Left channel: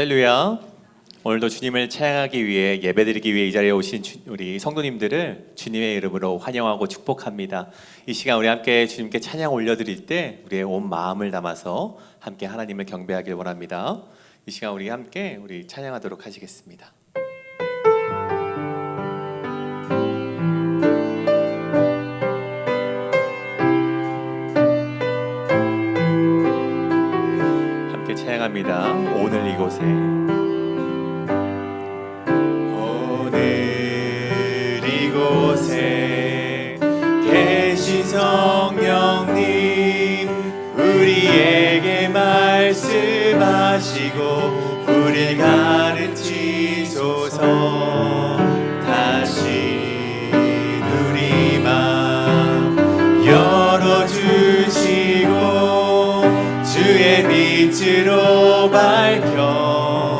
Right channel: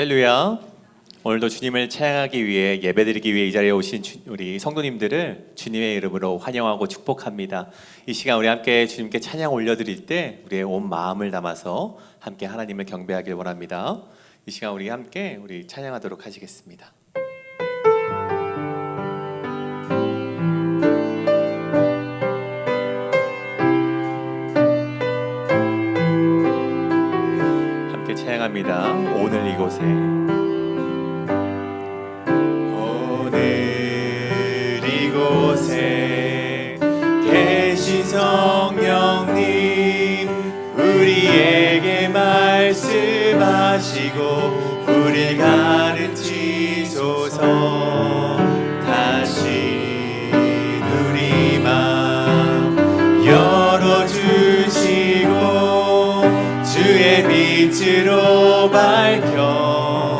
할렐루야. 오늘도 주님을 찬양하기 위해 예배드리기 위해 이 자리에 오신 우리 성도님들을 주님의 이름으로 환영하고 축복합니다. 이 시간 우리 함께 주님께 찬양 올려드릴 때 우리의 온 마음을 담아서 함께 하나님을 경배하길 원합니다. 이 시간 우리 함께 찬양하도록 하시겠습니다. 함께 찬양합니다. 오늘 이곳에 이곳에 계신 성령님 우리에게 말씀하시고 우리를 가르치소서. 다시 우리 맘 열어주시고 주의 빛으로 밝혀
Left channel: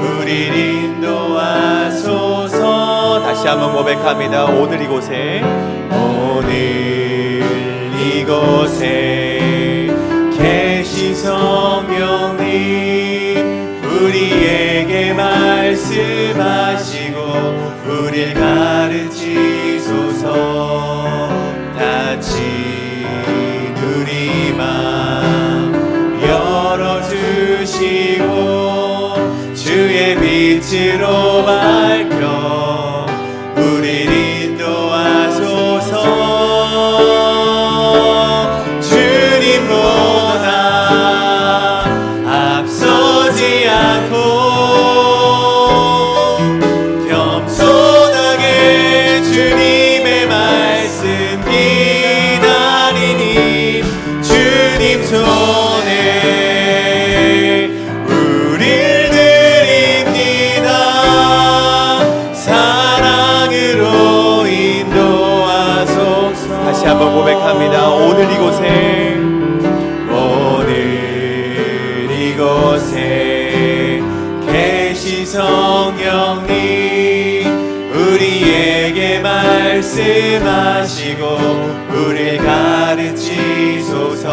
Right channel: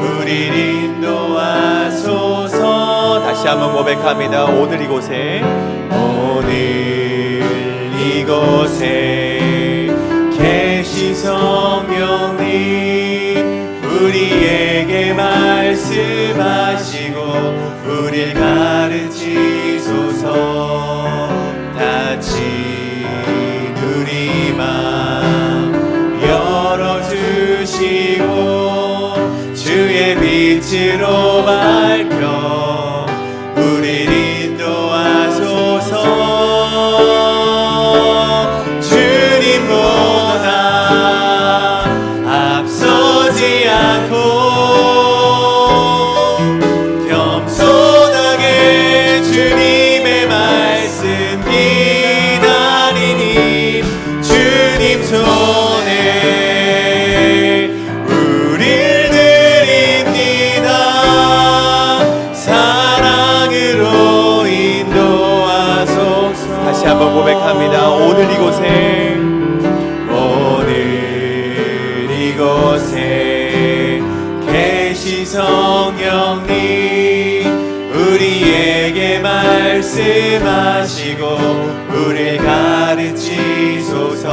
우리를 인도하소서. 다시 한번 고백합니다. 오늘 이곳에 계신 성령님 우리에게 말씀하시고 우리를 가르치소서. 다시 우리 맘 열어주시고 주의 빛으로 밝혀 우리를 인도하소서. 주님보다 앞서지 않고 겸손하게 주님의 말씀 기다리니 주님 손에 우릴 드립니다. 사랑으로 인도하소서. 다시 한번 고백합니다. 오늘 이곳에 계신 성령님 우리에게 말씀하시고 우리를 가르치소서.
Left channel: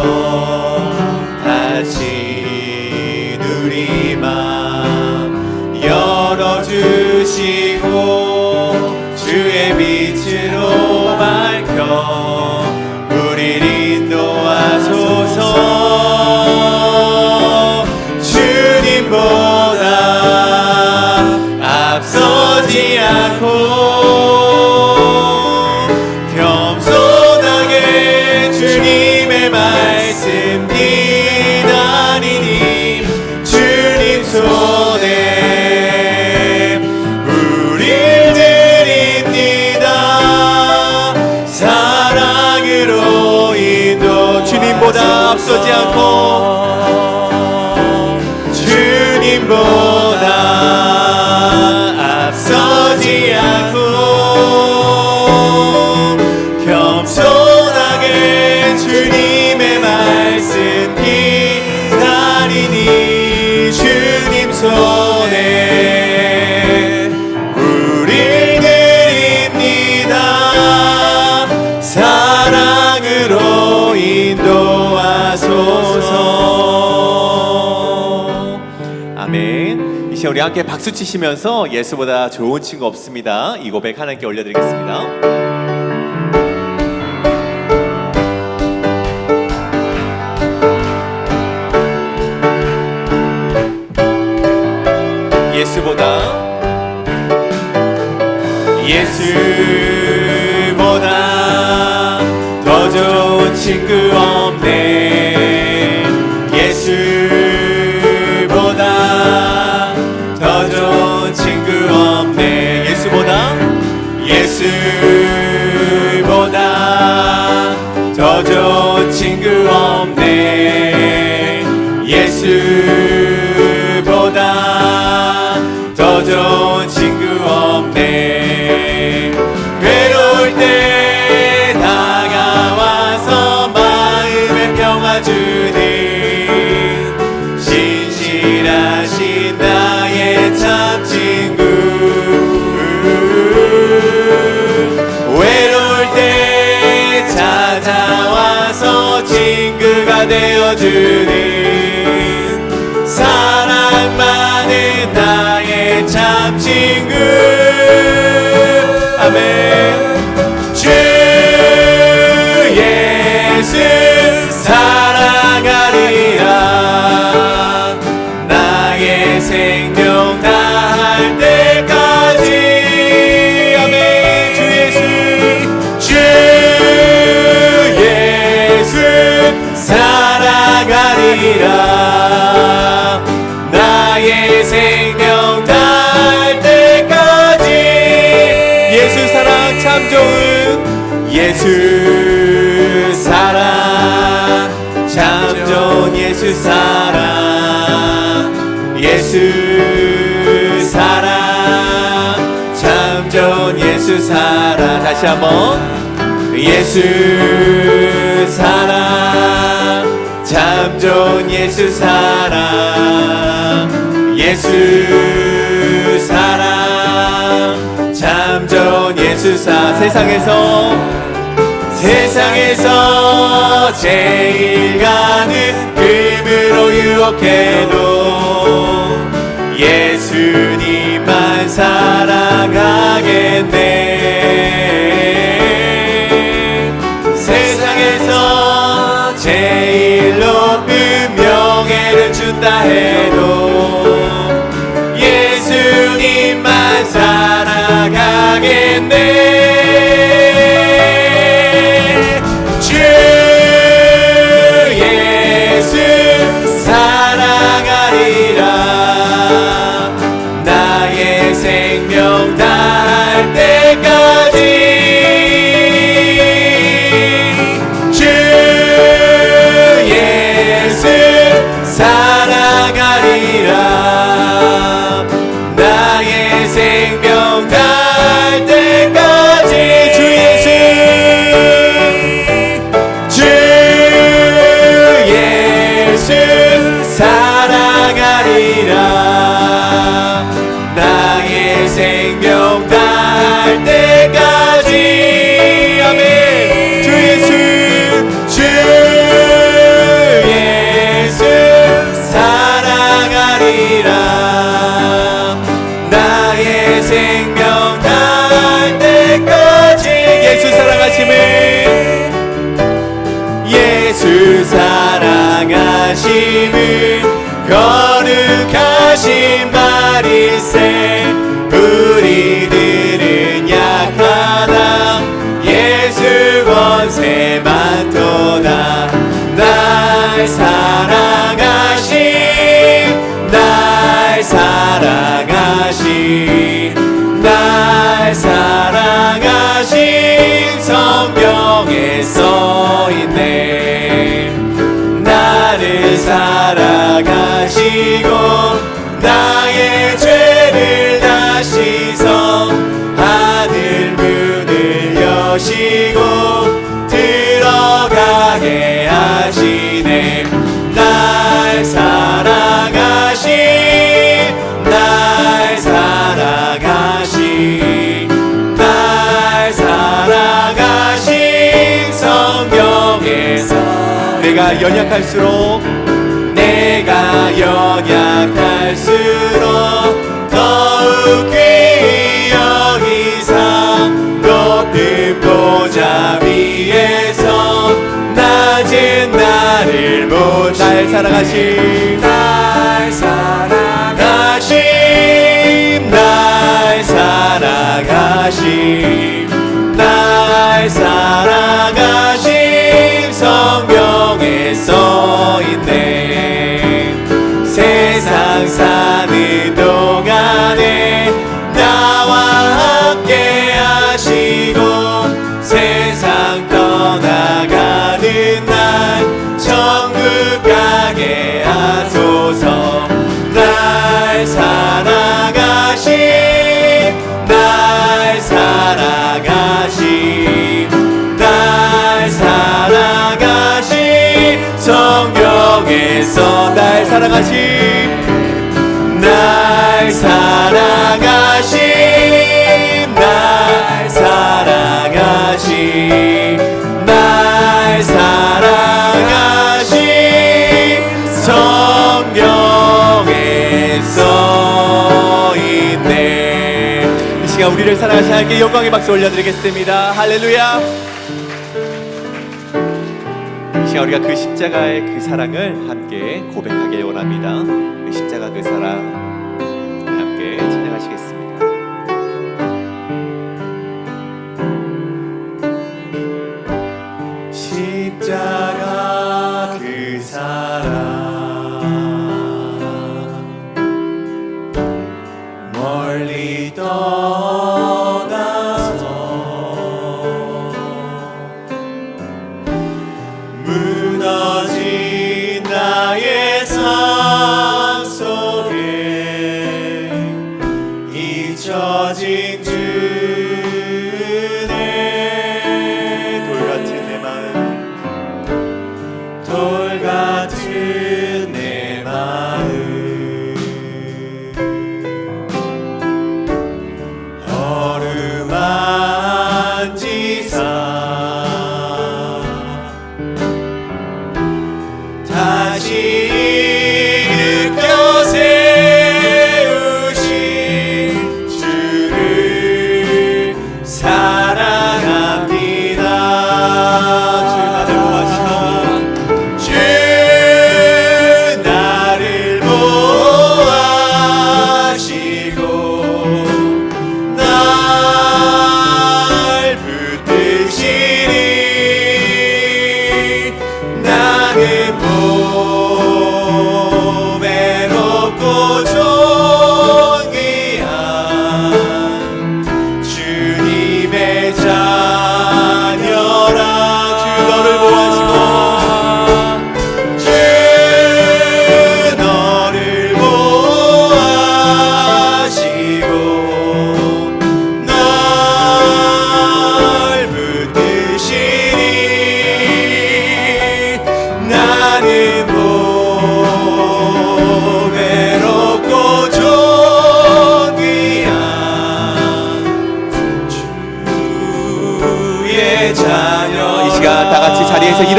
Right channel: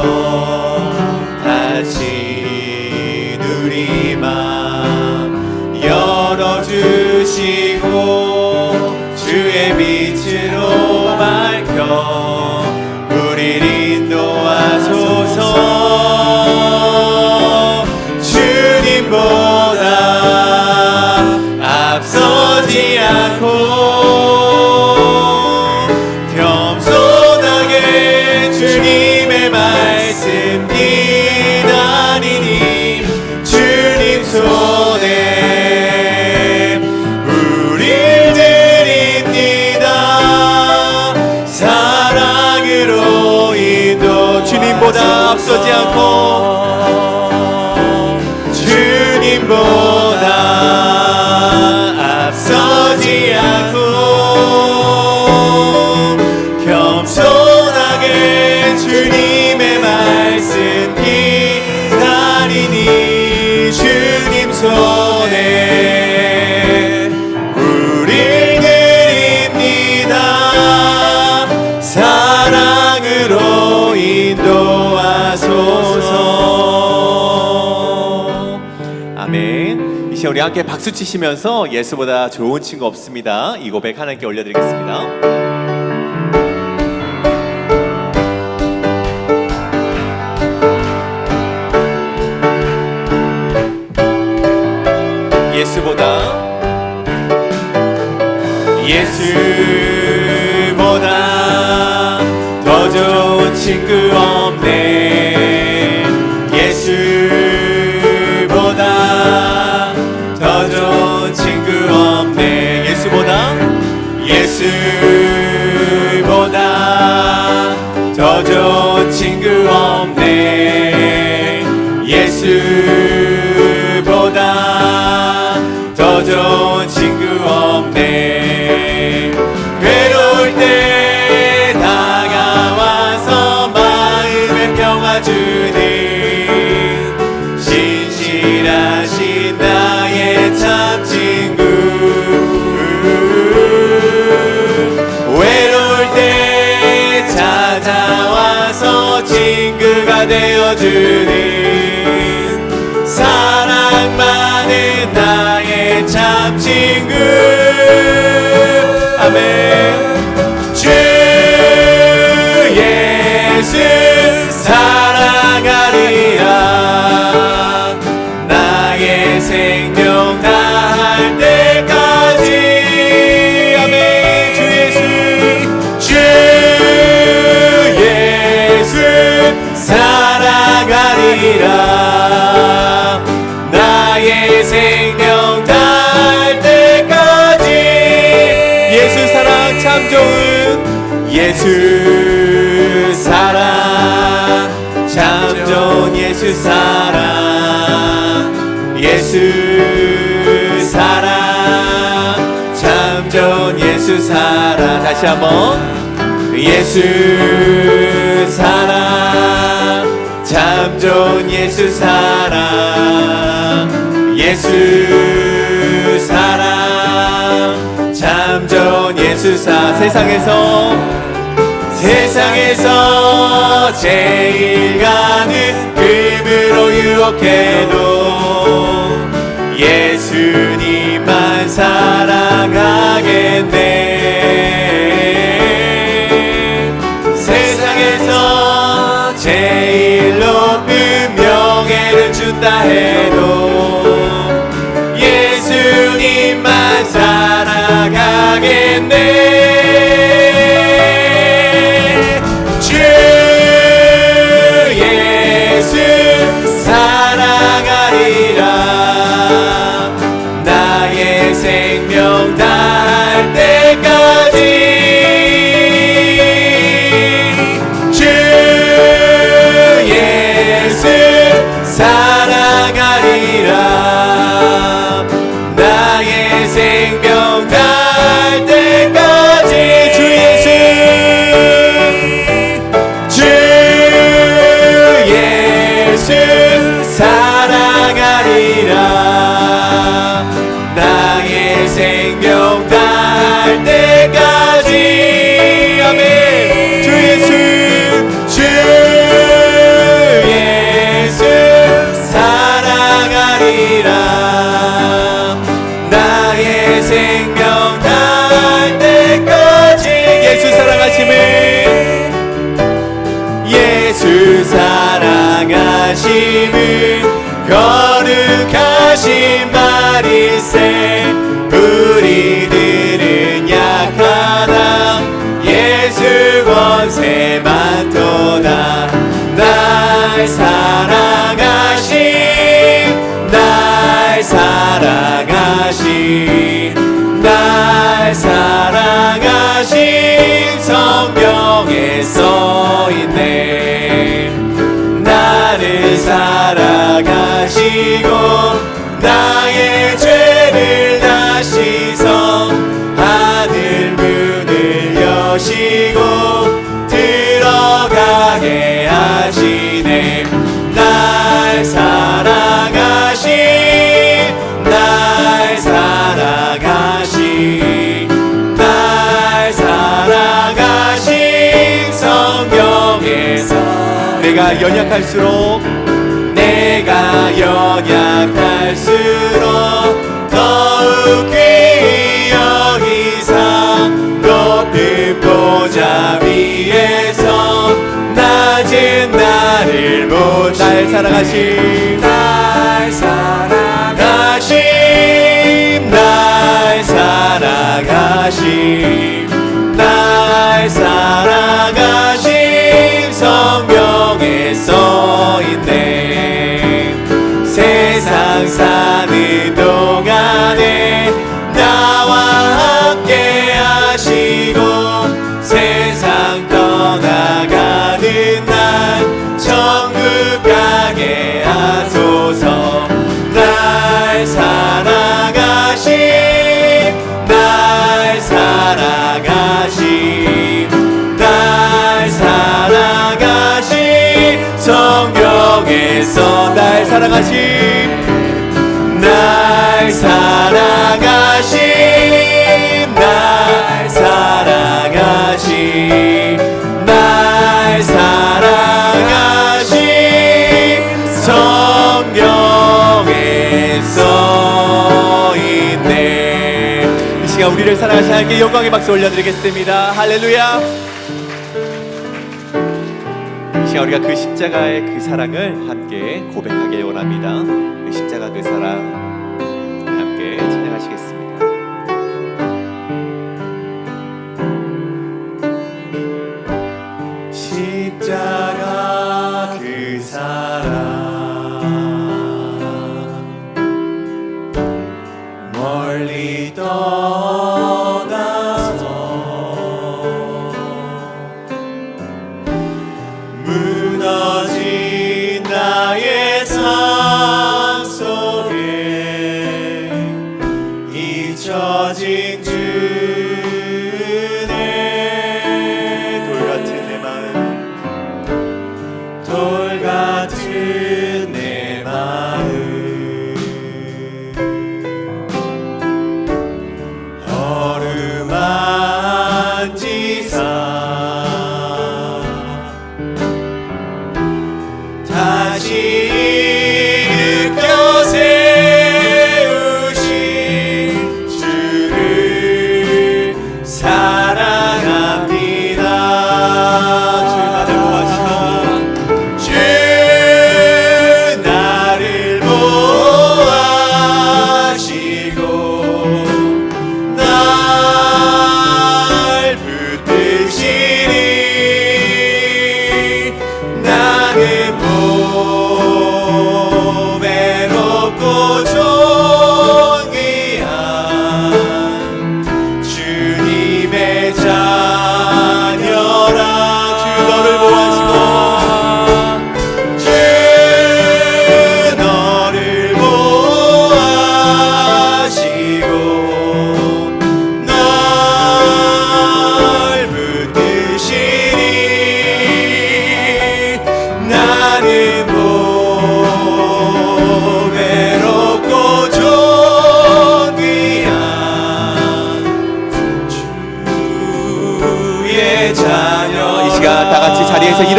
다시 우리 맘 열어주시고 주의 빛으로 밝혀 우리를 인도하소서. 주님보다 앞서지 않고 겸손하게 주님의 말씀 기다리니 주님 손에 우릴 드립니다. 사랑으로 인도. 주님보다 앞서지 않고 주님보다 앞서지 않고 겸손하게 주님의 말씀 기다리니 주님 손에 우릴 드립니다. 사랑으로 인도하소서. 아멘. 이 시간 우리 함께 박수 치시면서 예수보다 좋은 친구 없습니다. 이 고백 하나님께 올려드리겠습니다. 예수보다 더 좋은 친구 없네. 예수보다 더 좋은 친구 없네. 예수보다 더 좋은 친구 없네. 예수보다 더 좋은 친구 없네. 괴로울 때 다가와서 나의 생명 다할 때까지. 아멘. 주 예수, 주 예수 사랑하리라. 나의 생명 다할 때까지. 예수 사랑 참 좋은 예수 사랑 참 좋은 예수 사랑. 예수 사랑 참 좋은 예수 사랑. 다시 한번. 예수 사랑 참 좋은 예수 사랑. 예수 사랑 참 좋은 예수 사랑. 세상에서 제일 가는 금으로 유혹해도 예수님만 사랑하겠네. 세상에서 제일 높은 명예를 준다 해도 예수님만 사랑하겠네. 주 예수 사랑하리라. 나의 생명 다할 때까지. 주 예수 사랑하리라. 나의 생명 다할 때까지. 주 예수, 주 예수 사랑하리라. 나의 생명 다할 때까지. 아멘. 주 예수, 주 예수 사랑하리라. 나의 생명 다할 때까지. 예수 사랑하심을, 예수 사랑하심을 거룩하신 말일세. 우리들은 약하다 예수 권세 많도다. 날 사랑하심, 날 사랑하심, 날 사랑하심 성경에 써있네. 나를 사랑하시고 나의 죄를 다 씻어 하늘 문을 여시고 들어가게 하시네. 날 사랑하심, 날 사랑하심, 날 사랑하심 성경에서. 내가 연약할수록 더욱 귀히 여기사 높은 보좌 위에서 낮은 나를 못. 날 사랑하심, 날 사랑하심, 날 사랑하심, 날 사랑하심 성경에 써있네. 세상 사는 동안에 나와 함께 하시고 세상 떠나가는 날 천국 가게 하소서. 날 사랑하심, 날 사랑하심, 날 사랑하심 성경에서. 날 사랑하심, 날 사랑하심, 날 사랑하심, 날 사랑하심 성경에 써있네. 이 시간 우리를 사랑하신 하나님께 영광의 박수 올려드리겠습니다. 할렐루야. 이 시간 우리가 그 십자가의 그 사랑을 함께 고백하길 원합니다. 그 십자가 그 사랑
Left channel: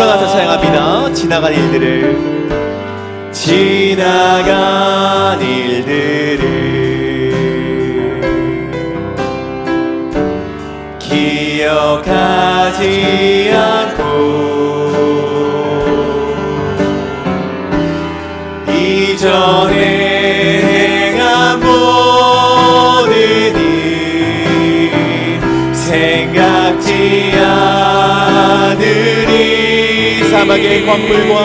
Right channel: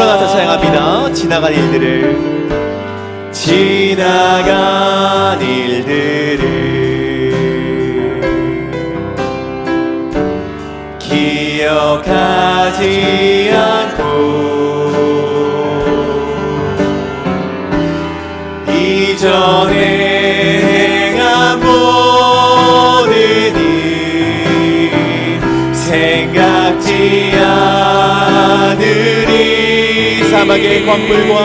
나가서 찬양합니다. 지나간 일들을 기억하지 않고 이전에 행한 모든 일 생각지 않으리. 사막의 광물과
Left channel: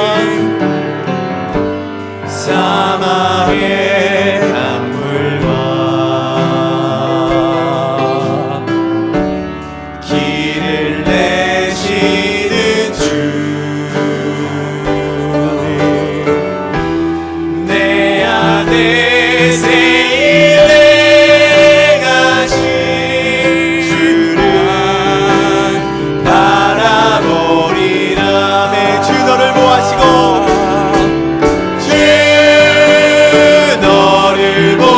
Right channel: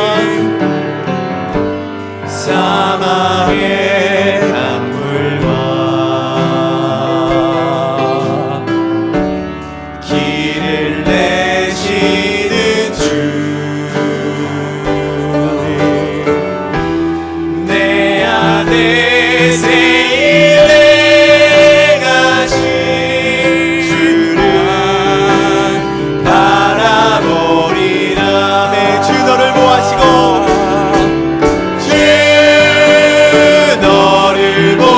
길을 내시는 주, 내 안에 새 일 행하신 주를 바라보리라. 내 주 너를 보아시고 주 너를 보아시고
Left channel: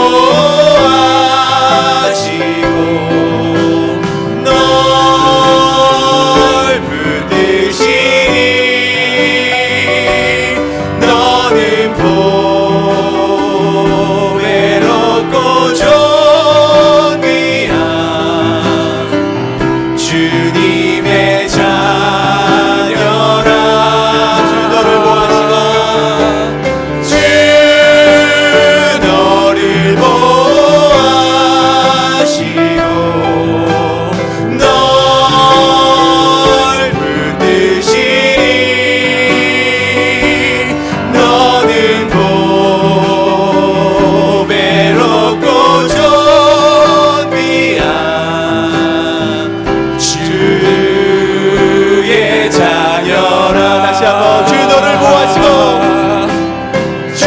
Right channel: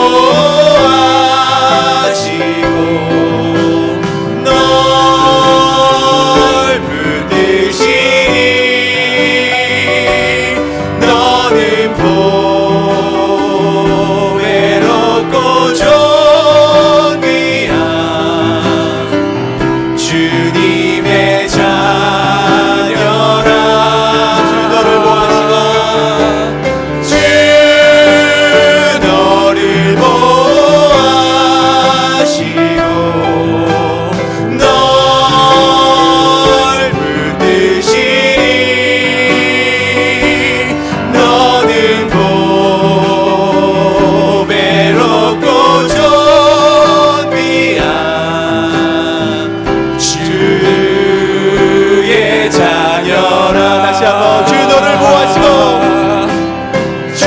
주님의 자녀라. 주 너를 보아시고 주 너를 보아시고 널 붙드시니 너는 보배롭고 존귀한 주의 자녀라. 다시 한번 주 너를 보아시고 주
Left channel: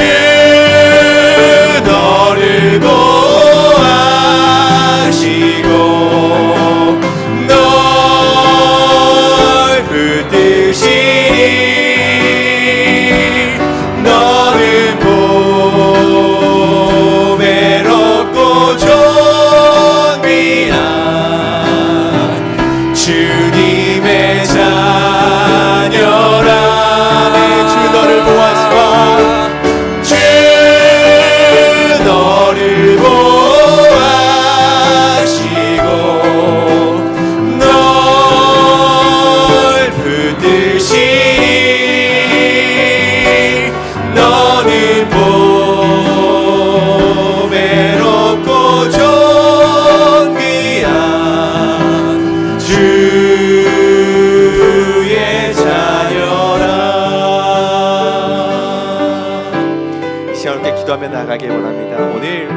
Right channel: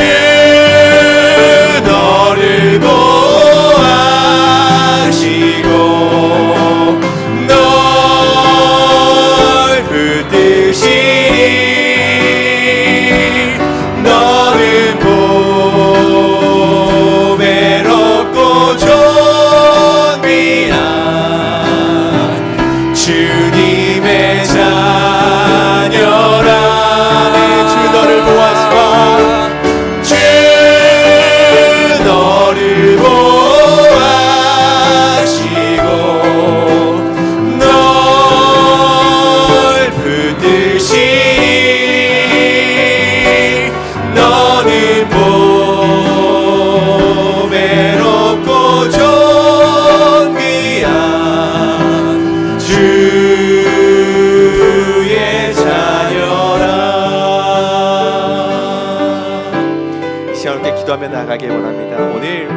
너를 보아시고 널 붙드시니 너는 보배롭고 존귀한 주님의 자녀라. 주 너를 보아시고 주 너를 보아시고 널 붙드시니 너는 보배롭고 존귀한 주의 자녀라. 이 시간 함께 기도하며 나아가기 원합니다. 오늘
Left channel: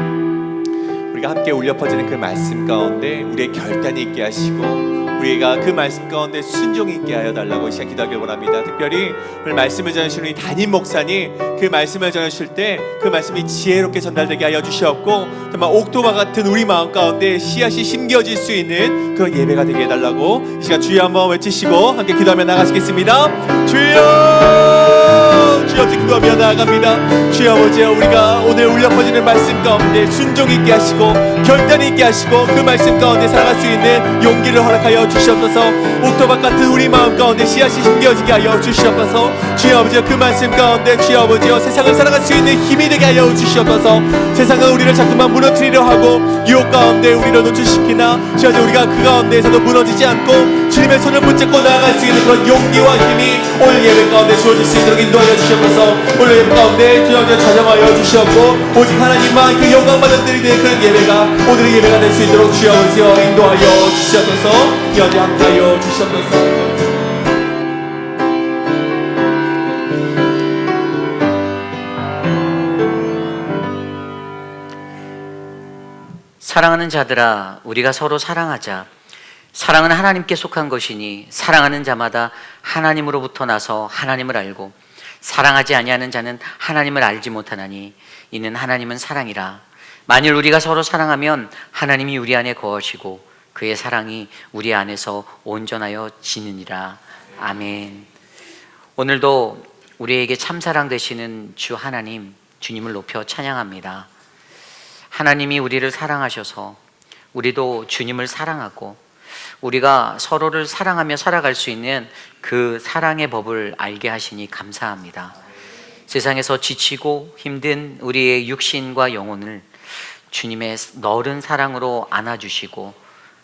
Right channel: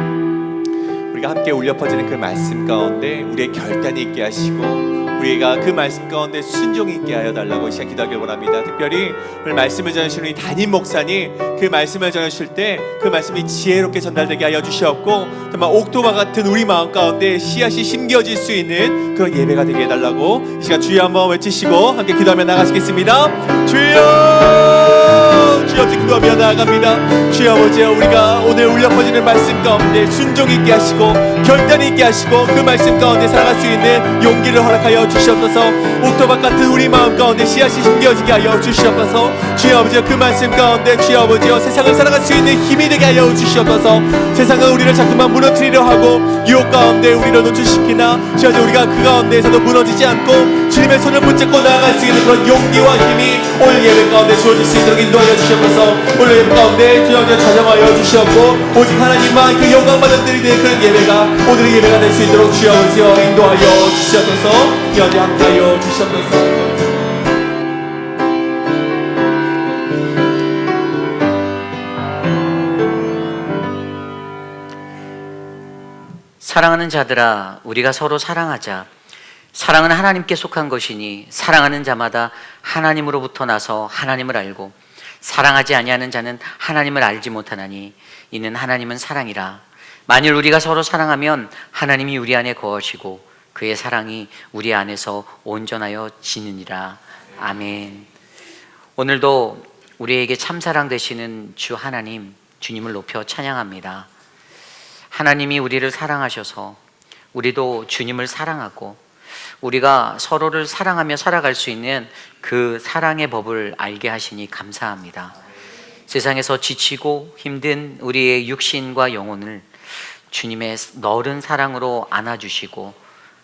우리가 함께 울려 퍼지는 그 말씀 가운데 우리의 결단이 있게 하시고 우리가 그 말씀 가운데 순종이 있게 하여 달라고 이 시간 기도하기 원합니다. 특별히 오늘 말씀을 전하시는 우리 담임 목사님, 그 말씀을 전하실 때 그 말씀이 지혜롭게 전달되게 하여 주시옵고 정말 옥토바 같은 우리 마음 가운데 씨앗이 심겨질 수 있는 그런 예배가 되게 해달라고 이 시간 주여 한번 외치시고 함께 기도하며 나가시겠습니다. 주여, 주여 기도하며 나아갑니다. 주여 아버지여, 우리가 오늘 울려 퍼지는 말씀 가운데 순종 있게 하시고 결단 있게 하시고 그 말씀 가운데 살아갈 수 있는 용기를 허락하여 주시옵소서. 옥토바 같은 우리 마음 가운데 씨앗이 심겨지게 하여 주시옵소서. 주여 아버지여, 그 말씀 가운데 주여 아버지여 세상을 살아갈 수 있는 힘이 되게 하여 주시옵소서. 세상은 우리를 자꾸만 무너뜨리려 하고 유혹 가운데 우리를 노출시키나 주여 우리가 그 가운데에서도 무너지지 않고 주님의 손을 붙잡고 나아갈 수 있는 그런 용기와 힘이 오늘 예배 가운데 주어질 수 있도록 인도하여 주시옵소서. 오늘 예배 가운데 주여 찬양하여 주시옵고 오직 하나님만 그 영광만 드리는 그런 예배가 오늘의 예배가 될 수 있도록 주여 아버지여 인도하여 주시옵소서. 연히 함께하여 주시옵소서. 사랑하는 자들아, 우리가 서로 사랑하자. 사랑은 하나님께 속한 것이니 사랑하는 자마다 하나님으로부터 나서 하나님을 알고 사랑하지 아니하는 자는 하나님을 알지 못하나니 이는 하나님은 사랑이라. 만일 우리가 서로 사랑하면 하나님이 우리 안에 거하시고 그의 사랑이 우리 안에서 온전하여 지느니라. 아멘. 오늘도 우리에게 참사랑 되시는 주 하나님, 주님을 높여 찬양합니다. 하나님이 우리를 사랑하셔서 우리도 주님을 사랑하고 우리가 서로를 사랑하며 살아갈 수 있는 그 사랑의 법을 알게 하시니 감사합니다. 세상에서 지치고 힘든 우리의 육신과 영혼을 주님의 너른 사랑으로 안아주시고,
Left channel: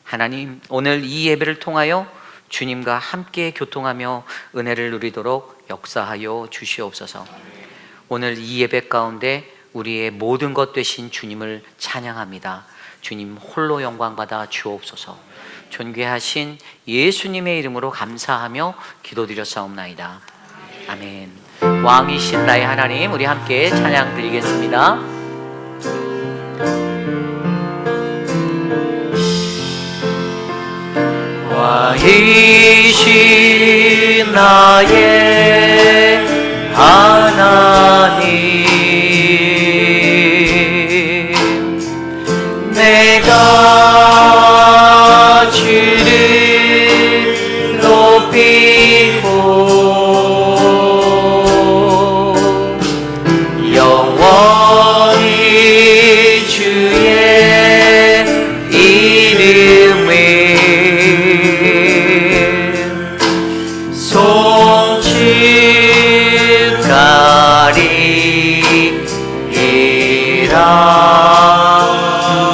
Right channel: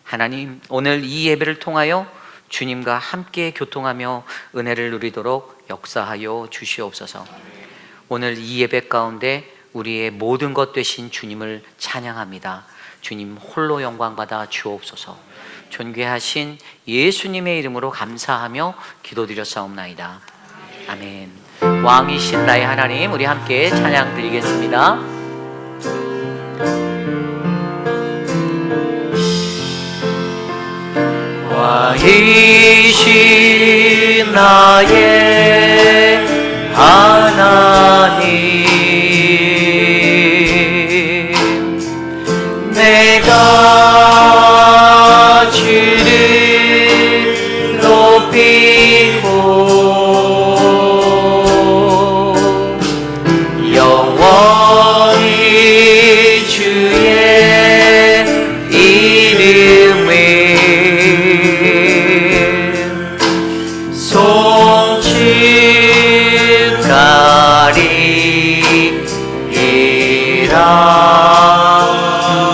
하나님 오늘 이 예배를 통하여 주님과 함께 교통하며 은혜를 누리도록 역사하여 주시옵소서. 오늘 이 예배 가운데 우리의 모든 것 되신 주님을 찬양합니다. 주님 홀로 영광 받아 주옵소서. 존귀하신 예수님의 이름으로 감사하며 기도드렸사옵나이다. 아멘. 왕이신 나의 하나님, 우리 함께 찬양 드리겠습니다. 왕이신 나의 하나님, 내가 주를 높이고 영원히 주의 이름을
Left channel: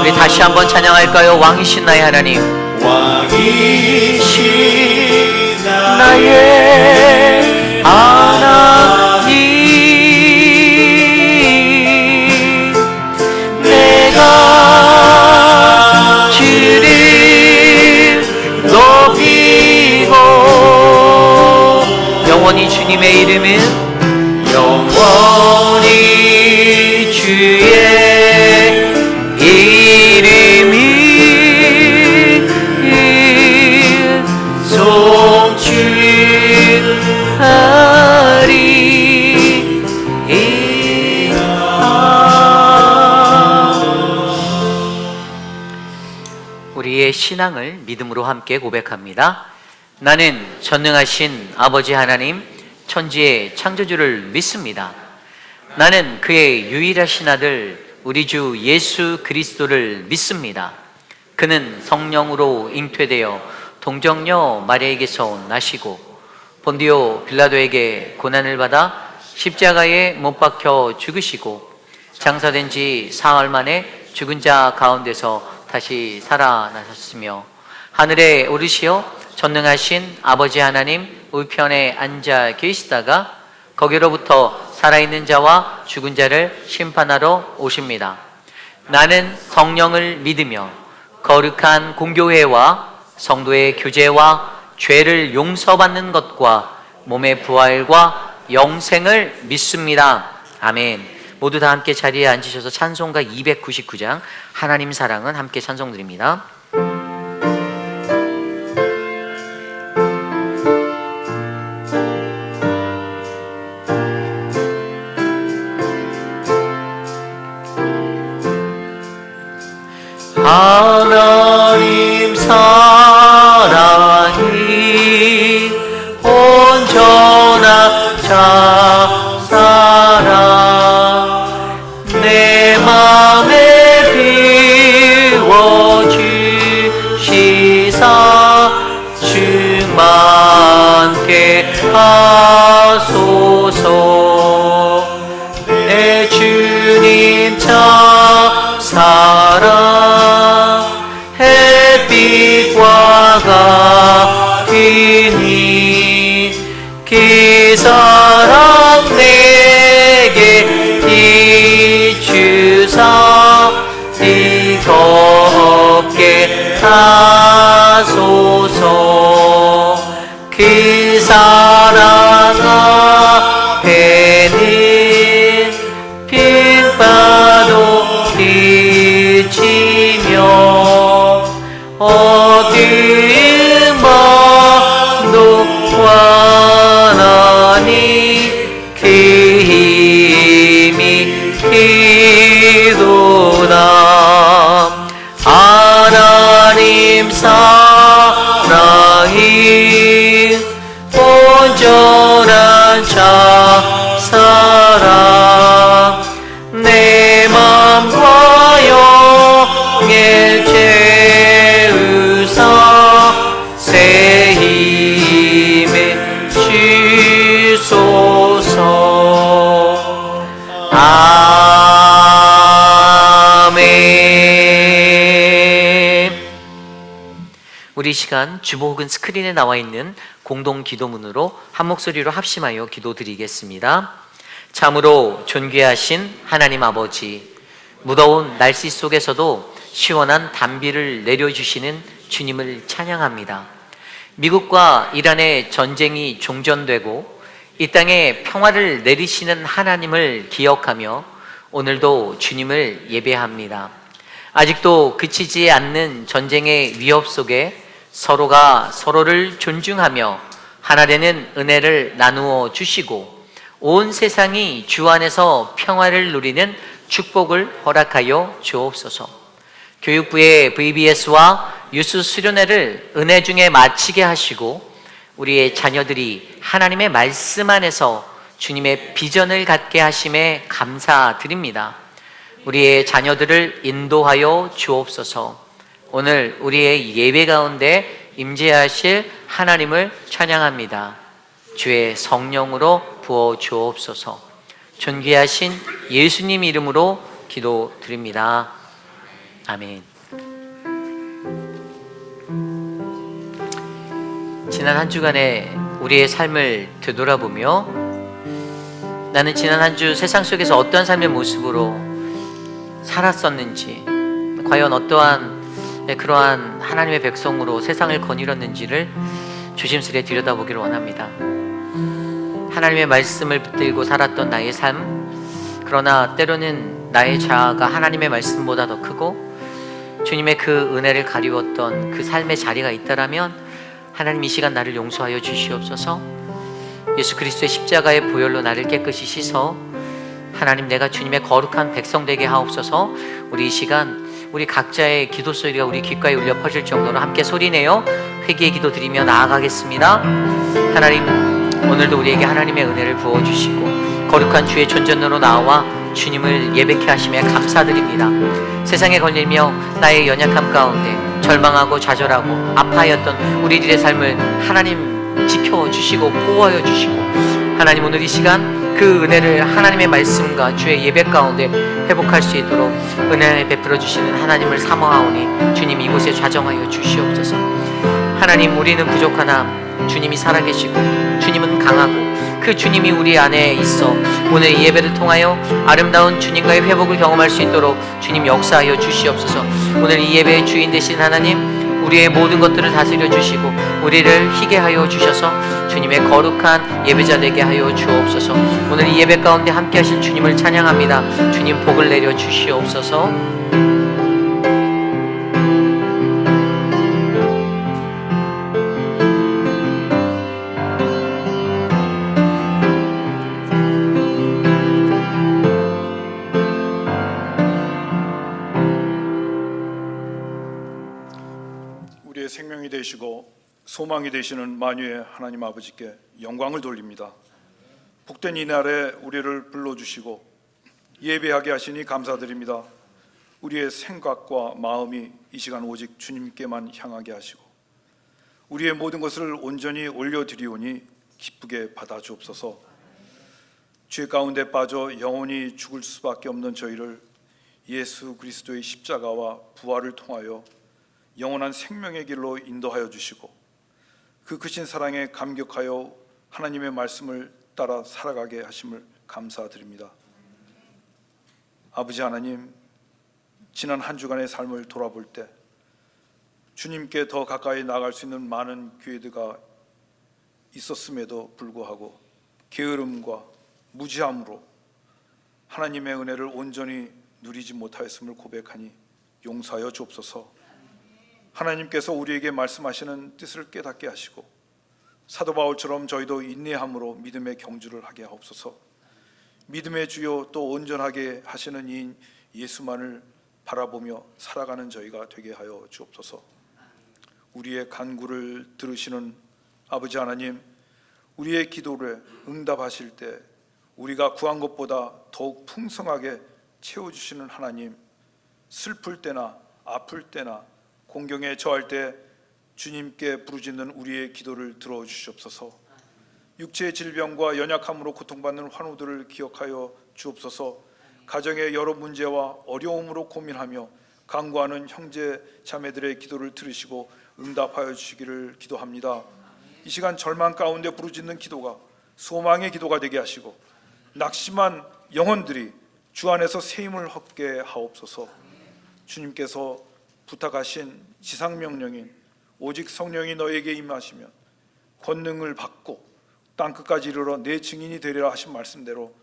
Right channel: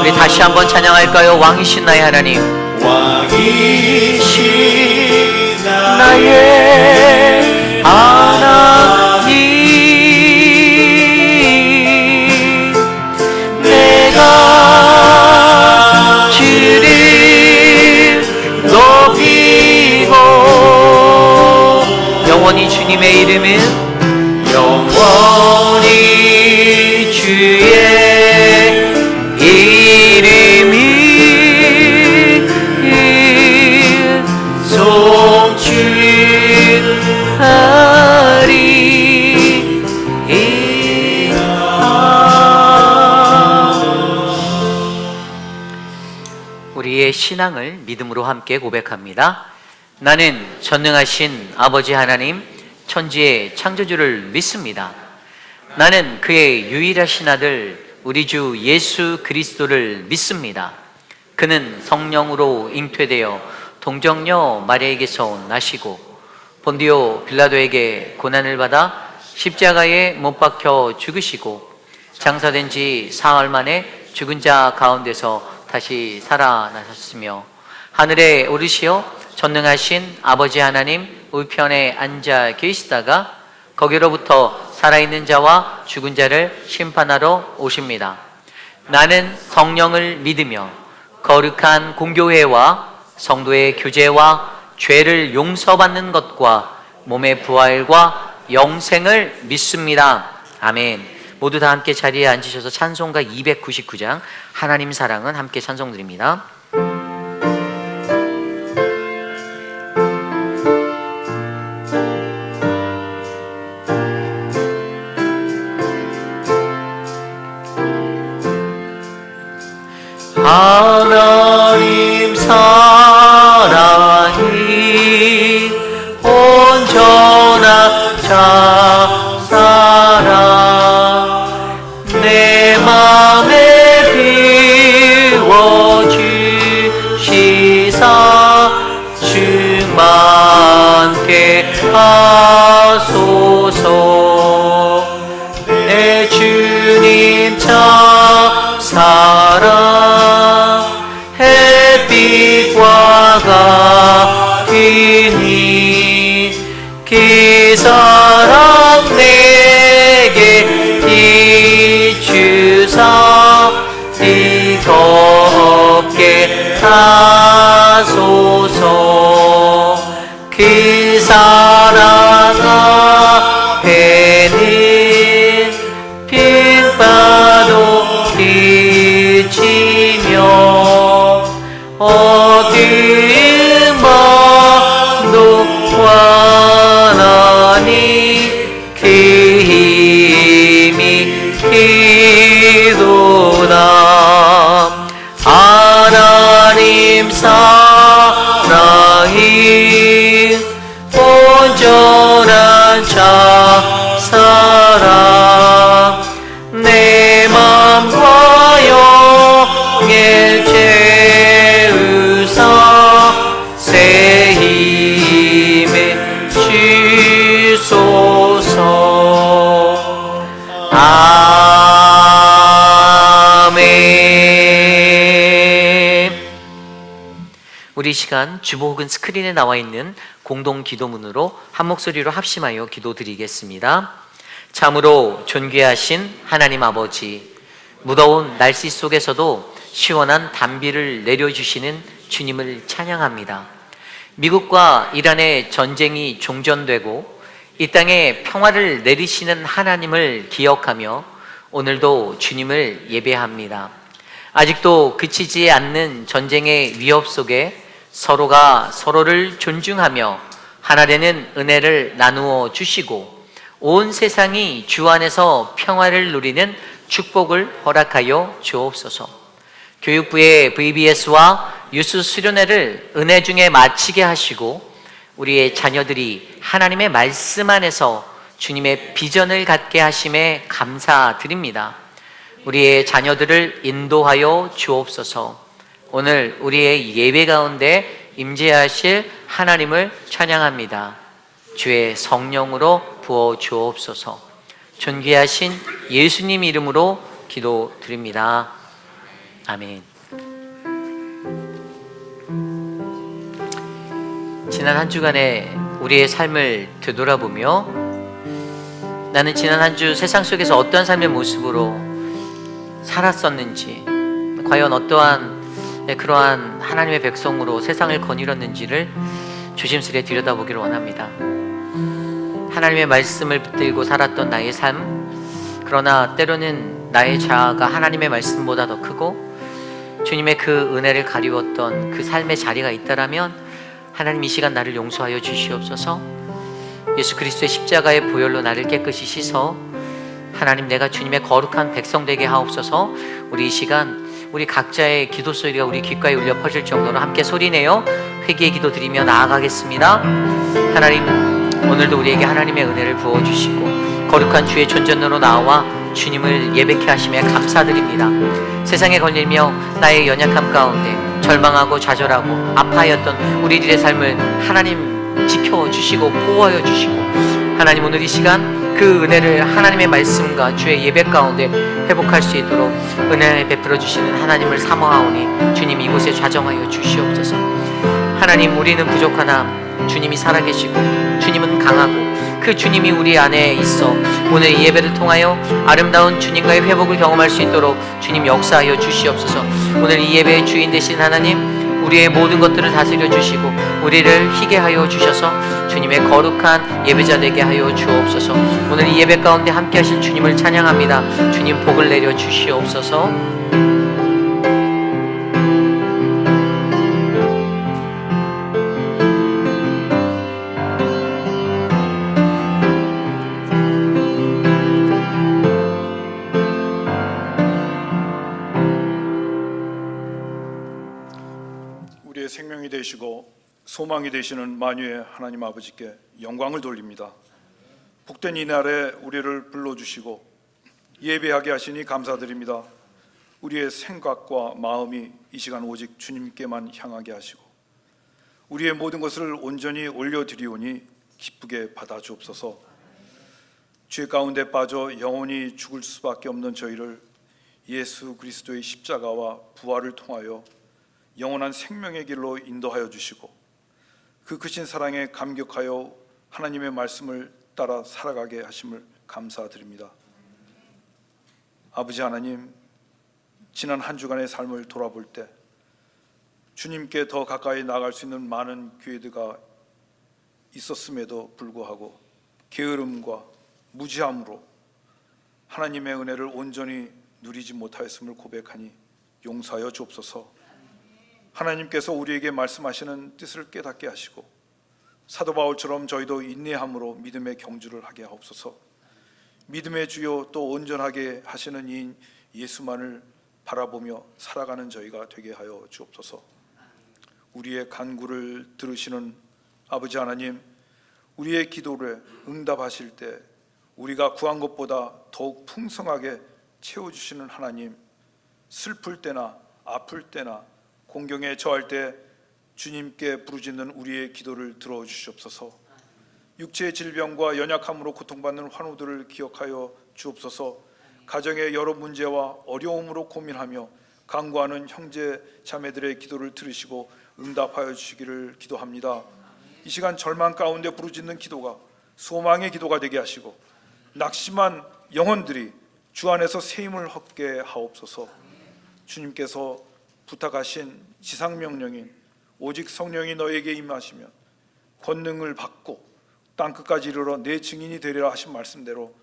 우리 다시 한번 찬양할까요? 왕이신 나의 하나님, 왕이신 나의 하나님, 내가 주를 높이고 영원히 주님의 이름은 영원히 주의 이름이 송축하리이다. 우리의 신앙을 믿음으로 함께 고백합니다. 나는 전능하신 아버지 하나님, 천지의 창조주를 믿습니다. 나는 그의 유일하신 아들 우리 주 예수 그리스도를 믿습니다. 그는 성령으로 잉태되어 동정녀 마리아에게서 나시고 본디오 빌라도에게 고난을 받아 십자가에 못 박혀 죽으시고 장사된 지 사흘 만에 죽은 자 가운데서 다시 살아나셨으며 하늘에 오르시어 전능하신 아버지 하나님 우편에 앉아 계시다가 거기로부터 살아있는 자와 죽은 자를 심판하러 오십니다. 나는 성령을 믿으며 거룩한 공교회와 성도의 교제와 죄를 용서받는 것과 몸의 부활과 영생을 믿습니다. 아멘. 모두 다 함께 자리에 앉으셔서 찬송가 299장 하나님 사랑은 함께 찬송드립니다. 하나님 사랑이 온전한 자사랑 내 맘에 비워주시사 충만케 하소서. 내 주님 자사랑 햇빛과 같으니 그 사랑 내게 비추사 뜨겁게 하소서. 그 사랑 앞에는 빛바도 그치며 어두운 밤도 환하니 그 힘이 크도다. 우리 시간 주보 혹은 스크린에 나와 있는 공동 기도문으로 한 목소리로 합심하여 기도드리겠습니다. 참으로 존귀하신 하나님 아버지, 무더운 날씨 속에서도 시원한 단비를 내려주시는 주님을 찬양합니다. 미국과 이란의 전쟁이 종전되고 이 땅에 평화를 내리시는 하나님을 기억하며 오늘도 주님을 예배합니다. 아직도 그치지 않는 전쟁의 위협 속에 서로가 서로를 존중하며 하나 되는 은혜를 나누어 주시고 온 세상이 주 안에서 평화를 누리는 축복을 허락하여 주옵소서. 교육부의 VBS와 유스 수련회를 은혜 중에 마치게 하시고 우리의 자녀들이 하나님의 말씀 안에서 주님의 비전을 갖게 하심에 감사드립니다. 우리의 자녀들을 인도하여 주옵소서. 오늘 우리의 예배 가운데 임재하실 하나님을 찬양합니다. 주의 성령으로 부어 주옵소서. 존귀하신 예수님 이름으로 기도드립니다. 아멘. 지난 한 주간의 우리의 삶을 되돌아보며 나는 지난 한 주 세상 속에서 어떤 삶의 모습으로 살았었는지, 과연 어떠한 그러한 하나님의 백성으로 세상을 거닐었는지를 조심스레 들여다보기를 원합니다. 하나님의 말씀을 붙들고 살았던 나의 삶, 그러나 때로는 나의 자아가 하나님의 말씀보다 더 크고 주님의 그 은혜를 가리웠던 그 삶의 자리가 있다라면 하나님 이 시간 나를 용서하여 주시옵소서. 예수 그리스도의 십자가의 보혈로 나를 깨끗이 씻어 하나님 내가 주님의 거룩한 백성 되게 하옵소서. 우리 이 시간 우리 각자의 기도 소리가 우리 귓가에 울려 퍼질 정도로 함께 소리내어 회개의 기도 드리며 나아가겠습니다. 하나님, 오늘도 우리에게 하나님의 은혜를 부어주시고 거룩한 주의 존전으로 나와 주님을 예배케 하심에 감사드립니다. 세상에 걸리며 나의 연약함 가운데 절망하고 좌절하고 아파하였던 우리들의 삶을 하나님 지켜주시고 보호하여 주시고 하나님 오늘 이 시간 그 은혜를 하나님의 말씀과 주의 예배 가운데 회복할 수 있도록 은혜 베풀어 주시는 하나님을 사모하오니 주님 이곳에 좌정하여 주시옵소서. 하나님, 우리는 부족하나 주님이 살아계시고 주님은 강하고 그 주님이 우리 안에 있어 오늘 이 예배를 통하여 아름다운 주님과의 회복을 경험할 수 있도록 주님 역사하여 주시옵소서. 오늘 이 예배의 주인 되신 하나님, 우리의 모든 것들을 다스려 주시고 우리를 희게 하여 주셔서 주님의 거룩한 예배자 되게 하여 주옵소서. 오늘 이 예배 가운데 함께 하신 주님을 찬양합니다. 주님 복을 내려 주시옵소서. 우리의 생명이 되시고 소망이 되시는 만유의 하나님 아버지께 영광을 돌립니다. 복된 이날에 우리를 불러주시고 예배하게 하시니 감사드립니다. 우리의 생각과 마음이 이 시간 오직 주님께만 향하게 하시고 우리의 모든 것을 온전히 올려드리오니 기쁘게 받아주옵소서. 죄 가운데 빠져 영원히 죽을 수밖에 없는 저희를 예수 그리스도의 십자가와 부활을 통하여 영원한 생명의 길로 인도하여 주시고 그 크신 사랑에 감격하여 하나님의 말씀을 따라 살아가게 하심을 감사드립니다. 아버지 하나님, 지난 한 주간의 삶을 돌아볼 때 주님께 더 가까이 나아갈 수 있는 많은 기회가 있었음에도 불구하고 게으름과 무지함으로 하나님의 은혜를 온전히 누리지 못하였음을 고백하니 용서하여 주옵소서. 하나님께서 우리에게 말씀하시는 뜻을 깨닫게 하시고 사도 바울처럼 저희도 인내함으로 믿음의 경주를 하게 하옵소서. 믿음의 주요 또 온전하게 하시는 이인 예수만을 바라보며 살아가는 저희가 되게 하여 주옵소서. 우리의 간구를 들으시는 아버지 하나님, 우리의 기도를 응답하실 때 우리가 구한 것보다 더욱 풍성하게 채워주시는 하나님, 슬플 때나 아플 때나 공경에 처할 때 주님께 부르짖는 우리의 기도를 들어주시옵소서. 육체의 질병과 연약함으로 고통받는 환우들을 기억하여 주옵소서. 가정의 여러 문제와 어려움으로 고민하며 간구하는 형제 자매들의 기도를 들으시고 응답하여 주시기를 기도합니다. 이 시간 절망 가운데 부르짖는 기도가 소망의 기도가 되게 하시고 낙심한 영혼들이 주 안에서 새 힘을 얻게 하옵소서. 주님께서 부탁하신 지상명령인 오직 성령이 너에게 임하시면 권능을 받고 땅끝까지 이르러 내 증인이 되리라 하신 말씀대로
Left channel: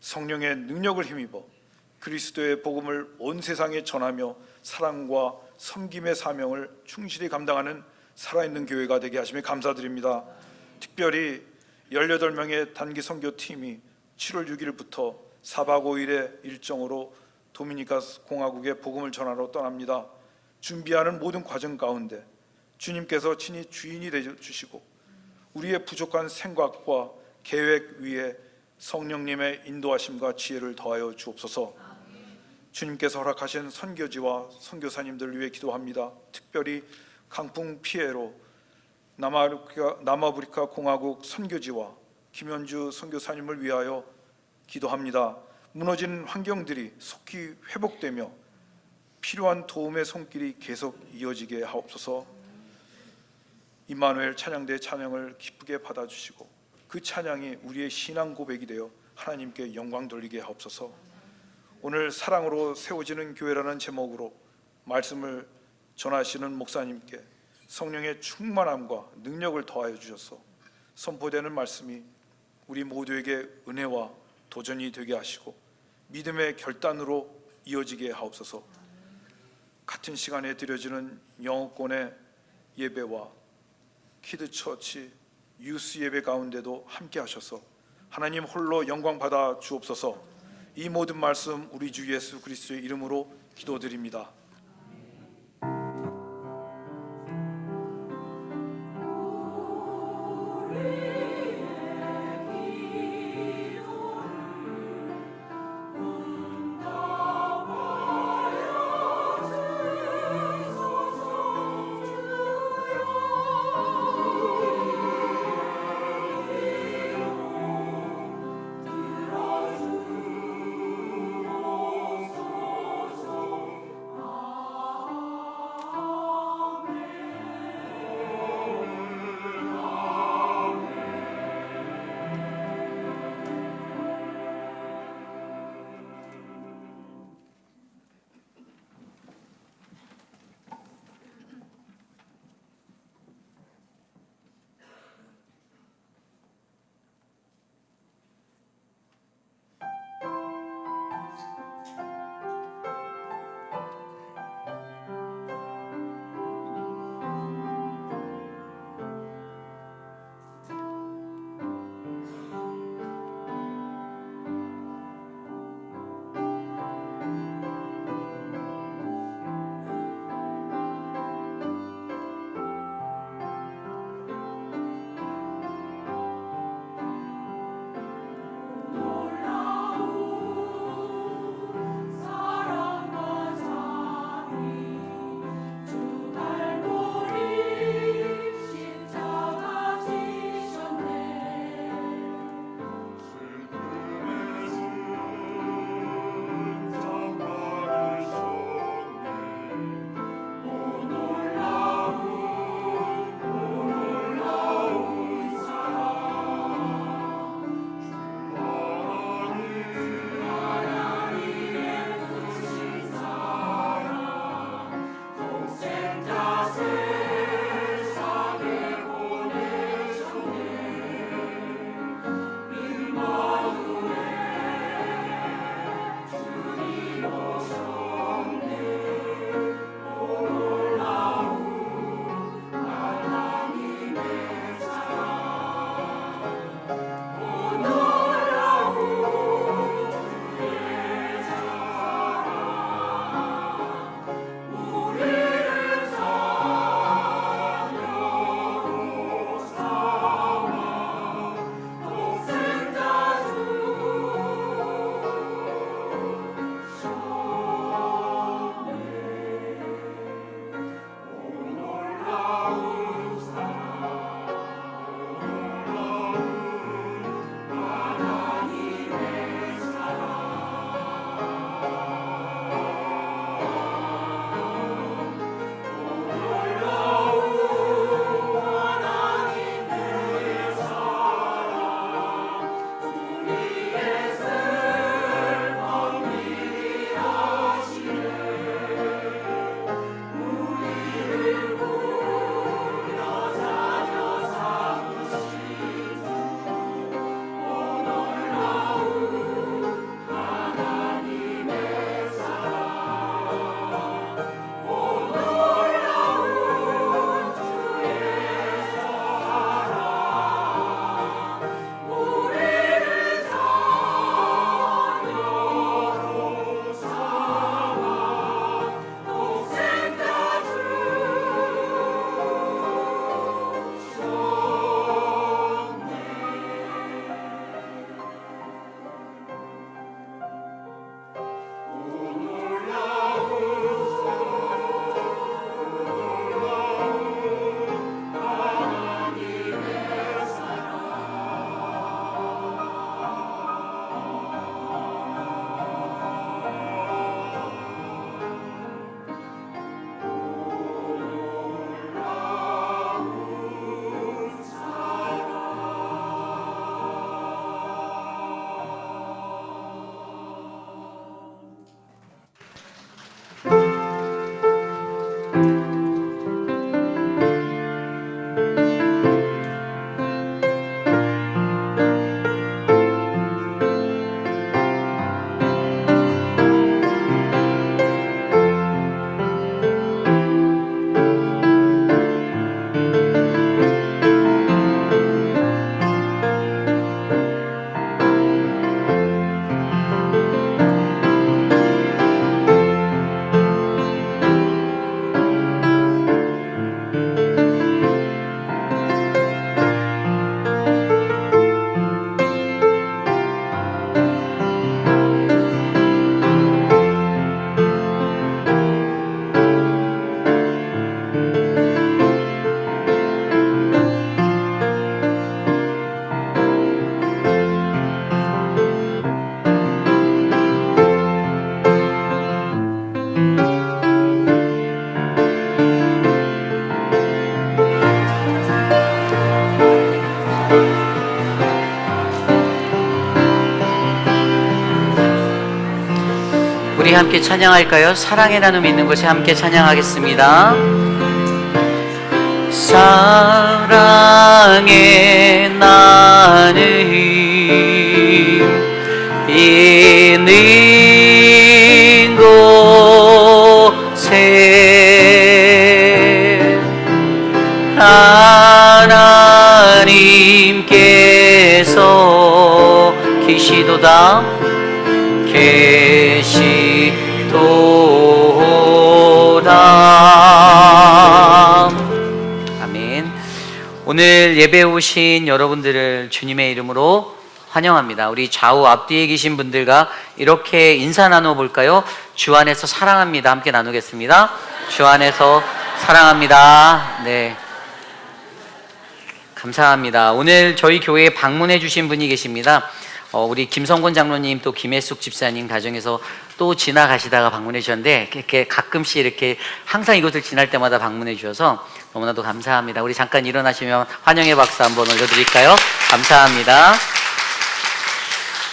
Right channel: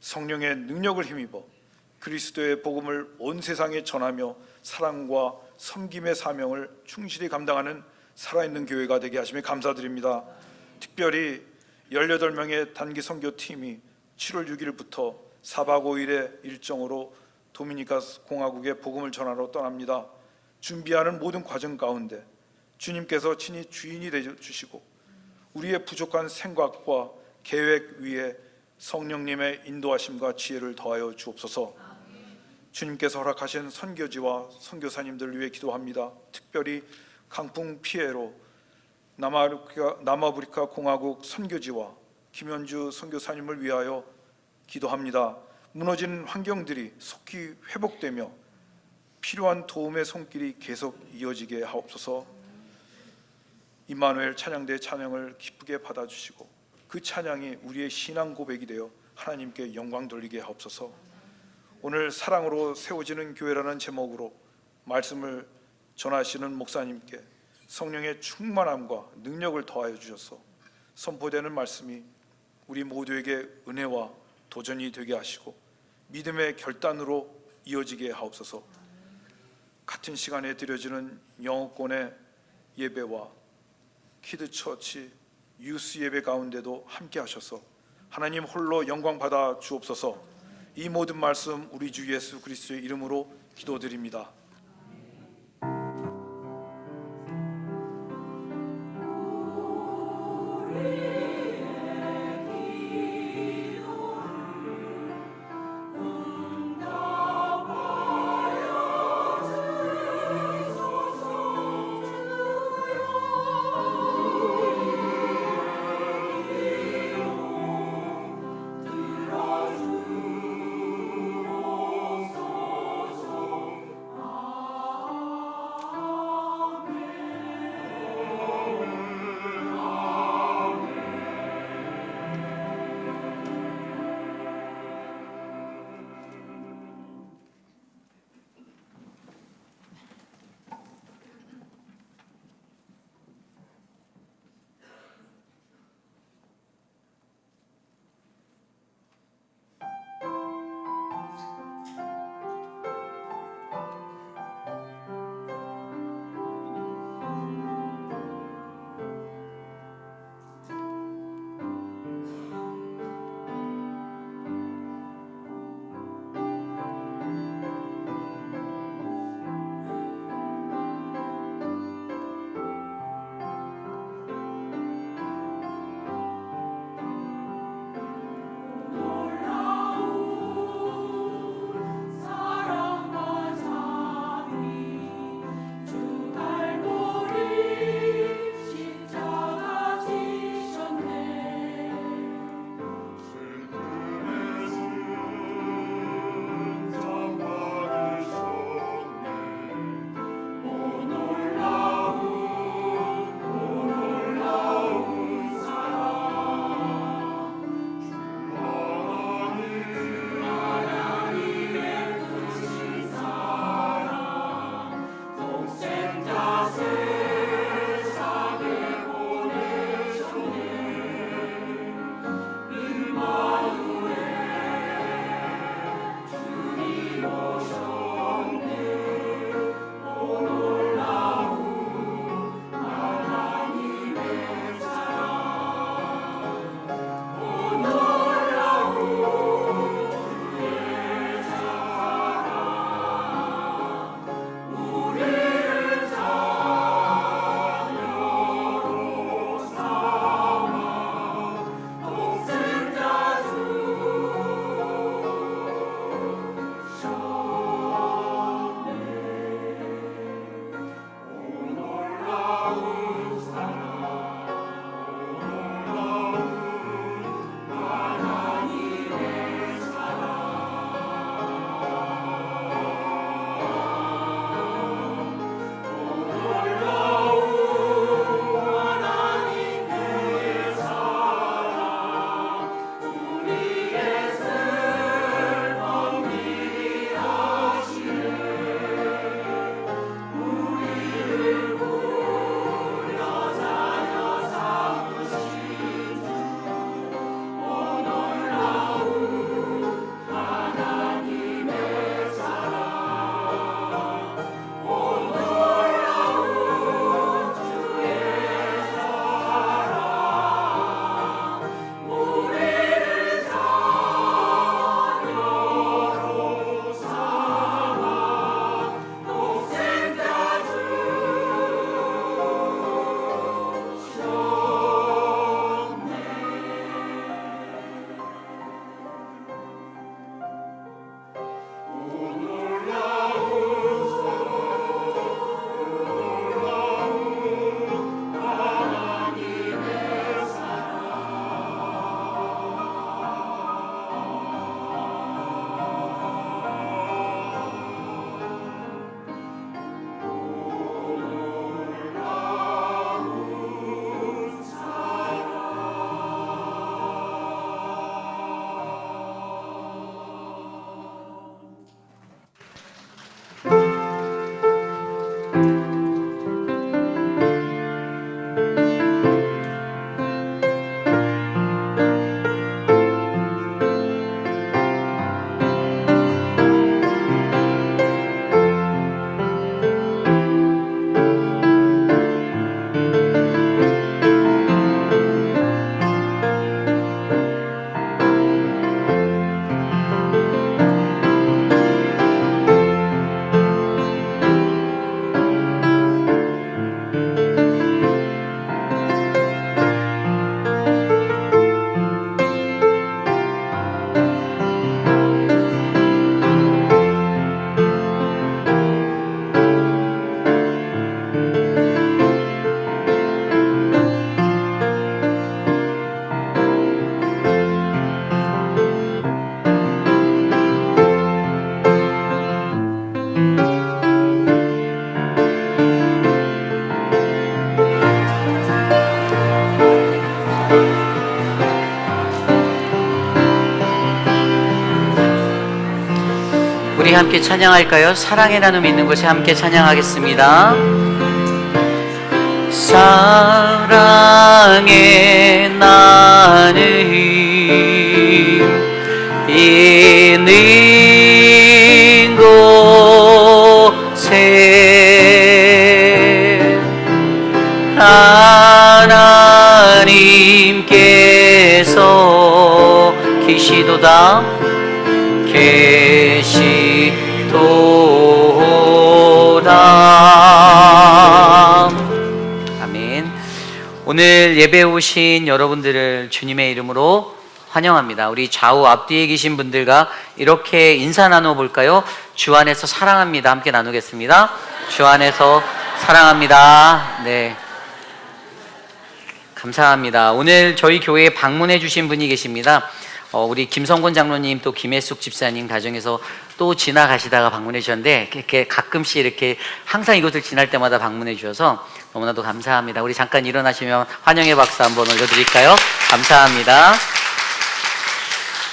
성령의 능력을 힘입어 그리스도의 복음을 온 세상에 전하며 사랑과 섬김의 사명을 충실히 감당하는 살아있는 교회가 되게 하시며 감사드립니다. 특별히 18명의 단기 선교팀이 7월 6일부터 4박 5일의 일정으로 도미니카 공화국에 복음을 전하러 떠납니다. 준비하는 모든 과정 가운데 주님께서 친히 주인이 되어 주시고 우리의 부족한 생각과 계획 위에 성령님의 인도하심과 지혜를 더하여 주옵소서. 주님께서 허락하신 선교지와 선교사님들을 위해 기도합니다. 특별히 강풍 피해로 남아프리카 공화국 선교지와 김현주 선교사님을 위하여 기도합니다. 무너진 환경들이 속히 회복되며 필요한 도움의 손길이 계속 이어지게 하옵소서. 임마누엘 찬양대 찬양을 기쁘게 받아주시고 그 찬양이 우리의 신앙 고백이 되어 하나님께 영광 돌리게 하옵소서. 오늘 사랑으로 세워지는 교회라는 제목으로 말씀을 전하시는 목사님께 성령의 충만함과 능력을 더하여 주셔서 선포되는 말씀이 우리 모두에게 은혜와 도전이 되게 하시고 믿음의 결단으로 이어지게 하옵소서. 같은 시간에 드려지는 영어권의 예배와 키드처치 유스 예배 가운데도 함께 하셔서 하나님 홀로 영광 받아 주옵소서. 이 모든 말씀 우리 주 예수 그리스도의 이름으로 기도드립니다. 우리 함께 찬양할까요? 사랑의 나눔 있는 곳에 함께 찬양하겠습니다. 사랑의 나눔 있는 곳에 하나님께서 계시도다 아멘. 오늘 예배에 오신 여러분들을 주님의 이름으로 환영합니다. 우리 좌우 앞뒤에 계신 분들과 이렇게 인사 나눠볼까요? 주 안에서 사랑합니다. 함께 나누겠습니다. 주 안에서 사랑합니다. 네. 감사합니다. 오늘 저희 교회에 방문해 주신 분이 계십니다. 우리 김성곤 장로님 또 김혜숙 집사님 가정에서 또 지나가시다가 방문해 주셨는데 이렇게 가끔씩 이렇게 항상 이곳을 지날 때마다 방문해 주셔서 너무나도 감사합니다. 우리 잠깐 일어나시면 환영의 박수 한번 올려드릴까요? 감사합니다.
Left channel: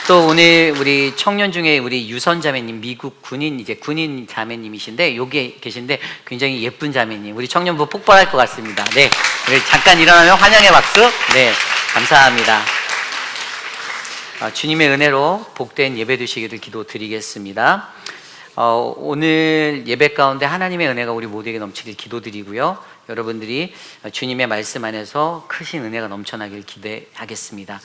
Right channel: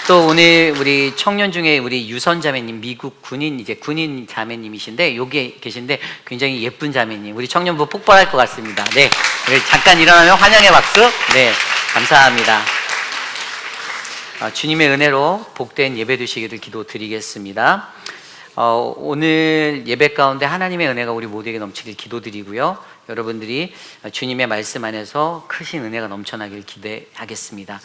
또 오늘 우리 청년 중에 우리 유선 자매님 미국 군인 자매님이신데 여기 계신데 굉장히 예쁜 자매님 우리 청년부 폭발할 것 같습니다. 네, 잠깐 일어나면 환영의 박수. 네, 감사합니다. 주님의 은혜로 복된 예배 되시기를 기도드리겠습니다. 오늘 예배 가운데 하나님의 은혜가 우리 모두에게 넘치길 기도드리고요. 여러분들이 주님의 말씀 안에서 크신 은혜가 넘쳐나길 기대하겠습니다.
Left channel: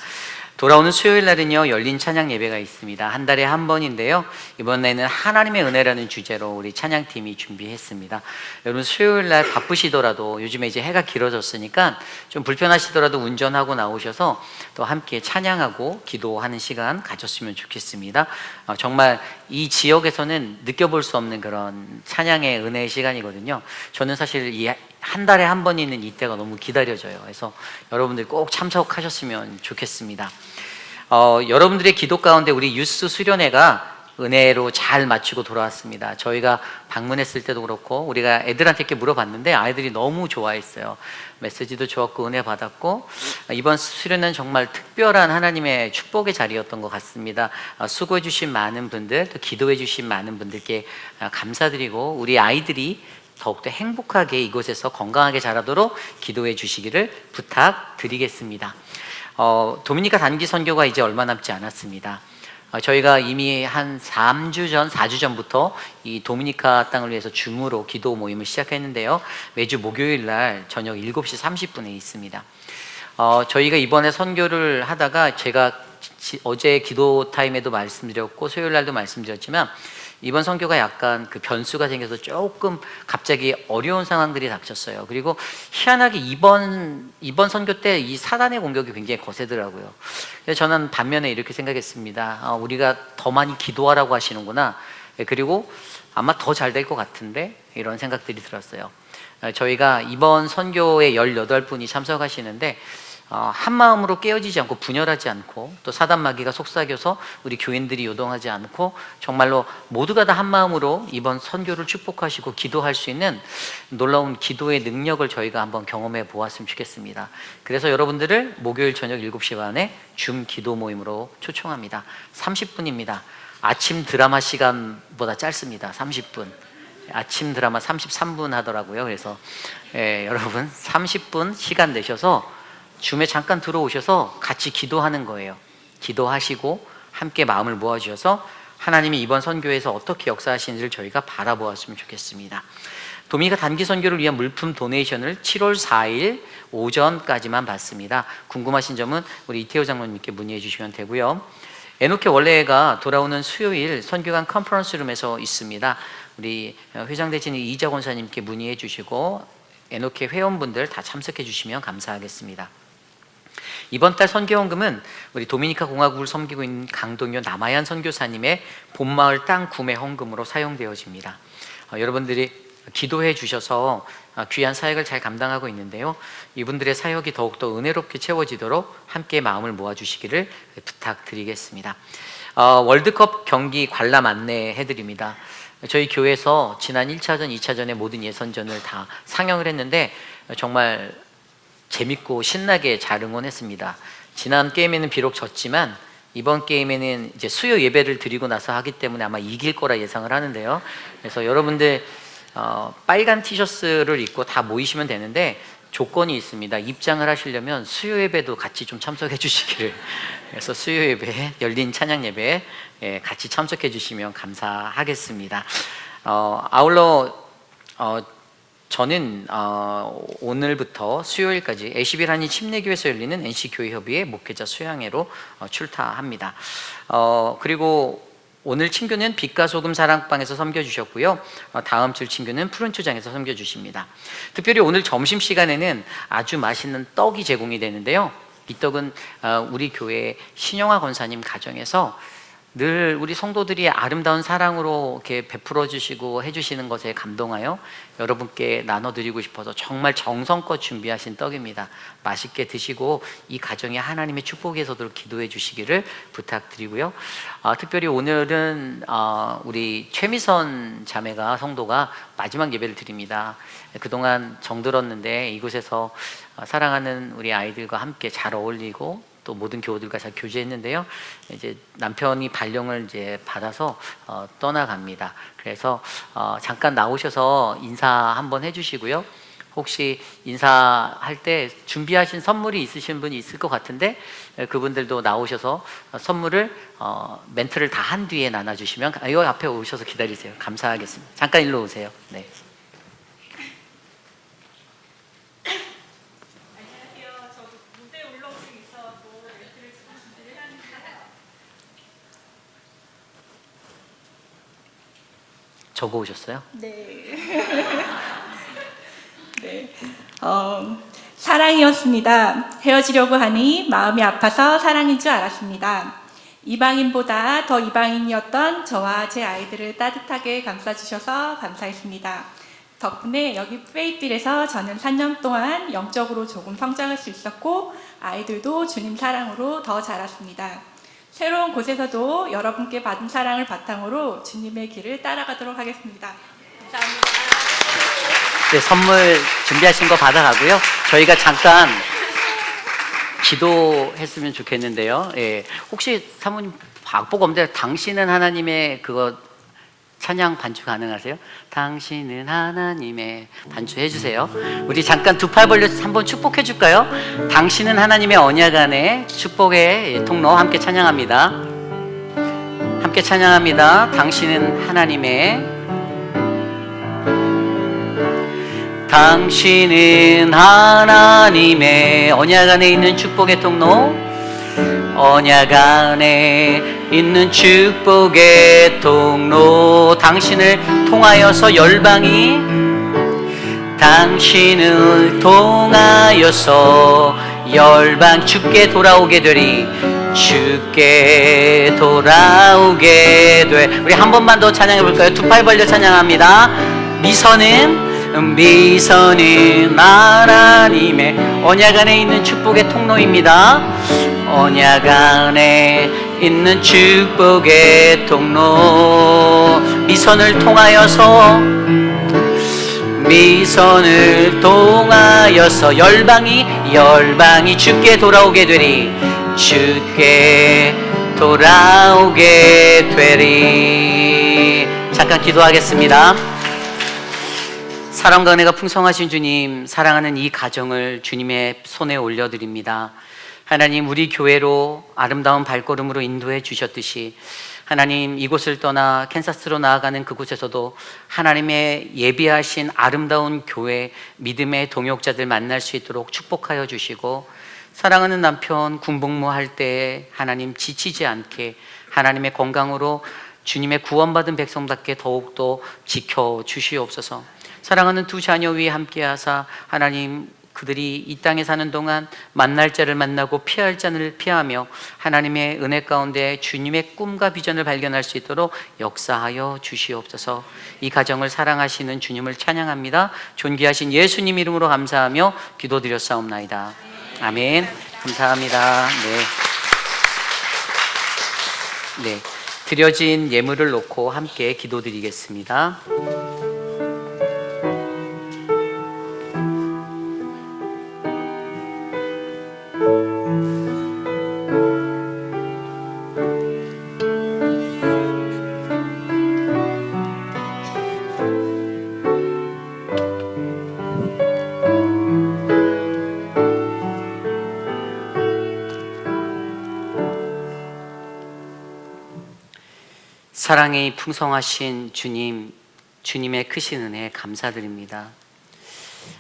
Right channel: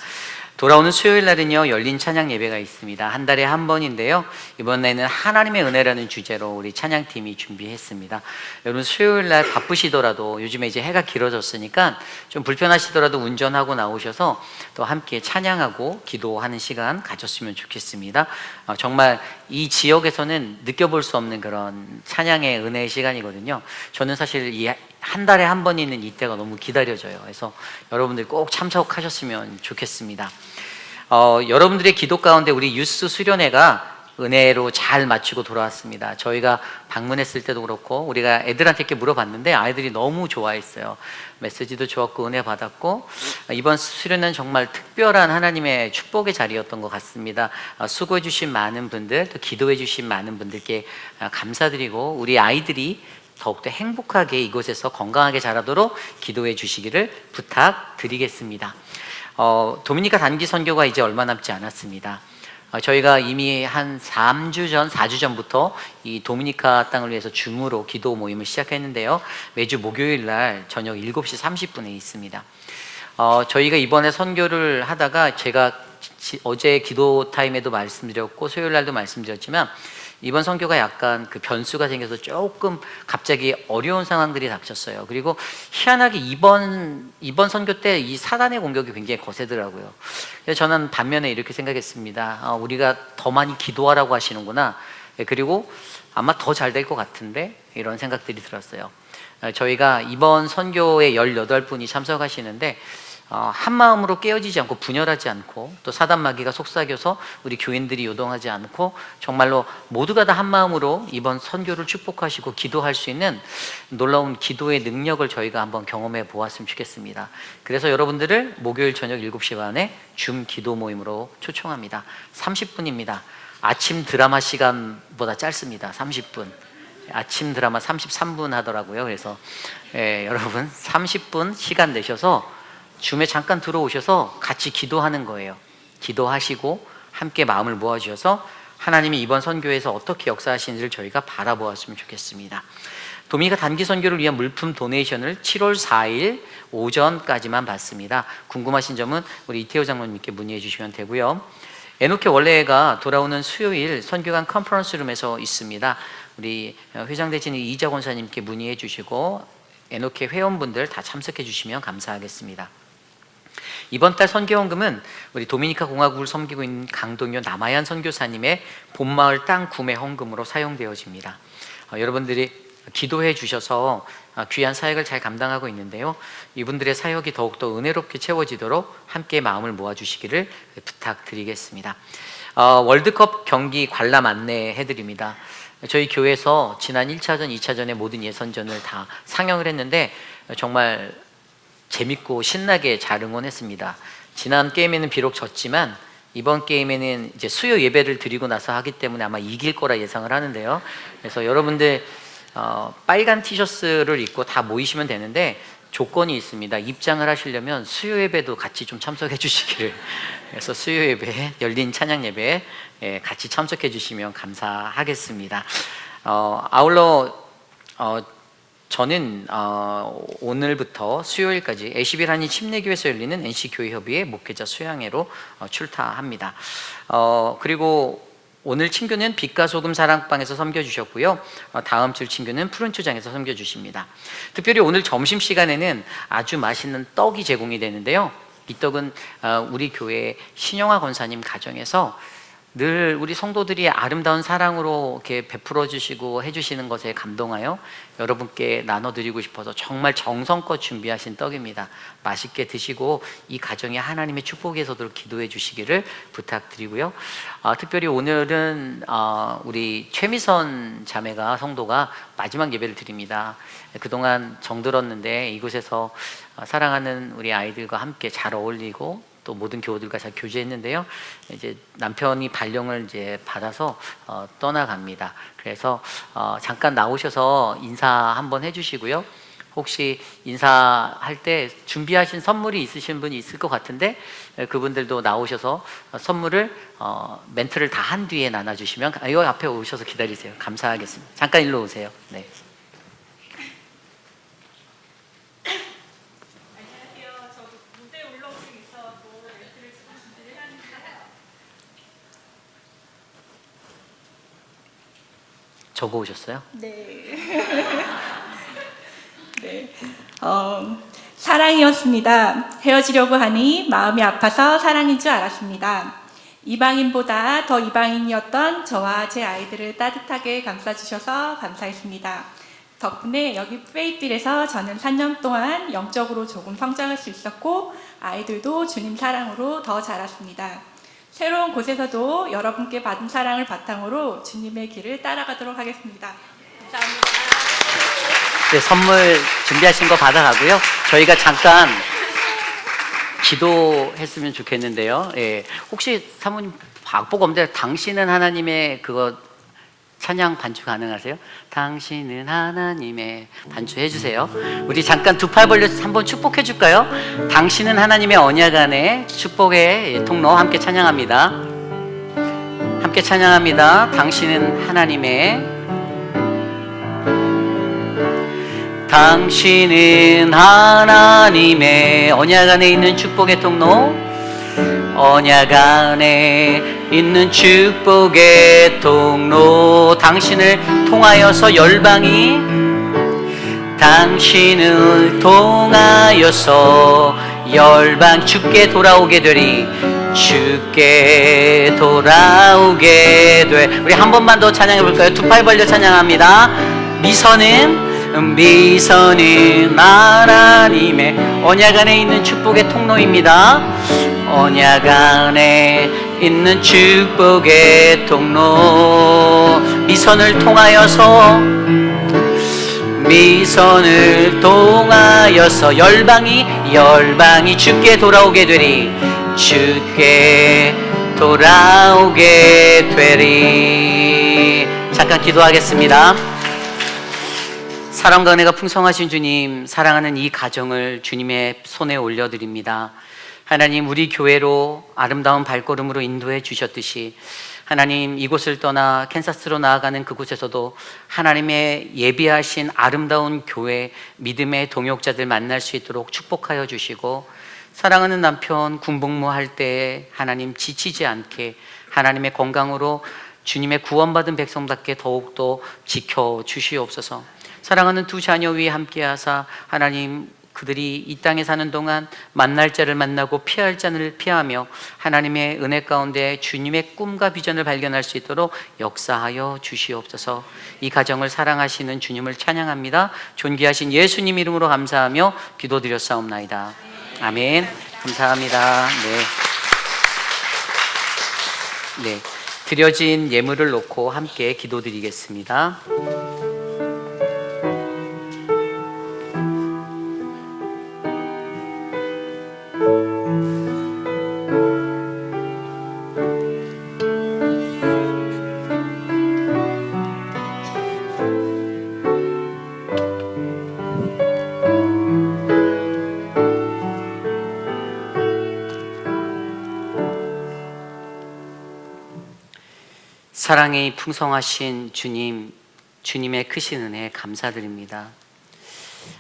돌아오는 수요일 날은요 열린 찬양 예배가 있습니다. 한 달에 한 번인데요. 이번에는 하나님의 은혜라는 주제로 우리 찬양팀이 준비했습니다. 여러분 수요일 날 바쁘시더라도 요즘에 이제 해가 길어졌으니까 좀 불편하시더라도 운전하고 나오셔서 또 함께 찬양하고 기도하는 시간 가졌으면 좋겠습니다. 정말 이 지역에서는 느껴볼 수 없는 그런 찬양의 은혜의 시간이거든요. 저는 사실 이 한 달에 한 번 있는 이때가 너무 기다려져요. 그래서 여러분들 꼭 참석하셨으면 좋겠습니다. 여러분들의 기도 가운데 우리 유스 수련회가 은혜로 잘 마치고 돌아왔습니다. 저희가 방문했을 때도 그렇고 우리가 애들한테 이렇게 물어봤는데 아이들이 너무 좋아했어요. 메시지도 좋았고 은혜 받았고 이번 수련회는 정말 특별한 하나님의 축복의 자리였던 것 같습니다. 수고해 주신 많은 분들 또 기도해 주신 많은 분들께 감사드리고 우리 아이들이 더욱더 행복하게 이곳에서 건강하게 자라도록 기도해 주시기를 부탁드리겠습니다. 도미니카 단기 선교가 이제 얼마 남지 않았습니다. 저희가 이미 한 4주 전부터 이 도미니카 땅을 위해서 줌으로 기도 모임을 시작했는데요. 매주 목요일 날 저녁 7시 30분에 있습니다. 저희가 이번에 선교를 하다가 제가 어제 기도 타임에도 말씀드렸고 수요일 날도 말씀드렸지만 이번 선교가 약간 그 변수가 생겨서 조금 갑자기 어려운 상황들이 닥쳤어요. 그리고 희한하게 이번 선교 때 이 사단의 공격이 굉장히 거세더라고요. 그래서 저는 반면에 이렇게 생각했습니다. 우리가 더 많이 기도하라고 하시는구나. 그리고 아마 더 잘 될 것 같은데 이런 생각들이 들었어요. 저희가 이번 선교에 18분이 참석하시는데 한 마음으로 깨어지지 않고 분열하지 않고 또 사단 마귀가 속삭여서 우리 교인들이 요동하지 않고 정말로 모두가 다 한 마음으로 이번 선교를 축복하시고 기도할 수 있는 놀라운 기도의 능력을 저희가 한번 경험해 보았으면 좋겠습니다. 그래서 여러분들을 목요일 저녁 7시 반에 줌 기도 모임으로 초청합니다. 30분입니다. 아침 드라마 시간보다 짧습니다. 30분. 아침 드라마 33분 하더라고요. 그래서 여러분 30분 시간 내셔서 줌에 잠깐 들어오셔서 같이 기도하는 거예요. 기도하시고 함께 마음을 모아주셔서 하나님이 이번 선교에서 어떻게 역사하시는지를 저희가 바라보았으면 좋겠습니다. 도미니카 단기 선교를 위한 물품 도네이션을 7월 4일 오전까지만 받습니다. 궁금하신 점은 우리 이태호 장로님께 문의해 주시면 되고요. 에노케 원래가 돌아오는 수요일 선교관 컨퍼런스룸에서 있습니다. 우리 회장대진 이자 권사님께 문의해 주시고 에노케 회원분들 다 참석해 주시면 감사하겠습니다. 이번 달 선교헌금은 우리 도미니카 공화국을 섬기고 있는 강동요 남아얀 선교사님의 본마을 땅 구매 헌금으로 사용되어집니다. 여러분들이 기도해 주셔서 귀한 사역을 잘 감당하고 있는데요. 이분들의 사역이 더욱더 은혜롭게 채워지도록 함께 마음을 모아주시기를 부탁드리겠습니다. 월드컵 경기 관람 안내해 드립니다. 저희 교회에서 지난 1차전, 2차전의 모든 예선전을 다 상영을 했는데 정말 재밌고 신나게 잘 응원했습니다. 지난 게임에는 비록 졌지만 이번 게임에는 이제 수요 예배를 드리고 나서 하기 때문에 아마 이길 거라 예상을 하는데요. 그래서 여러분들 빨간 티셔츠를 입고 다 모이시면 되는데 조건이 있습니다. 입장을 하시려면 수요 예배도 같이 좀 참석해 주시기를. 그래서 수요 예배, 열린 찬양 예배 같이 참석해 주시면 감사하겠습니다. 아울러 저는 오늘부터 수요일까지 애시비라니 침례교회에서 열리는 NC교회협의회 목회자 수양회로 출타합니다. 그리고 오늘 친교는 빛과 소금 사랑방에서 섬겨주셨고요. 다음 주 친교는 푸른초장에서 섬겨주십니다. 특별히 오늘 점심시간에는 아주 맛있는 떡이 제공이 되는데요. 이 떡은 우리 교회 신영화 권사님 가정에서 늘 우리 성도들이 아름다운 사랑으로 이렇게 베풀어 주시고 해주시는 것에 감동하여 여러분께 나눠드리고 싶어서 정말 정성껏 준비하신 떡입니다. 맛있게 드시고 이 가정에 하나님의 축복이 서도록 기도해 주시기를 부탁드리고요. 특별히 오늘은 우리 최미선 자매가 성도가 마지막 예배를 드립니다. 그동안 정들었는데 이곳에서 사랑하는 우리 아이들과 함께 잘 어울리고 또 모든 교우들과 잘 교제했는데요. 이제 남편이 발령을 이제 받아서 떠나갑니다. 그래서 잠깐 나오셔서 인사 한번 해주시고요. 혹시 인사할 때 준비하신 선물이 있으신 분이 있을 것 같은데 그분들도 나오셔서 선물을 멘트를 다 한 뒤에 나눠주시면 이 앞에 오셔서 기다리세요. 감사하겠습니다. 잠깐 일로 오세요. 네. 적어 오셨어요? 네. 네. 사랑이었습니다. 헤어지려고 하니 마음이 아파서 사랑인 줄 알았습니다. 이방인보다 더 이방인이었던 저와 제 아이들을 따뜻하게 감싸주셔서 감사했습니다. 덕분에 여기 페이필에서 저는 3년 동안 영적으로 조금 성장할 수 있었고 아이들도 주님 사랑으로 더 자랐습니다. 새로운 곳에서도 여러분께 받은 사랑을 바탕으로 주님의 길을 따라가도록 하겠습니다. 감사합니다. 네, 선물 준비하신 거 받아가고요. 저희가 잠깐 기도했으면 좋겠는데요. 혹시 사모님 악보가 없는데 당신은 하나님의 그거 찬양 반주 가능하세요? 당신은 하나님의 반주 해주세요. 우리 잠깐 두 팔 벌려서 한번 축복해 줄까요? 당신은 하나님의 언약 안에 축복의 통로 함께 찬양합니다. 함께 찬양합니다. 당신은 하나님의 언약 안에 있는 축복의 통로, 언약 안에 있는 축복의 통로. 당신을 통하여서 열방이, 당신을 통하여서 열방 주께 돌아오게 되리, 주께 돌아오게 돼. 우리 한 번만 더 찬양해 볼까요? 두 팔 벌려 찬양합니다. 미선은 하나님의 언약 안에 있는 축복의 통로입니다. 언약 안에 있는 축복의 통로. 미선을 통하여서 열방이 주께 돌아오게 되리, 주께 돌아오게 되리. 잠깐 기도하겠습니다. 사랑과 은혜가 풍성하신 주님, 사랑하는 이 가정을 주님의 손에 올려드립니다. 하나님, 우리 교회로 아름다운 발걸음으로 인도해 주셨듯이 하나님, 이곳을 떠나 캔사스로 나아가는 그곳에서도 하나님의 예비하신 아름다운 교회, 믿음의 동역자들 만날 수 있도록 축복하여 주시고, 사랑하는 남편 군복무할 때에 하나님 지치지 않게 하나님의 건강으로 주님의 구원받은 백성답게 더욱더 지켜주시옵소서. 사랑하는 두 자녀 위에 함께하사 하나님, 그들이 이 땅에 사는 동안 만날 자를 만나고 피할 자를 피하며 하나님의 은혜 가운데 주님의 꿈과 비전을 발견할 수 있도록 역사하여 주시옵소서. 이 가정을 사랑하시는 주님을 찬양합니다. 존귀하신 예수님 이름으로 감사하며 기도드렸사옵나이다. 아멘. 감사합니다. 네. 드려진 예물을 놓고 함께 기도드리겠습니다. 사랑이 풍성하신 주님, 주님의 크신 은혜 감사드립니다.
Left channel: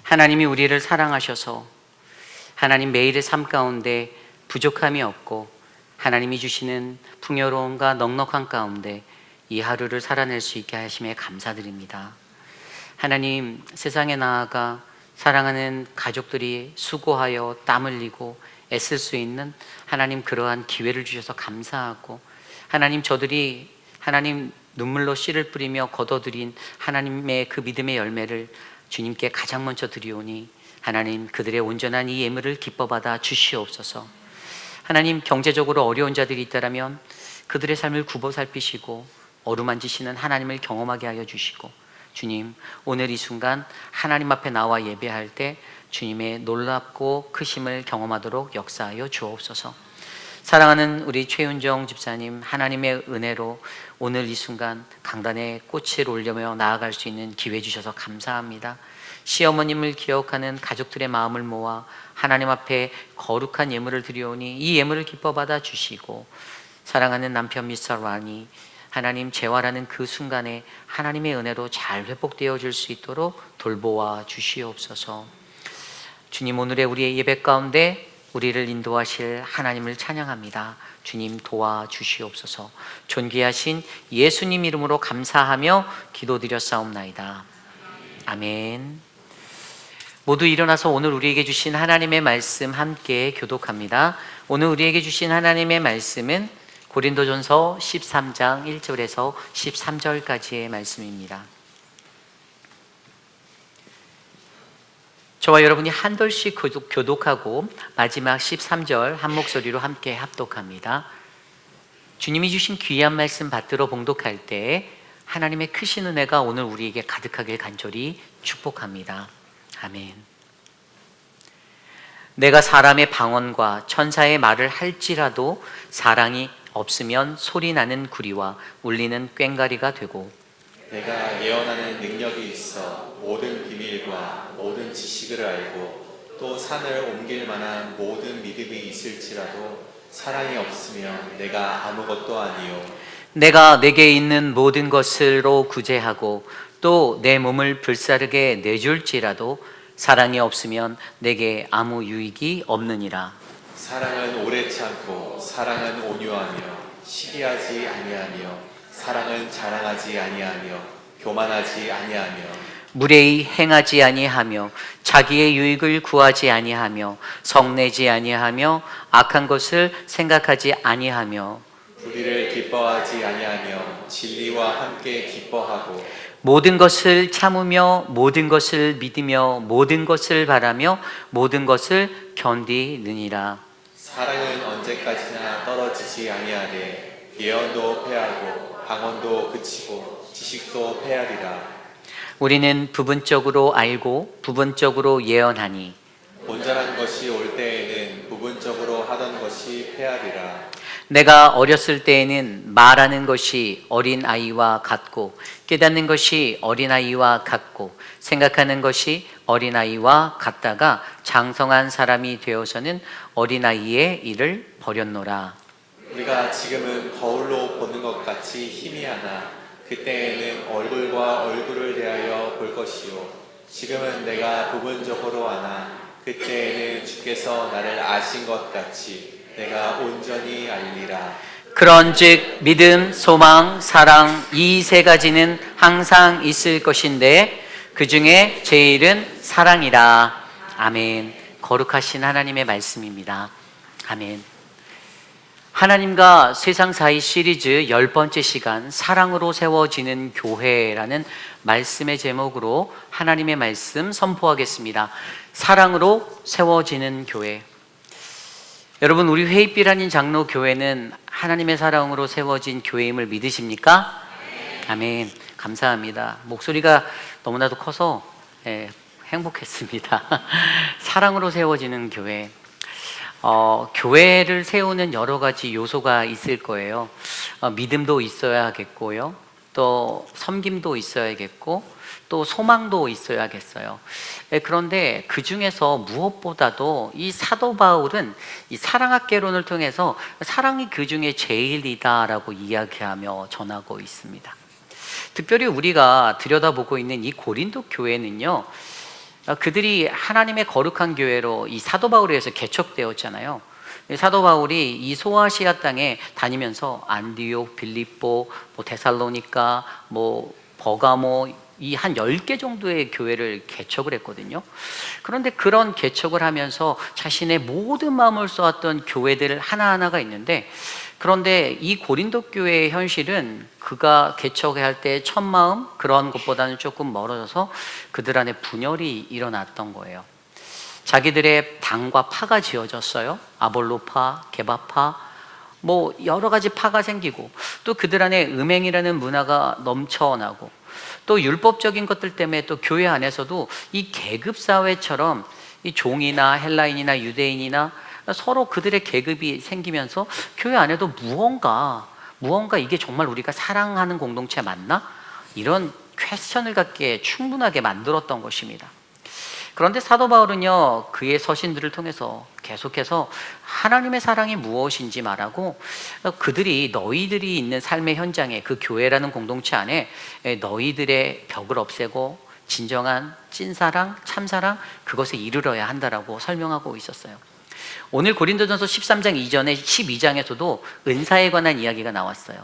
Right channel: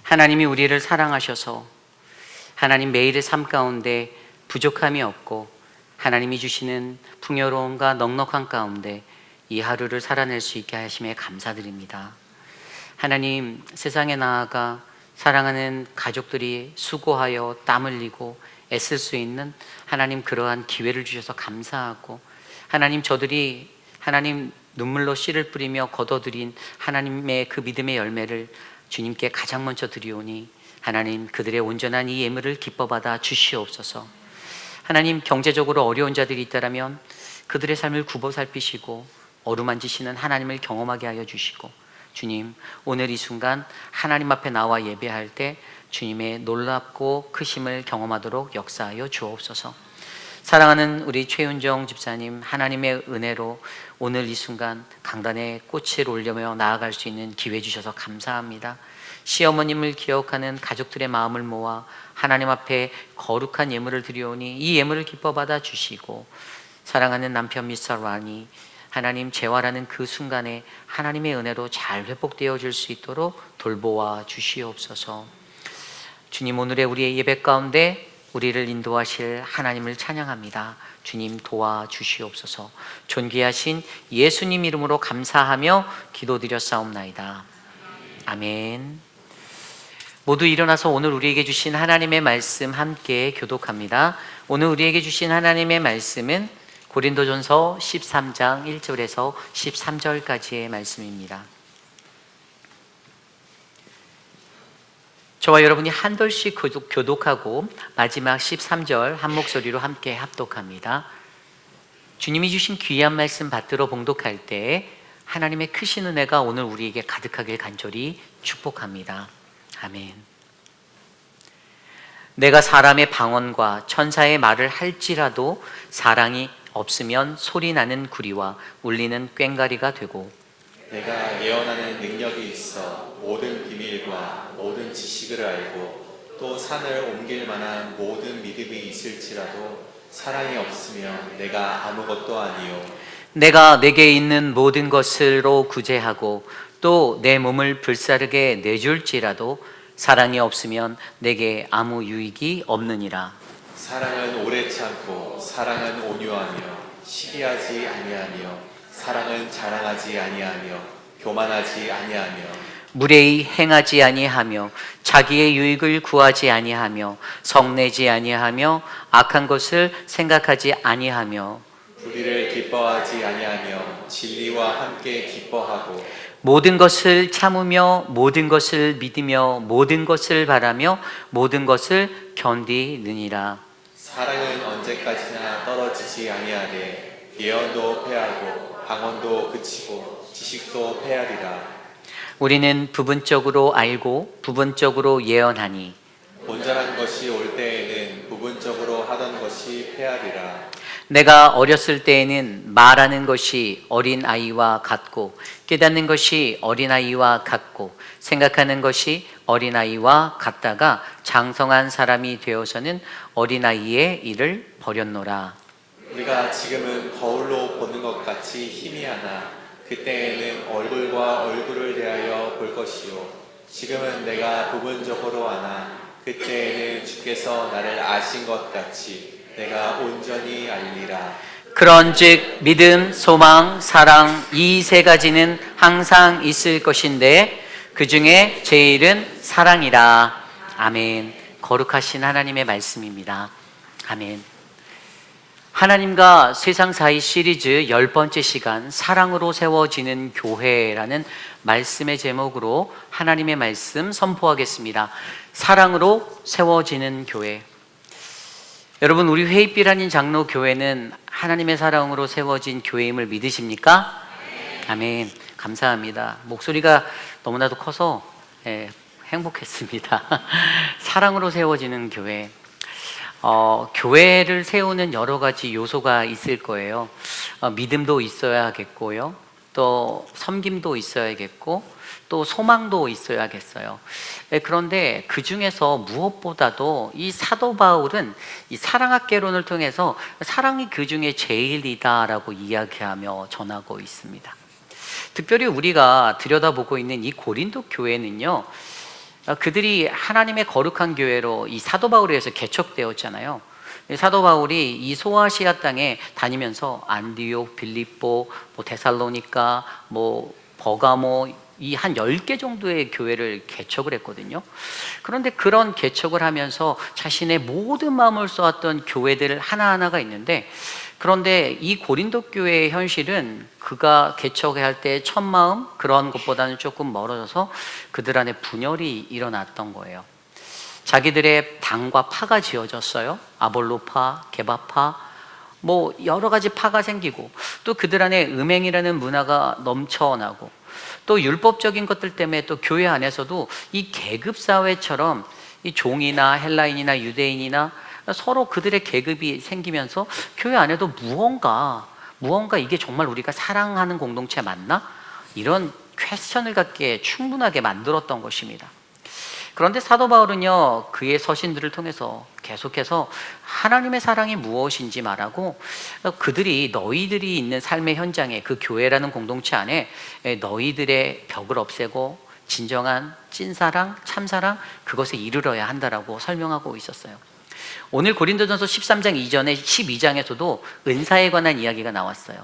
하나님이 우리를 사랑하셔서 하나님 매일의 삶 가운데 부족함이 없고 하나님이 주시는 풍요로움과 넉넉한 가운데 이 하루를 살아낼 수 있게 하심에 감사드립니다. 하나님, 세상에 나아가 사랑하는 가족들이 수고하여 땀 흘리고 애쓸 수 있는 하나님 그러한 기회를 주셔서 감사하고, 하나님 저들이 하나님 눈물로 씨를 뿌리며 거둬들인 하나님의 그 믿음의 열매를 주님께 가장 먼저 드리오니 하나님 그들의 온전한 이 예물을 기뻐받아 주시옵소서. 하나님, 경제적으로 어려운 자들이 있다면 그들의 삶을 굽어 살피시고 어루만지시는 하나님을 경험하게 하여 주시고, 주님 오늘 이 순간 하나님 앞에 나와 예배할 때 주님의 놀랍고 크심을 경험하도록 역사하여 주옵소서. 사랑하는 우리 최윤정 집사님, 하나님의 은혜로 오늘 이 순간 강단에 꽃을 올려며 나아갈 수 있는 기회 주셔서 감사합니다. 시어머님을 기억하는 가족들의 마음을 모아 하나님 앞에 거룩한 예물을 드리오니 이 예물을 기뻐 받아 주시고, 사랑하는 남편 미스터 라니, 하나님 재활하는 그 순간에 하나님의 은혜로 잘 회복되어 줄 수 있도록 돌보아 주시옵소서. 주님, 오늘의 우리의 예배 가운데 우리를 인도하실 하나님을 찬양합니다. 주님 도와주시옵소서. 존귀하신 예수님 이름으로 감사하며 기도드렸사옵나이다. 아멘. 모두 일어나서 오늘 우리에게 주신 하나님의 말씀 함께 교독합니다. 오늘 우리에게 주신 하나님의 말씀은 고린도전서 13장 1절에서 13절까지의 말씀입니다. 저와 여러분이 한 절씩 교독하고 마지막 13절 한 목소리로 함께 합독합니다. 주님이 주신 귀한 말씀 받들어 봉독할 때 하나님의 크신 은혜가 오늘 우리에게 가득하길 간절히 축복합니다. 아멘. 내가 사람의 방언과 천사의 말을 할지라도 사랑이 없으면 소리나는 구리와 울리는 꽹과리가 되고, 내가 예언하는 능력이 있어 모든 비밀과 모든 지식을 알고 또 산을 옮길 만한 모든 믿음이 있을지라도 사랑이 없으면 내가 아무것도 아니요. 내가 내게 있는 모든 것으로 구제하고 또 내 몸을 불사르게 내줄지라도 사랑이 없으면 내게 아무 유익이 없느니라. 사랑은 오래 참고 사랑은 온유하며 시기하지 아니하며 사랑은 자랑하지 아니하며 교만하지 아니하며 무례히 행하지 아니하며 자기의 유익을 구하지 아니하며 성내지 아니하며 악한 것을 생각하지 아니하며 불의를 기뻐하지 아니하며 진리와 함께 기뻐하고 모든 것을 참으며 모든 것을 믿으며 모든 것을 바라며 모든 것을 견디느니라. 사랑은 언제까지나 떨어지지 아니하되 예언도 패하고 방언도 그치고 지식도 패하리라. 우리는 부분적으로 알고 부분적으로 예언하니 온전한 것이 올 때에는 부분적으로 하던 것이 패하리라. 내가 어렸을 때에는 말하는 것이 어린아이와 같고 깨닫는 것이 어린아이와 같고 생각하는 것이 어린아이와 같다가 장성한 사람이 되어서는 어린아이의 일을 버렸노라. 우리가 지금은 거울로 보는 것 같이 희미하나 그때에는 얼굴과 얼굴을 대하여 볼 것이요 지금은 내가 부분적으로 아나 그때에는 주께서 나를 아신 것 같이 내가 온전히 알리라. 그런즉 믿음, 소망, 사랑 이 세 가지는 항상 있을 것인데 그 중에 제일은 사랑이라. 아멘. 거룩하신 하나님의 말씀입니다. 아멘. 하나님과 세상 사이 시리즈 10번째 시간 사랑으로 세워지는 교회라는 말씀의 제목으로 하나님의 말씀 선포하겠습니다. 사랑으로 세워지는 교회. 여러분, 우리 회입비라는 장로 교회는 하나님의 사랑으로 세워진 교회임을 믿으십니까? 아멘. 감사합니다. 목소리가 너무나도 커서 행복했습니다. 사랑으로 세워지는 교회. 교회를 세우는 여러 가지 요소가 있을 거예요. 믿음도 있어야겠고요. 또 섬김도 있어야겠고 또 소망도 있어야겠어요. 그런데 그 중에서 무엇보다도 이 사도 바울은 이 사랑학개론을 통해서 사랑이 그 중에 제일이다라고 이야기하며 전하고 있습니다. 특별히 우리가 들여다보고 있는 이 고린도 교회는요, 그들이 하나님의 거룩한 교회로 이 사도 바울에 의해서 개척되었잖아요. 사도 바울이 이 소아시아 땅에 다니면서 안디옥, 빌립보, 데살로니가, 버가모 이 한 10개 정도의 교회를 개척을 했거든요. 그런데 그런 개척을 하면서 자신의 모든 마음을 쏘았던 교회들 하나하나가 있는데, 그런데 이 고린도 교회의 현실은 그가 개척할 때 첫 마음 그런 것보다는 조금 멀어져서 그들 안에 분열이 일어났던 거예요. 자기들의 당과 파가 지어졌어요. 아볼로파, 게바파, 여러 가지 파가 생기고, 또 그들 안에 음행이라는 문화가 넘쳐나고, 또 율법적인 것들 때문에 또 교회 안에서도 이 계급 사회처럼 이 종이나 헬라인이나 유대인이나 서로 그들의 계급이 생기면서 교회 안에도 무언가 이게 정말 우리가 사랑하는 공동체 맞나? 이런 퀘스천을 갖게 충분하게 만들었던 것입니다. 그런데 사도 바울은요, 그의 서신들을 통해서 계속해서 하나님의 사랑이 무엇인지 말하고, 그들이 너희들이 있는 삶의 현장에 그 교회라는 공동체 안에 너희들의 벽을 없애고 진정한 찐사랑, 참사랑 그것에 이르러야 한다라고 설명하고 있었어요. 오늘 고린도전서 13장 이전에 12장에서도 은사에 관한 이야기가 나왔어요.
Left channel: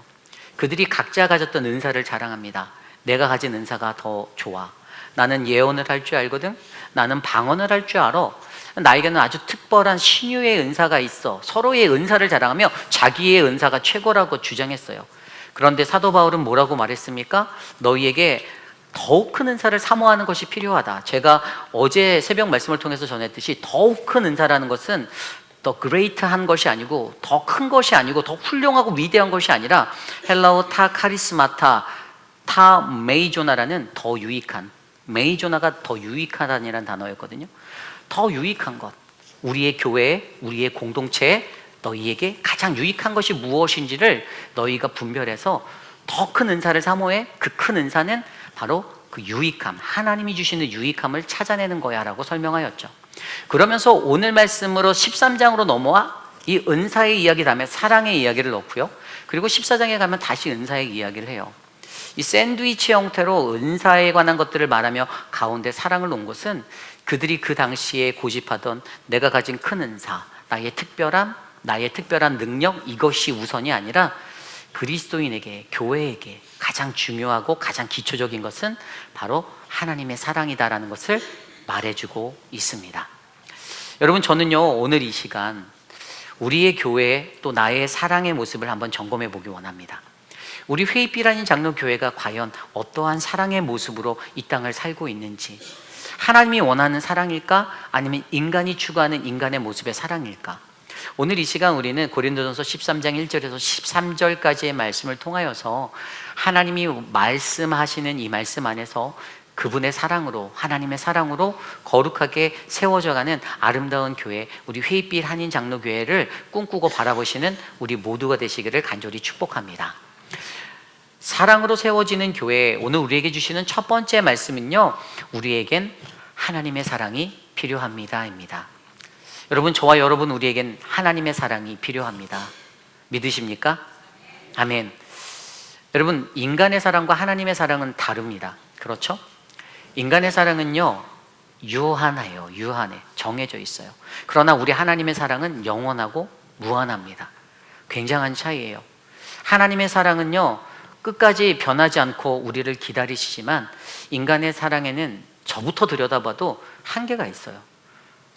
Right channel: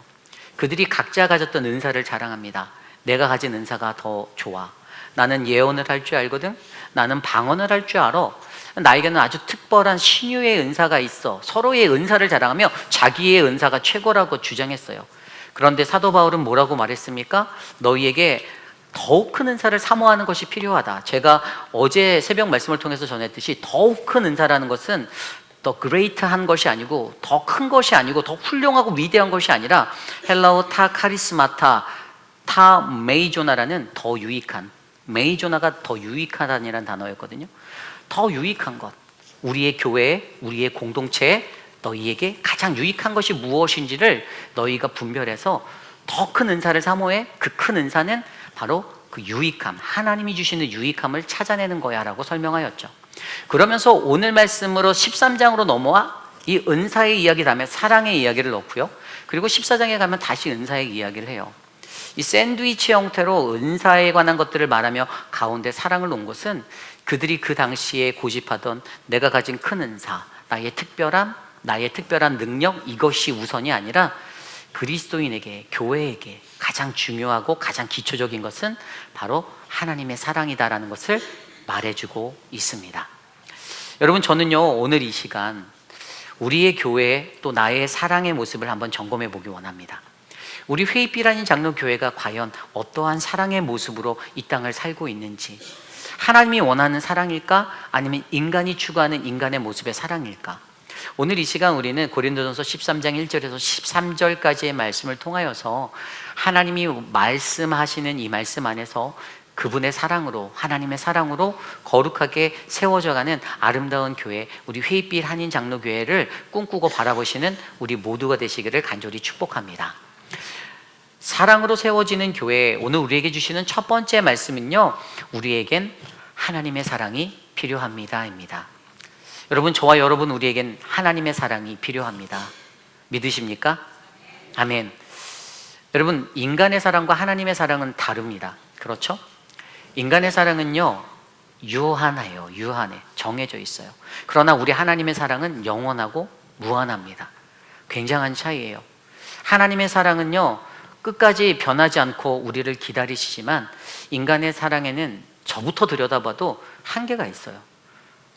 그들이 각자 가졌던 은사를 자랑합니다. 내가 가진 은사가 더 좋아. 나는 예언을 할 줄 알거든. 나는 방언을 할 줄 알아. 나에게는 아주 특별한 신유의 은사가 있어. 서로의 은사를 자랑하며 자기의 은사가 최고라고 주장했어요. 그런데 사도 바울은 뭐라고 말했습니까? 너희에게 더욱 큰 은사를 사모하는 것이 필요하다. 제가 어제 새벽 말씀을 통해서 전했듯이 더욱 큰 은사라는 것은 더 그레이트한 것이 아니고 더 큰 것이 아니고 더 훌륭하고 위대한 것이 아니라 헬라어 타 카리스마타 타 메이조나라는 더 유익한, 메이조나가 더 유익하다는 단어였거든요. 더 유익한 것, 우리의 교회, 우리의 공동체에 너희에게 가장 유익한 것이 무엇인지를 너희가 분별해서 더 큰 은사를 사모해. 그 큰 은사는 바로 그 유익함, 하나님이 주시는 유익함을 찾아내는 거야 라고 설명하였죠. 그러면서 오늘 말씀으로 13장으로 넘어와 이 은사의 이야기 다음에 사랑의 이야기를 넣고요, 그리고 14장에 가면 다시 은사의 이야기를 해요. 이 샌드위치 형태로 은사에 관한 것들을 말하며 가운데 사랑을 놓은 것은 그들이 그 당시에 고집하던 내가 가진 큰 은사, 나의 특별한 능력, 이것이 우선이 아니라 그리스도인에게, 교회에게 가장 중요하고 가장 기초적인 것은 바로 하나님의 사랑이다라는 것을 말해주고 있습니다. 여러분, 저는요, 오늘 이 시간 우리의 교회 또 나의 사랑의 모습을 한번 점검해 보기 원합니다. 우리 회입비라는 장로 교회가 과연 어떠한 사랑의 모습으로 이 땅을 살고 있는지, 하나님이 원하는 사랑일까? 아니면 인간이 추구하는 인간의 모습의 사랑일까? 오늘 이 시간 우리는 고린도전서 13장 1절에서 13절까지의 말씀을 통하여서 하나님이 말씀하시는 이 말씀 안에서 그분의 사랑으로, 하나님의 사랑으로 거룩하게 세워져가는 아름다운 교회, 우리 회빛 한인 장로교회를 꿈꾸고 바라보시는 우리 모두가 되시기를 간절히 축복합니다. 사랑으로 세워지는 교회, 오늘 우리에게 주시는 첫 번째 말씀은요, 우리에겐 하나님의 사랑이 필요합니다입니다. 여러분, 저와 여러분, 우리에겐 하나님의 사랑이 필요합니다. 믿으십니까? 아멘. 여러분, 인간의 사랑과 하나님의 사랑은 다릅니다. 그렇죠? 인간의 사랑은요, 유한해요. 유한해. 정해져 있어요. 그러나 우리 하나님의 사랑은 영원하고 무한합니다. 굉장한 차이예요. 하나님의 사랑은요, 끝까지 변하지 않고 우리를 기다리시지만, 인간의 사랑에는 저부터 들여다봐도 한계가 있어요.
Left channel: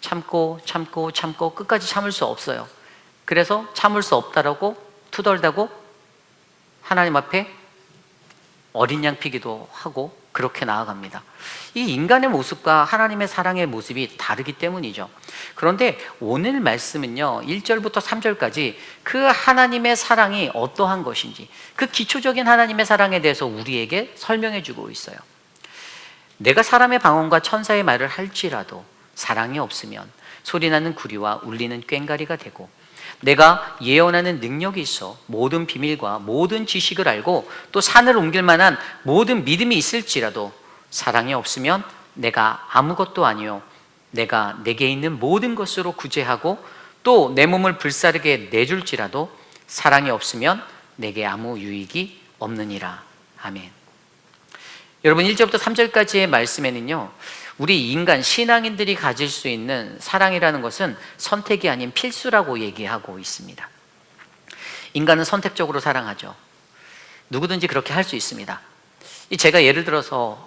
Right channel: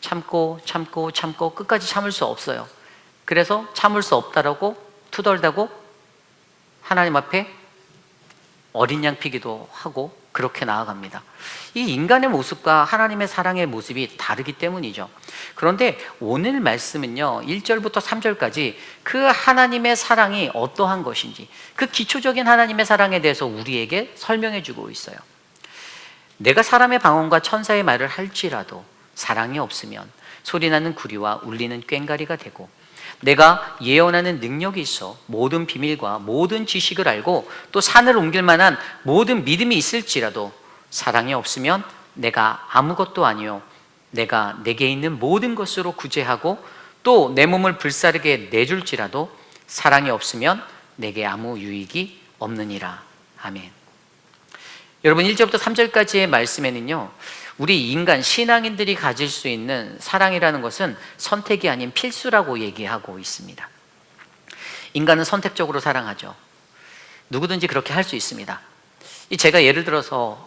참고 끝까지 참을 수 없어요. 그래서 참을 수 없다라고 투덜대고 하나님 앞에 어린 양 피기도 하고 그렇게 나아갑니다. 이 인간의 모습과 하나님의 사랑의 모습이 다르기 때문이죠. 그런데 오늘 말씀은요, 1절부터 3절까지 그 하나님의 사랑이 어떠한 것인지, 그 기초적인 하나님의 사랑에 대해서 우리에게 설명해 주고 있어요. 내가 사람의 방언과 천사의 말을 할지라도 사랑이 없으면 소리나는 구리와 울리는 꽹과리가 되고, 내가 예언하는 능력이 있어 모든 비밀과 모든 지식을 알고 또 산을 옮길 만한 모든 믿음이 있을지라도 사랑이 없으면 내가 아무것도 아니요, 내가 내게 있는 모든 것으로 구제하고 또 내 몸을 불사르게 내줄지라도 사랑이 없으면 내게 아무 유익이 없느니라. 아멘. 여러분, 1절부터 3절까지의 말씀에는요, 우리 인간 신앙인들이 가질 수 있는 사랑이라는 것은 선택이 아닌 필수라고 얘기하고 있습니다. 인간은 선택적으로 사랑하죠. 누구든지 그렇게 할 수 있습니다. 제가 예를 들어서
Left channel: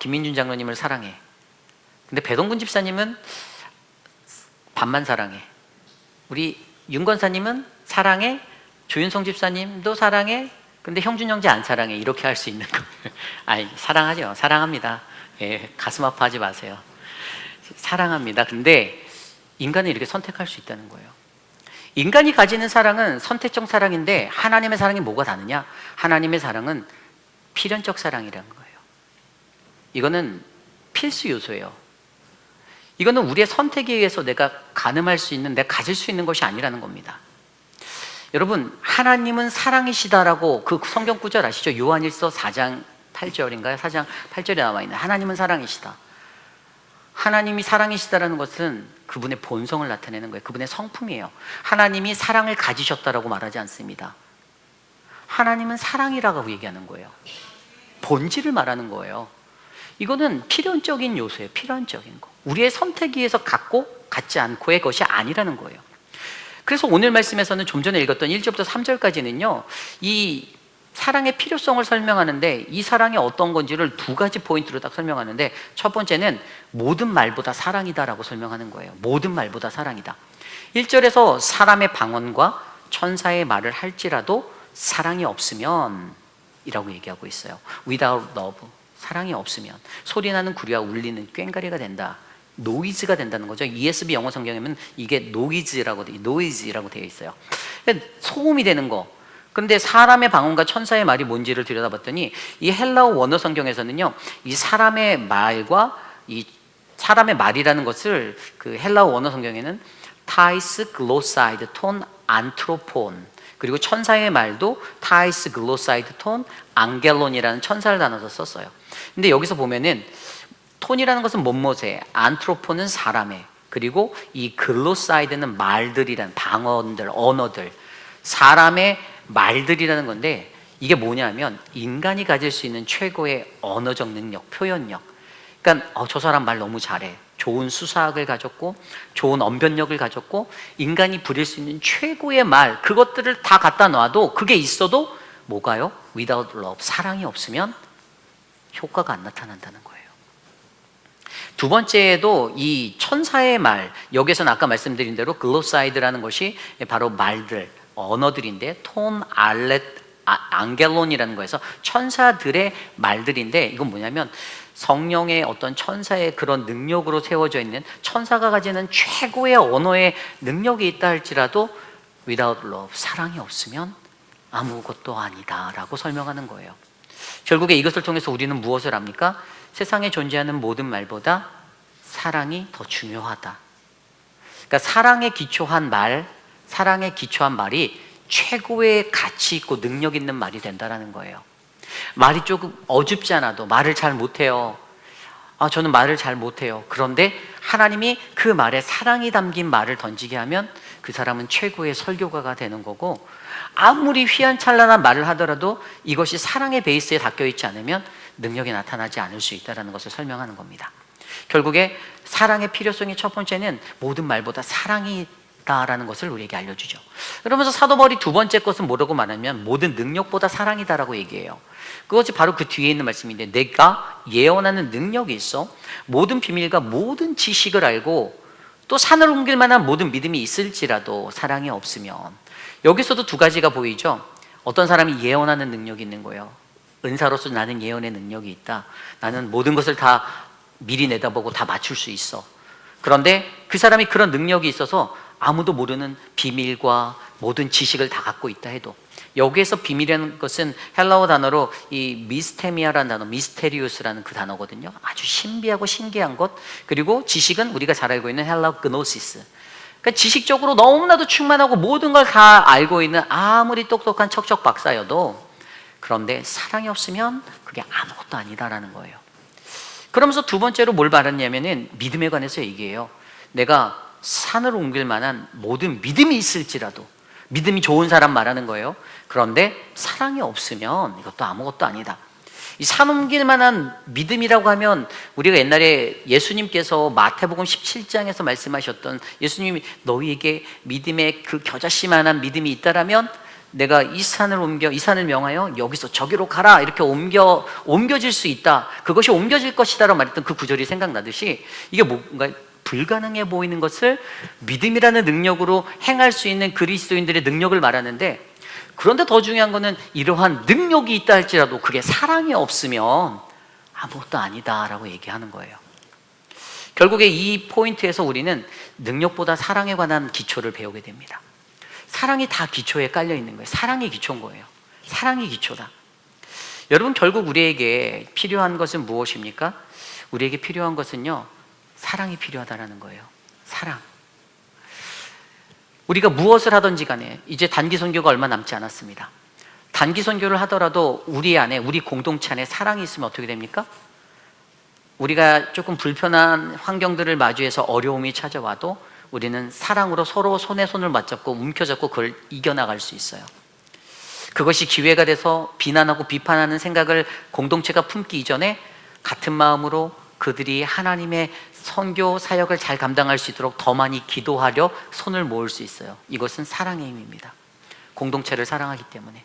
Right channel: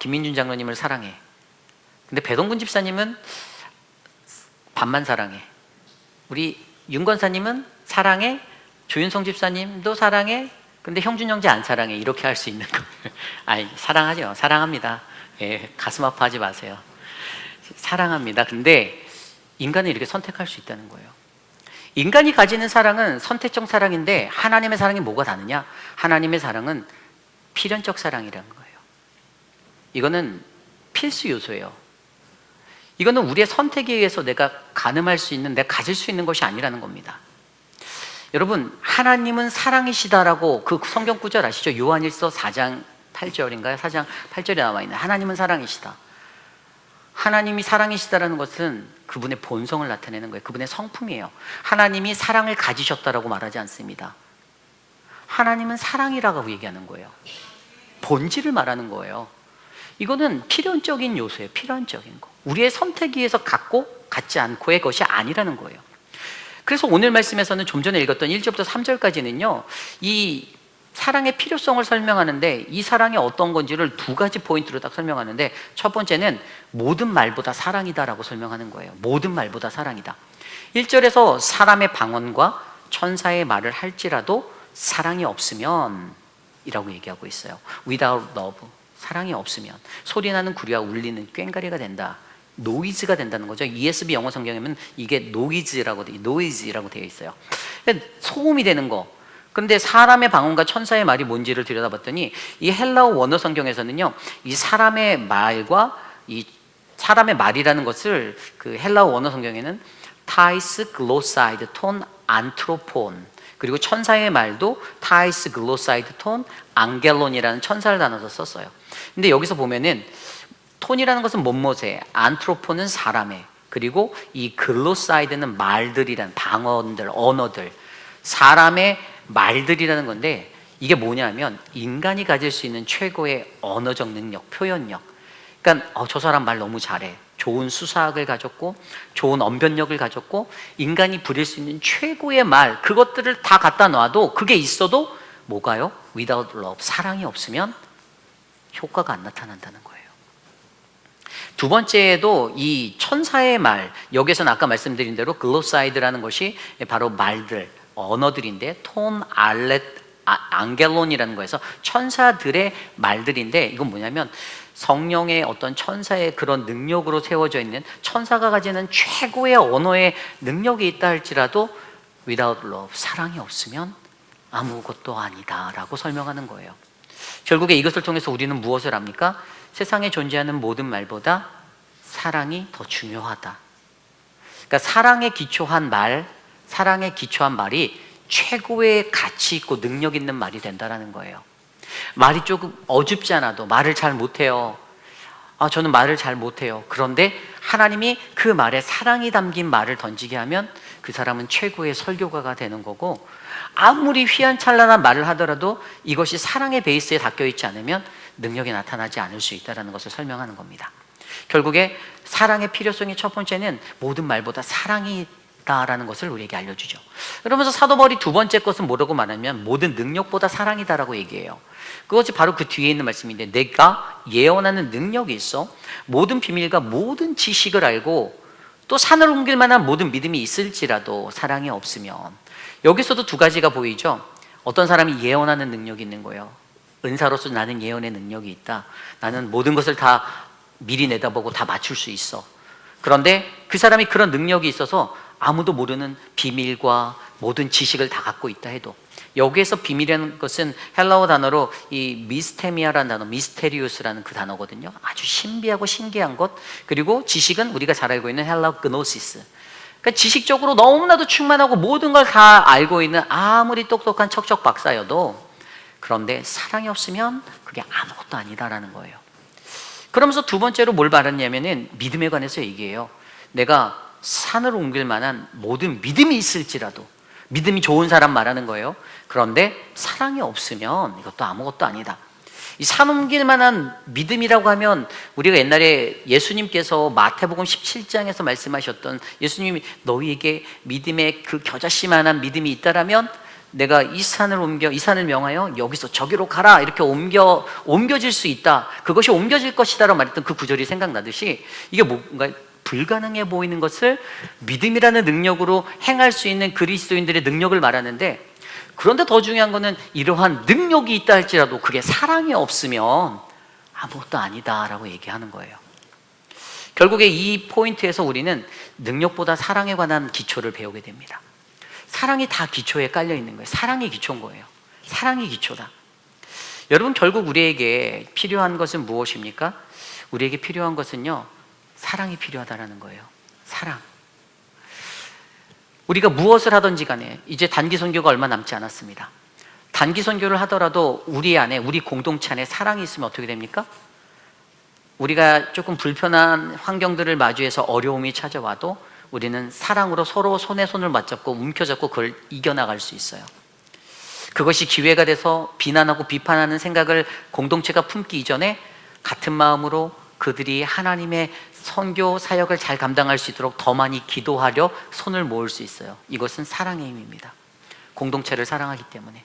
김민준 장로님을 사랑해. 근데 배동근 집사님은 반만 사랑해. 우리 윤 권사님은 사랑해. 조윤성 집사님도 사랑해. 근데 형준 형제 안 사랑해. 이렇게 할 수 있는 거예요. 아니, 사랑하죠. 사랑합니다. 예, 가슴 아파하지 마세요. 사랑합니다. 근데 인간은 이렇게 선택할 수 있다는 거예요. 인간이 가지는 사랑은 선택적 사랑인데, 하나님의 사랑이 뭐가 다르냐? 하나님의 사랑은 필연적 사랑이라는 거예요. 이거는 필수 요소예요. 이거는 우리의 선택에 의해서 내가 가늠할 수 있는, 내가 가질 수 있는 것이 아니라는 겁니다. 여러분, 하나님은 사랑이시다라고 그 성경 구절 아시죠? 요한일서 4장 8절인가요? 4장 8절에 나와 있는 하나님은 사랑이시다. 하나님이 사랑이시다라는 것은 그분의 본성을 나타내는 거예요. 그분의 성품이에요. 하나님이 사랑을 가지셨다라고 말하지 않습니다. 하나님은 사랑이라고 얘기하는 거예요. 본질을 말하는 거예요. 이거는 필연적인 요소예요. 필연적인 거. 우리의 선택에 의해서 갖고 갖지 않고의 것이 아니라는 거예요. 그래서 오늘 말씀에서는 좀 전에 읽었던 1절부터 3절까지는요, 이 사랑의 필요성을 설명하는데, 이 사랑이 어떤 건지를 두 가지 포인트로 딱 설명하는데, 첫 번째는 모든 말보다 사랑이다라고 설명하는 거예요. 모든 말보다 사랑이다. 1절에서 사람의 방언과 천사의 말을 할지라도 사랑이 없으면 이라고 얘기하고 있어요. Without love, 사랑이 없으면 소리나는 구리와 울리는 꽹과리가 된다. 노이즈가 된다는 거죠. ESV 영어 성경에는 이게 노이즈라고 되어 있어요. 소음이 되는 거. 그런데 사람의 방언과 천사의 말이 뭔지를 들여다봤더니, 이 헬라어 원어 성경에서는요, 이 사람의 말과 이 사람의 말이라는 것을 그 헬라어 원어 성경에는 타이스 글로사이드 톤 안트로폰, 그리고 천사의 말도 타이스 글로사이드 톤 앙겔론이라는 천사를 나눠서 썼어요. 근데 여기서 보면은 톤이라는 것은 뭐뭐세, 안트로폰은 사람의, 그리고 이 글로사이드는 말들이란 방언들, 언어들, 사람의 말들이라는 건데, 이게 뭐냐면 인간이 가질 수 있는 최고의 언어적 능력, 표현력. 그러니까 저 사람 말 너무 잘해. 좋은 수사학을 가졌고 좋은 언변력을 가졌고, 인간이 부릴 수 있는 최고의 말, 그것들을 다 갖다 놔도 그게 있어도 뭐가요? Without love, 사랑이 없으면 효과가 안 나타난다는 거예요. 두 번째에도 이 천사의 말, 여기서는 아까 말씀드린 대로 글로사이드라는 것이 바로 말들, 언어들인데, 톤 앙겔론이라는 거에서 천사들의 말들인데, 이건 뭐냐면 성령의 어떤 천사의 그런 능력으로 세워져 있는, 천사가 가지는 최고의 언어의 능력이 있다 할지라도 without love, 사랑이 없으면 아무것도 아니다 라고 설명하는 거예요. 결국에 이것을 통해서 우리는 무엇을 합니까? 세상에 존재하는 모든 말보다 사랑이 더 중요하다. 그러니까 사랑에 기초한 말이 최고의 가치 있고 능력 있는 말이 된다는 거예요. 말이 조금 어줍지 않아도 말을 잘 못해요. 저는 말을 잘 못해요. 그런데 하나님이 그 말에 사랑이 담긴 말을 던지게 하면 그 사람은 최고의 설교가가 되는 거고, 아무리 휘황찬란한 말을 하더라도 이것이 사랑의 베이스에 닦여있지 않으면 능력이 나타나지 않을 수 있다는 것을 설명하는 겁니다. 결국에 사랑의 필요성의 첫 번째는 모든 말보다 사랑이다라는 것을 우리에게 알려주죠. 그러면서 사도 바울이 두 번째 것은 뭐라고 말하면 모든 능력보다 사랑이다라고 얘기해요. 그것이 바로 그 뒤에 있는 말씀인데, 내가 예언하는 능력이 있어 모든 비밀과 모든 지식을 알고 또 산을 옮길 만한 모든 믿음이 있을지라도 사랑이 없으면, 여기서도 두 가지가 보이죠. 어떤 사람이 예언하는 능력이 있는 거예요. 은사로서 나는 예언의 능력이 있다. 나는 모든 것을 다 미리 내다보고 다 맞출 수 있어. 그런데 그 사람이 그런 능력이 있어서 아무도 모르는 비밀과 모든 지식을 다 갖고 있다 해도, 여기에서 비밀이라는 것은 헬라어 단어로 이 미스테미아라는 단어, 미스테리우스라는 그 단어거든요. 아주 신비하고 신기한 것. 그리고 지식은 우리가 잘 알고 있는 헬라어 그노시스. 그러니까 지식적으로 너무나도 충만하고 모든 걸 다 알고 있는 아무리 똑똑한 척척 박사여도, 그런데 사랑이 없으면 그게 아무것도 아니다라는 거예요. 그러면서 두 번째로 뭘 말하냐면은 믿음에 관해서 얘기해요. 내가 산을 옮길 만한 모든 믿음이 있을지라도, 믿음이 좋은 사람 말하는 거예요. 그런데 사랑이 없으면 이것도 아무것도 아니다. 이 산 옮길 만한 믿음이라고 하면, 우리가 옛날에 예수님께서 마태복음 17장에서 말씀하셨던, 예수님이 너희에게 믿음의 그 겨자씨만한 믿음이 있다라면 내가 이 산을 명하여 여기서 저기로 가라, 이렇게 옮겨질 수 있다, 그것이 옮겨질 것이다라고 말했던 그 구절이 생각나듯이, 이게 뭔가 불가능해 보이는 것을 믿음이라는 능력으로 행할 수 있는 그리스도인들의 능력을 말하는데, 그런데 더 중요한 것은 이러한 능력이 있다 할지라도 그게 사랑이 없으면 아무것도 아니다라고 얘기하는 거예요. 결국에 이 포인트에서 우리는 능력보다 사랑에 관한 기초를 배우게 됩니다. 사랑이 다 기초에 깔려 있는 거예요. 사랑이 기초인 거예요. 사랑이 기초다. 여러분, 결국 우리에게 필요한 것은 무엇입니까? 우리에게 필요한 것은요, 사랑이 필요하다라는 거예요. 사랑. 우리가 무엇을 하든지 간에 이제 단기 선교가 얼마 남지 않았습니다. 단기 선교를 하더라도 우리 안에, 우리 공동체 안에 사랑이 있으면 어떻게 됩니까? 우리가 조금 불편한 환경들을 마주해서 어려움이 찾아와도 우리는 사랑으로 서로 손에 손을 맞잡고 움켜잡고 그걸 이겨나갈 수 있어요. 그것이 기회가 돼서 비난하고 비판하는 생각을 공동체가 품기 이전에 같은 마음으로 그들이 하나님의 선교 사역을 잘 감당할 수 있도록 더 많이 기도하려 손을 모을 수 있어요. 이것은 사랑의 힘입니다. 공동체를 사랑하기 때문에,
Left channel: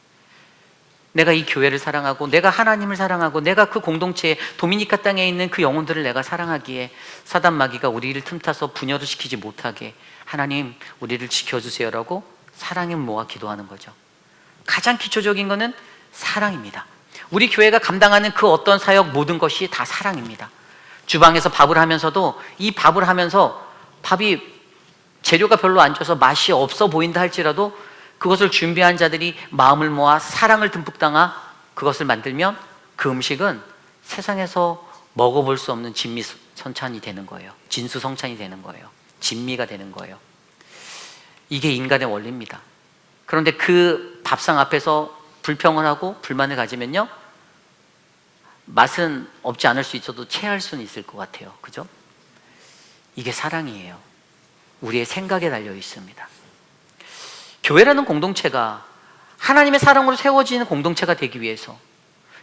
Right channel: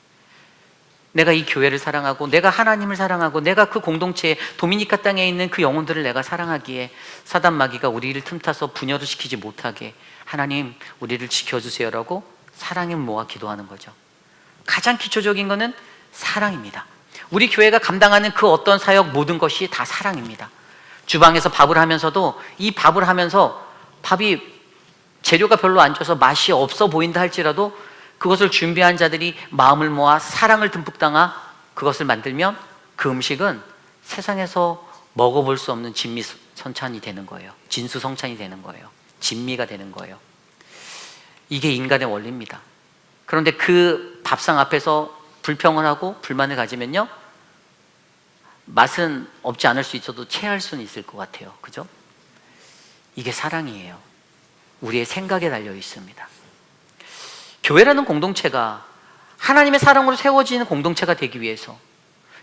내가 이 교회를 사랑하고 내가 하나님을 사랑하고 내가 그 공동체에, 도미니카 땅에 있는 그 영혼들을 내가 사랑하기에 사단 마귀가 우리를 틈타서 분열을 시키지 못하게, 하나님 우리를 지켜주세요라고 사랑을 모아 기도하는 거죠. 가장 기초적인 것은 사랑입니다. 우리 교회가 감당하는 그 어떤 사역, 모든 것이 다 사랑입니다. 주방에서 밥을 하면서도, 이 밥을 하면서 밥이 재료가 별로 안 좋아서 맛이 없어 보인다 할지라도 그것을 준비한 자들이 마음을 모아 사랑을 듬뿍 담아 그것을 만들면 그 음식은 세상에서 먹어볼 수 없는 진미성찬이 되는 거예요. 진수성찬이 되는 거예요. 진미가 되는 거예요. 이게 인간의 원리입니다. 그런데 그 밥상 앞에서 불평을 하고 불만을 가지면요, 맛은 없지 않을 수 있어도 체할 수는 있을 것 같아요. 그죠? 이게 사랑이에요. 우리의 생각에 달려 있습니다. 교회라는 공동체가 하나님의 사랑으로 세워지는 공동체가 되기 위해서,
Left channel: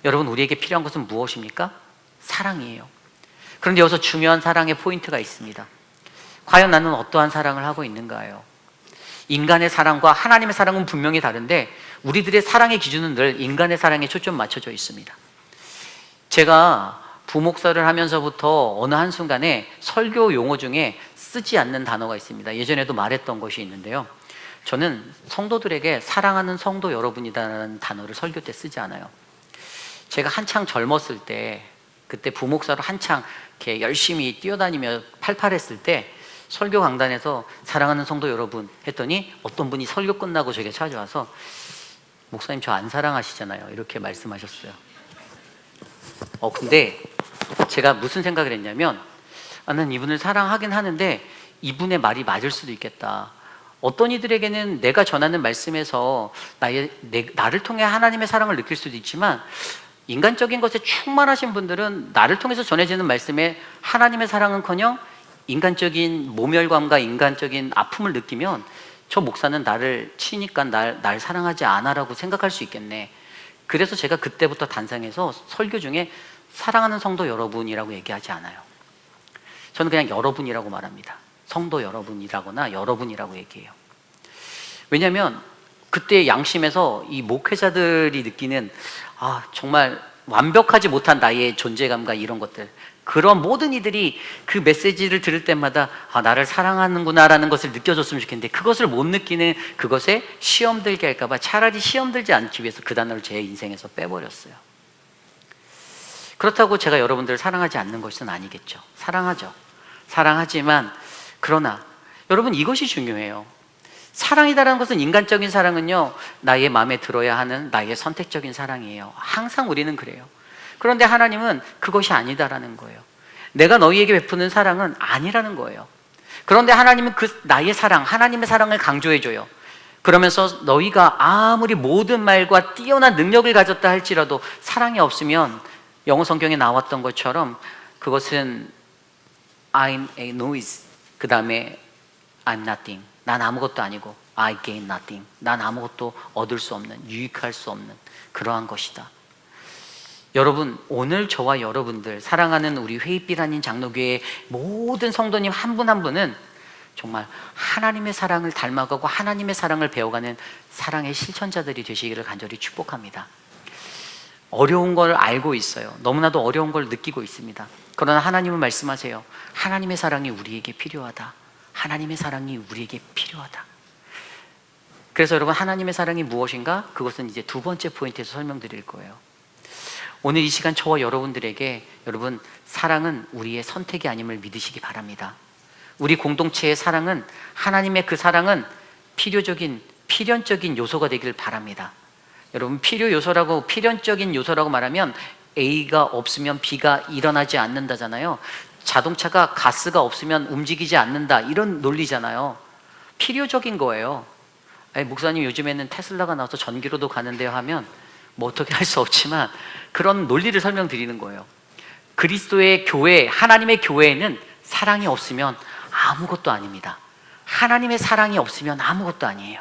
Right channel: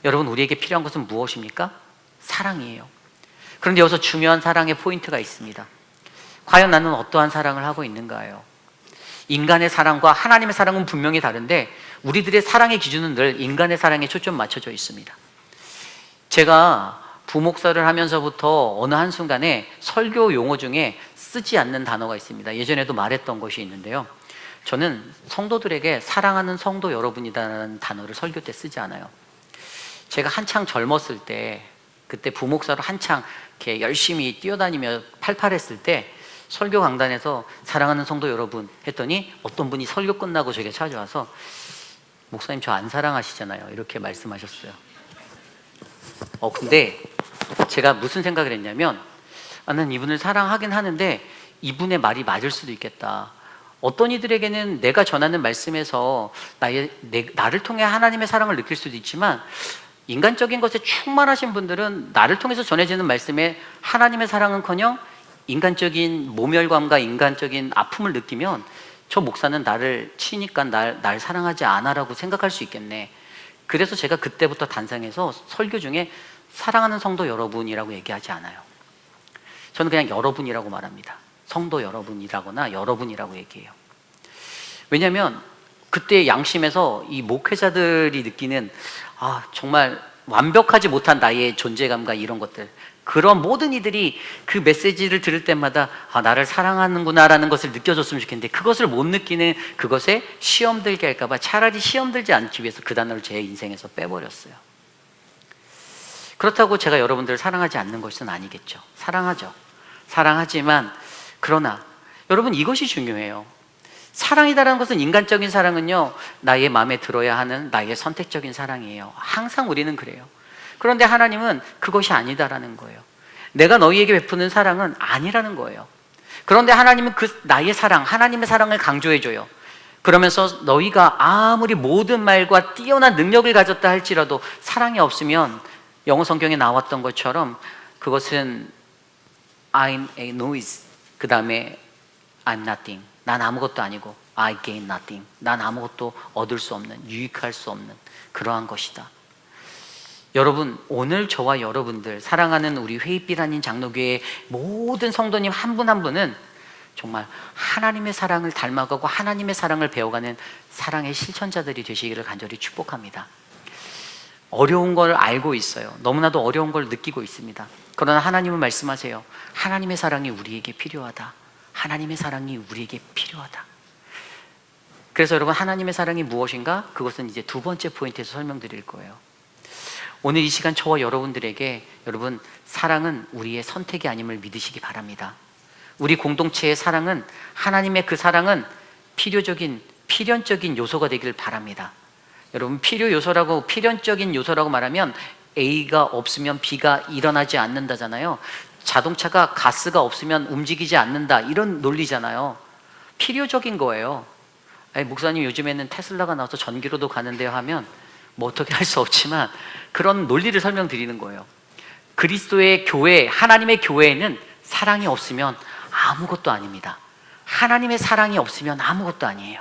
여러분, 우리에게 필요한 것은 무엇입니까? 사랑이에요. 그런데 여기서 중요한 사랑의 포인트가 있습니다. 과연 나는 어떠한 사랑을 하고 있는가요? 인간의 사랑과 하나님의 사랑은 분명히 다른데, 우리들의 사랑의 기준은 늘 인간의 사랑에 초점 맞춰져 있습니다. 제가 부목사를 하면서부터 어느 한순간에 설교 용어 중에 쓰지 않는 단어가 있습니다. 예전에도 말했던 것이 있는데요, 저는 성도들에게 사랑하는 성도 여러분이라는 단어를 설교 때 쓰지 않아요. 제가 한창 젊었을 때, 그때 부목사로 한창 이렇게 열심히 뛰어다니며 팔팔했을 때 설교 강단에서 사랑하는 성도 여러분 했더니 어떤 분이 설교 끝나고 저에게 찾아와서, 목사님 저 안 사랑하시잖아요, 이렇게 말씀하셨어요. 근데 제가 무슨 생각을 했냐면 나는 이분을 사랑하긴 하는데 이분의 말이 맞을 수도 있겠다. 어떤 이들에게는 내가 전하는 말씀에서 나를 통해 하나님의 사랑을 느낄 수도 있지만 인간적인 것에 충만하신 분들은 나를 통해서 전해지는 말씀에 하나님의 사랑은커녕 인간적인 모멸감과 인간적인 아픔을 느끼면 저 목사는 나를 치니까 날 사랑하지 않아라고 생각할 수 있겠네. 그래서 제가 그때부터 단상에서 설교 중에 사랑하는 성도 여러분이라고 얘기하지 않아요. 저는 그냥 여러분이라고 말합니다. 성도 여러분이라거나 여러분이라고 얘기해요. 왜냐하면 그때 양심에서 이 목회자들이 느끼는 정말 완벽하지 못한 나의 존재감과 이런 것들, 그런 모든 이들이 그 메시지를 들을 때마다 나를 사랑하는구나라는 것을 느껴줬으면 좋겠는데 그것을 못 느끼는 그것에 시험 들게 할까봐 차라리 시험 들지 않기 위해서 그 단어를 제 인생에서 빼버렸어요. 그렇다고 제가 여러분들을 사랑하지 않는 것은 아니겠죠. 사랑하죠. 사랑하지만 그러나 여러분 이것이 중요해요. 사랑이라는 것은 인간적인 사랑은요 나의 마음에 들어야 하는 나의 선택적인 사랑이에요. 항상 우리는 그래요. 그런데 하나님은 그것이 아니다라는 거예요. 내가 너희에게 베푸는 사랑은 아니라는 거예요. 그런데 하나님은 그 나의 사랑, 하나님의 사랑을 강조해줘요. 그러면서 너희가 아무리 모든 말과 뛰어난 능력을 가졌다 할지라도 사랑이 없으면 영어 성경에 나왔던 것처럼 그것은 I'm a noise, 그 다음에 I'm nothing, 난 아무것도 아니고 I gain nothing, 난 아무것도 얻을 수 없는, 유익할 수 없는 그러한 것이다. 여러분, 오늘 저와 여러분들 사랑하는 우리 회의빛 아닌 장로교회 모든 성도님 한 분 한 분은 정말 하나님의 사랑을 닮아가고 하나님의 사랑을 배워가는 사랑의 실천자들이 되시기를 간절히 축복합니다. 어려운 걸 알고 있어요. 너무나도 어려운 걸 느끼고 있습니다. 그러나 하나님은 말씀하세요. 하나님의 사랑이 우리에게 필요하다. 하나님의 사랑이 우리에게 필요하다. 그래서 여러분, 하나님의 사랑이 무엇인가? 그것은 이제 두 번째 포인트에서 설명드릴 거예요. 오늘 이 시간 저와 여러분들에게 여러분, 사랑은 우리의 선택이 아님을 믿으시기 바랍니다. 우리 공동체의 사랑은, 하나님의 그 사랑은 필연적인 요소가 되길 바랍니다. 여러분, 필연적인 요소라고 말하면 A가 없으면 B가 일어나지 않는다잖아요. 자동차가 가스가 없으면 움직이지 않는다, 이런 논리잖아요. 필요적인 거예요. 목사님 요즘에는 테슬라가 나와서 전기로도 가는데요 하면 뭐 어떻게 할 수 없지만 그런 논리를 설명드리는 거예요. 그리스도의 교회, 하나님의 교회에는 사랑이 없으면 아무것도 아닙니다. 하나님의 사랑이 없으면 아무것도 아니에요.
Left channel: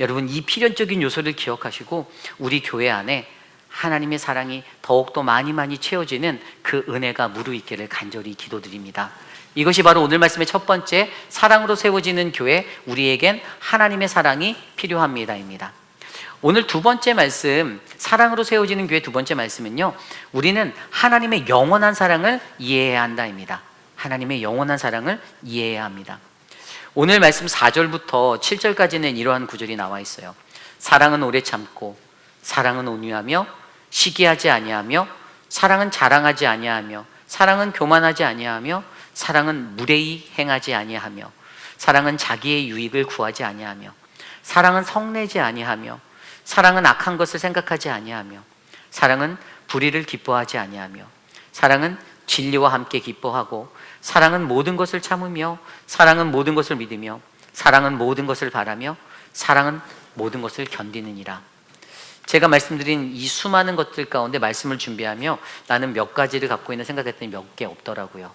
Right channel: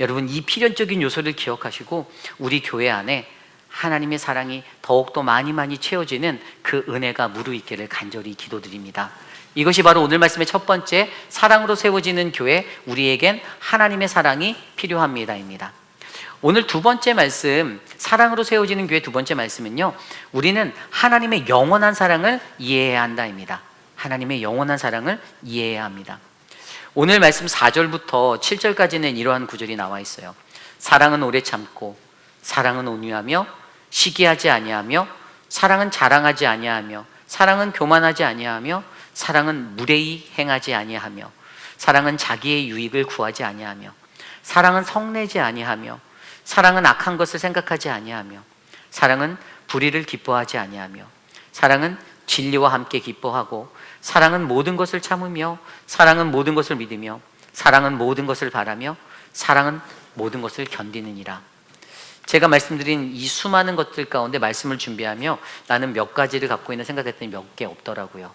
여러분, 이 필연적인 요소를 기억하시고 우리 교회 안에 하나님의 사랑이 더욱더 많이 채워지는 그 은혜가 무르익기를 간절히 기도드립니다. 이것이 바로 오늘 말씀의 첫 번째, 사랑으로 세워지는 교회, 우리에겐 하나님의 사랑이 필요합니다입니다. 오늘 두 번째 말씀, 사랑으로 세워지는 교회 두 번째 말씀은요, 우리는 하나님의 영원한 사랑을 이해해야 한다입니다. 하나님의 영원한 사랑을 이해해야 합니다. 오늘 말씀 4절부터 7절까지는 이러한 구절이 나와 있어요. 사랑은 오래 참고, 사랑은 온유하며, 시기하지 아니하며, 사랑은 자랑하지 아니하며, 사랑은 교만하지 아니하며, 사랑은 무례히 행하지 아니하며, 사랑은 자기의 유익을 구하지 아니하며, 사랑은 성내지 아니하며, 사랑은 악한 것을 생각하지 아니하며, 사랑은 불의를 기뻐하지 아니하며, 사랑은 진리와 함께 기뻐하고, 사랑은 모든 것을 참으며, 사랑은 모든 것을 믿으며, 사랑은 모든 것을 바라며, 사랑은 모든 것을 견디느니라. 제가 말씀드린 이 수많은 것들 가운데 말씀을 준비하며 나는 몇 가지를 갖고 있는 생각했더니 몇 개 없더라고요.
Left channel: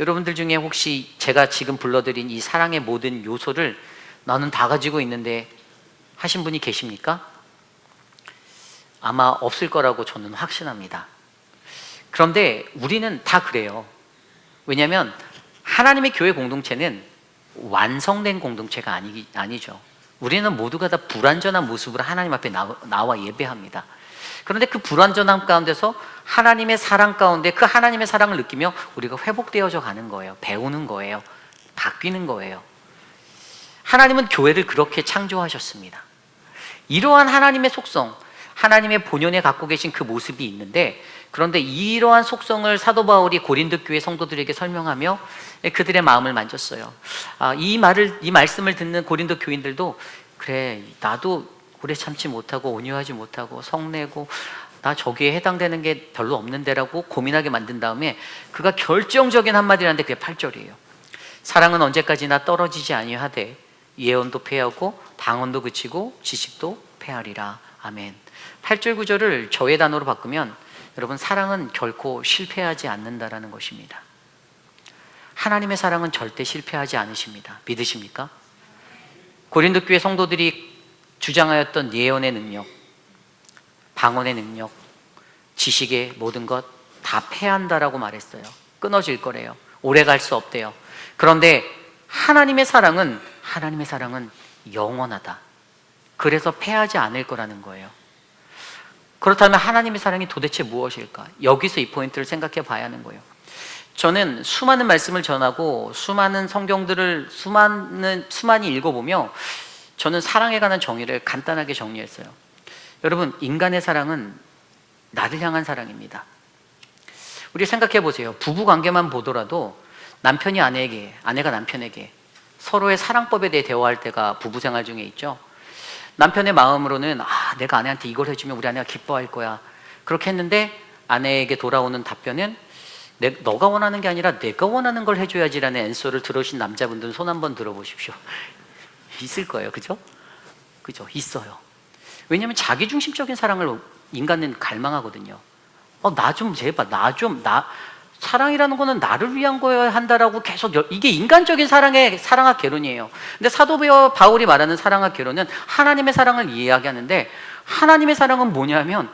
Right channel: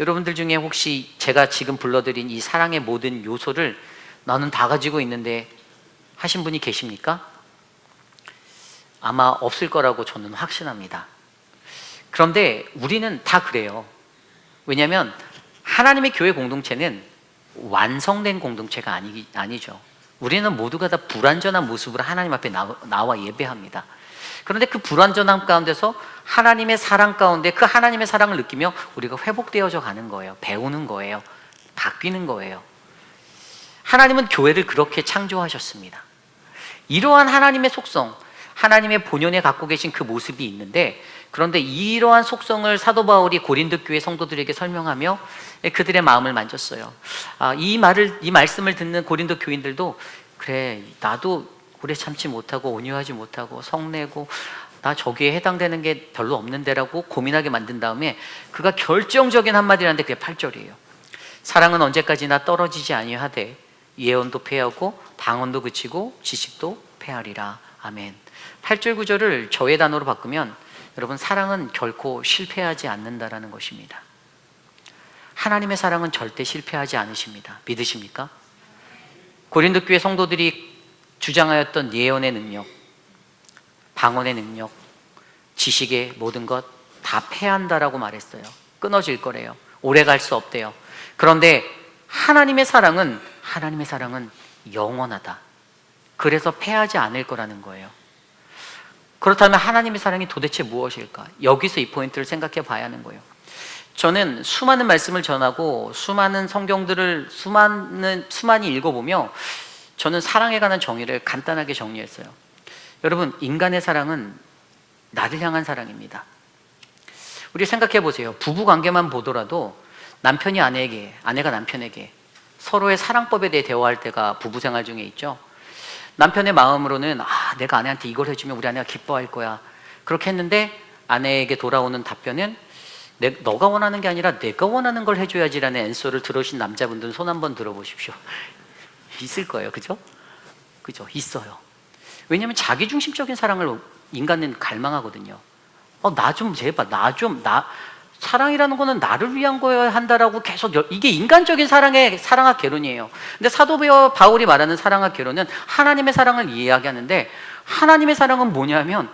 여러분들 중에 혹시 제가 지금 불러드린 이 사랑의 모든 요소를 나는 다 가지고 있는데 하신 분이 계십니까? 아마 없을 거라고 저는 확신합니다. 그런데 우리는 다 그래요. 왜냐하면 하나님의 교회 공동체는 완성된 공동체가 아니죠. 우리는 모두가 다 불완전한 모습으로 하나님 앞에 나와 예배합니다. 그런데 그 불완전함 가운데서 하나님의 사랑 가운데 그 하나님의 사랑을 느끼며 우리가 회복되어져 가는 거예요. 배우는 거예요. 바뀌는 거예요. 하나님은 교회를 그렇게 창조하셨습니다. 이러한 하나님의 속성, 하나님의 본연에 갖고 계신 그 모습이 있는데, 그런데 이러한 속성을 사도 바울이 고린도 교회 성도들에게 설명하며 그들의 마음을 만졌어요. 이 말씀을 듣는 고린도 교인들도, 그래, 나도 오래 참지 못하고 온유하지 못하고 성내고 나 저기에 해당되는 게 별로 없는데라고 고민하게 만든 다음에 그가 결정적인 한마디를 하는데 그게 8절이에요. 사랑은 언제까지나 떨어지지 아니하되 예언도 패하고 방언도 그치고 지식도 패하리라. 아멘. 8절 9절을 저의 단어로 바꾸면 여러분, 사랑은 결코 실패하지 않는다라는 것입니다. 하나님의 사랑은 절대 실패하지 않으십니다. 믿으십니까? 고린도 교회 성도들이 주장하였던 예언의 능력, 방언의 능력, 지식의 모든 것 다 패한다라고 말했어요. 끊어질 거래요. 오래 갈 수 없대요. 그런데 하나님의 사랑은 영원하다. 그래서 패하지 않을 거라는 거예요. 그렇다면 하나님의 사랑이 도대체 무엇일까? 여기서 이 포인트를 생각해 봐야 하는 거예요. 저는 수많은 말씀을 전하고 수많은 성경들을 수많이 읽어보며 저는 사랑에 관한 정의를 간단하게 정리했어요. 여러분, 인간의 사랑은 나를 향한 사랑입니다. 우리 생각해 보세요. 부부 관계만 보더라도 남편이 아내에게, 아내가 남편에게 서로의 사랑법에 대해 대화할 때가 부부 생활 중에 있죠. 남편의 마음으로는 내가 아내한테 이걸 해주면 우리 아내가 기뻐할 거야. 그렇게 했는데 아내에게 돌아오는 답변은 너가 원하는 게 아니라 내가 원하는 걸 해줘야지라는 앤서를 들으신 남자분들은 손 한번 들어보십시오. 있을 거예요. 그죠? 있어요. 왜냐하면 자기중심적인 사랑을 인간은 갈망하거든요. 나 좀 제발, 사랑이라는 거는 나를 위한 거여야 한다라고 계속, 이게 인간적인 사랑의 개론이에요. 근데 사도 바울이 말하는 사랑의 개론은 하나님의 사랑을 이야기하는데, 하나님의 사랑은 뭐냐면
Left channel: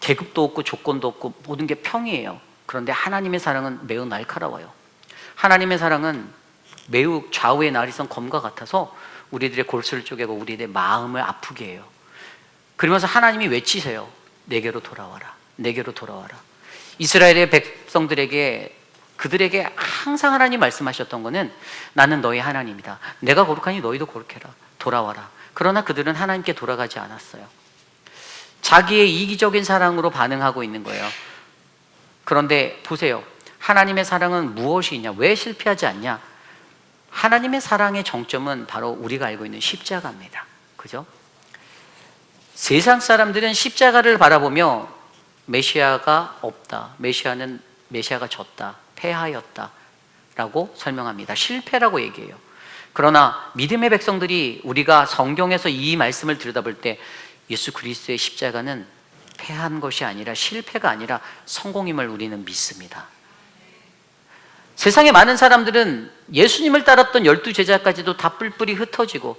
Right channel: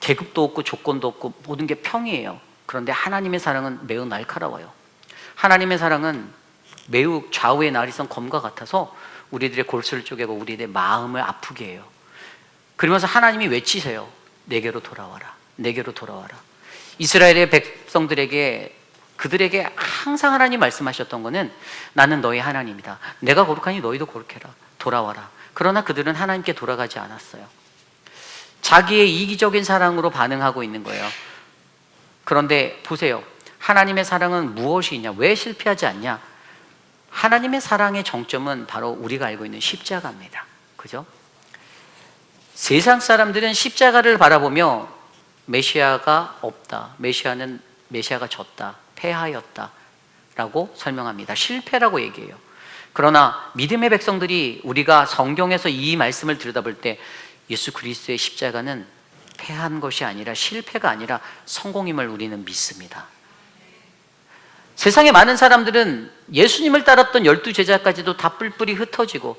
계급도 없고 조건도 없고 모든 게 평이에요. 그런데 하나님의 사랑은 매우 날카로워요. 하나님의 사랑은 매우 좌우의 날이선 검과 같아서 우리들의 골수를 쪼개고 우리들의 마음을 아프게 해요. 그러면서 하나님이 외치세요. 내게로 돌아와라. 내게로 돌아와라. 이스라엘의 백성들에게, 그들에게 항상 하나님 말씀하셨던 것은 나는 너희 하나님이다. 내가 거룩하니 너희도 거룩해라. 돌아와라. 그러나 그들은 하나님께 돌아가지 않았어요. 자기의 이기적인 사랑으로 반응하고 있는 거예요. 그런데 보세요. 하나님의 사랑은 무엇이냐? 왜 실패하지 않냐? 하나님의 사랑의 정점은 바로 우리가 알고 있는 십자가입니다. 그죠? 세상 사람들은 십자가를 바라보며 메시아가 없다, 메시아가 졌다, 패하였다 라고 설명합니다. 실패라고 얘기해요. 그러나 믿음의 백성들이, 우리가 성경에서 이 말씀을 들여다볼 때 예수 그리스도의 십자가는 패한 것이 아니라, 실패가 아니라 성공임을 우리는 믿습니다. 세상에 많은 사람들은 예수님을 따랐던 12제자까지도 다 뿔뿔이 흩어지고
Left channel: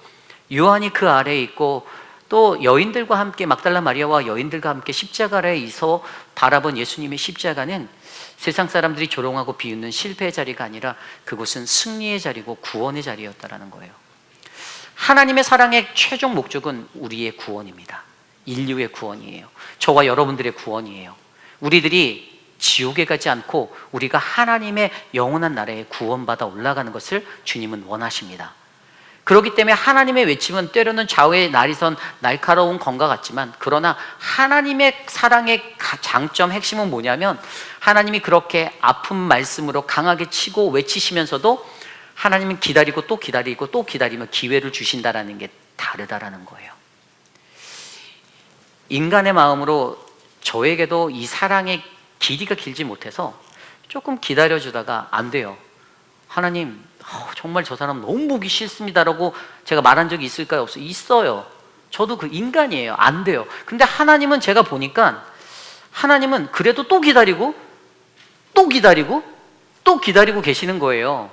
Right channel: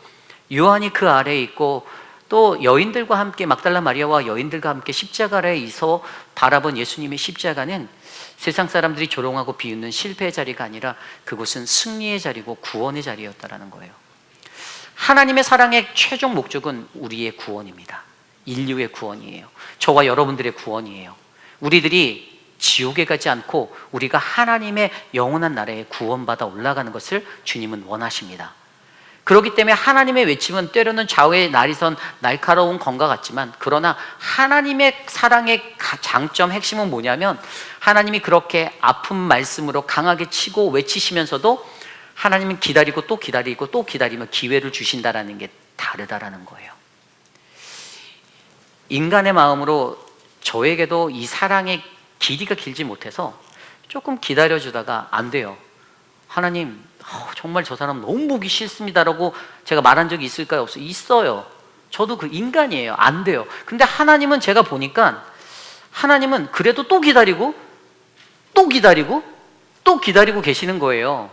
요한이 그 아래에 있고 또 여인들과 함께, 막달라 마리아와 여인들과 함께 십자가 아래에 있어 바라본 예수님의 십자가는 세상 사람들이 조롱하고 비웃는 실패의 자리가 아니라 그곳은 승리의 자리고 구원의 자리였다라는 거예요. 하나님의 사랑의 최종 목적은 우리의 구원입니다. 인류의 구원이에요. 저와 여러분들의 구원이에요. 우리들이 지옥에 가지 않고 우리가 하나님의 영원한 나라에 구원받아 올라가는 것을 주님은 원하십니다. 그렇기 때문에 하나님의 외침은 때로는 좌우의 날이선 날카로운 검과 같지만, 그러나 하나님의 사랑의 장점, 핵심은 뭐냐면 하나님이 그렇게 아픈 말씀으로 강하게 치고 외치시면서도 하나님은 기다리고 또 기다리고 또 기다리며 기회를 주신다라는 게 다르다라는 거예요. 인간의 마음으로 저에게도 이 사랑의 길이가 길지 못해서 조금 기다려주다가 안 돼요. 하나님, 정말 저 사람 너무 보기 싫습니다라고 제가 말한 적이 있을까요? 없어요? 있어요. 저도 그 인간이에요. 안 돼요. 근데 하나님은 제가 보니까 하나님은 그래도 또 기다리고 또 기다리고 또 기다리고 계시는 거예요.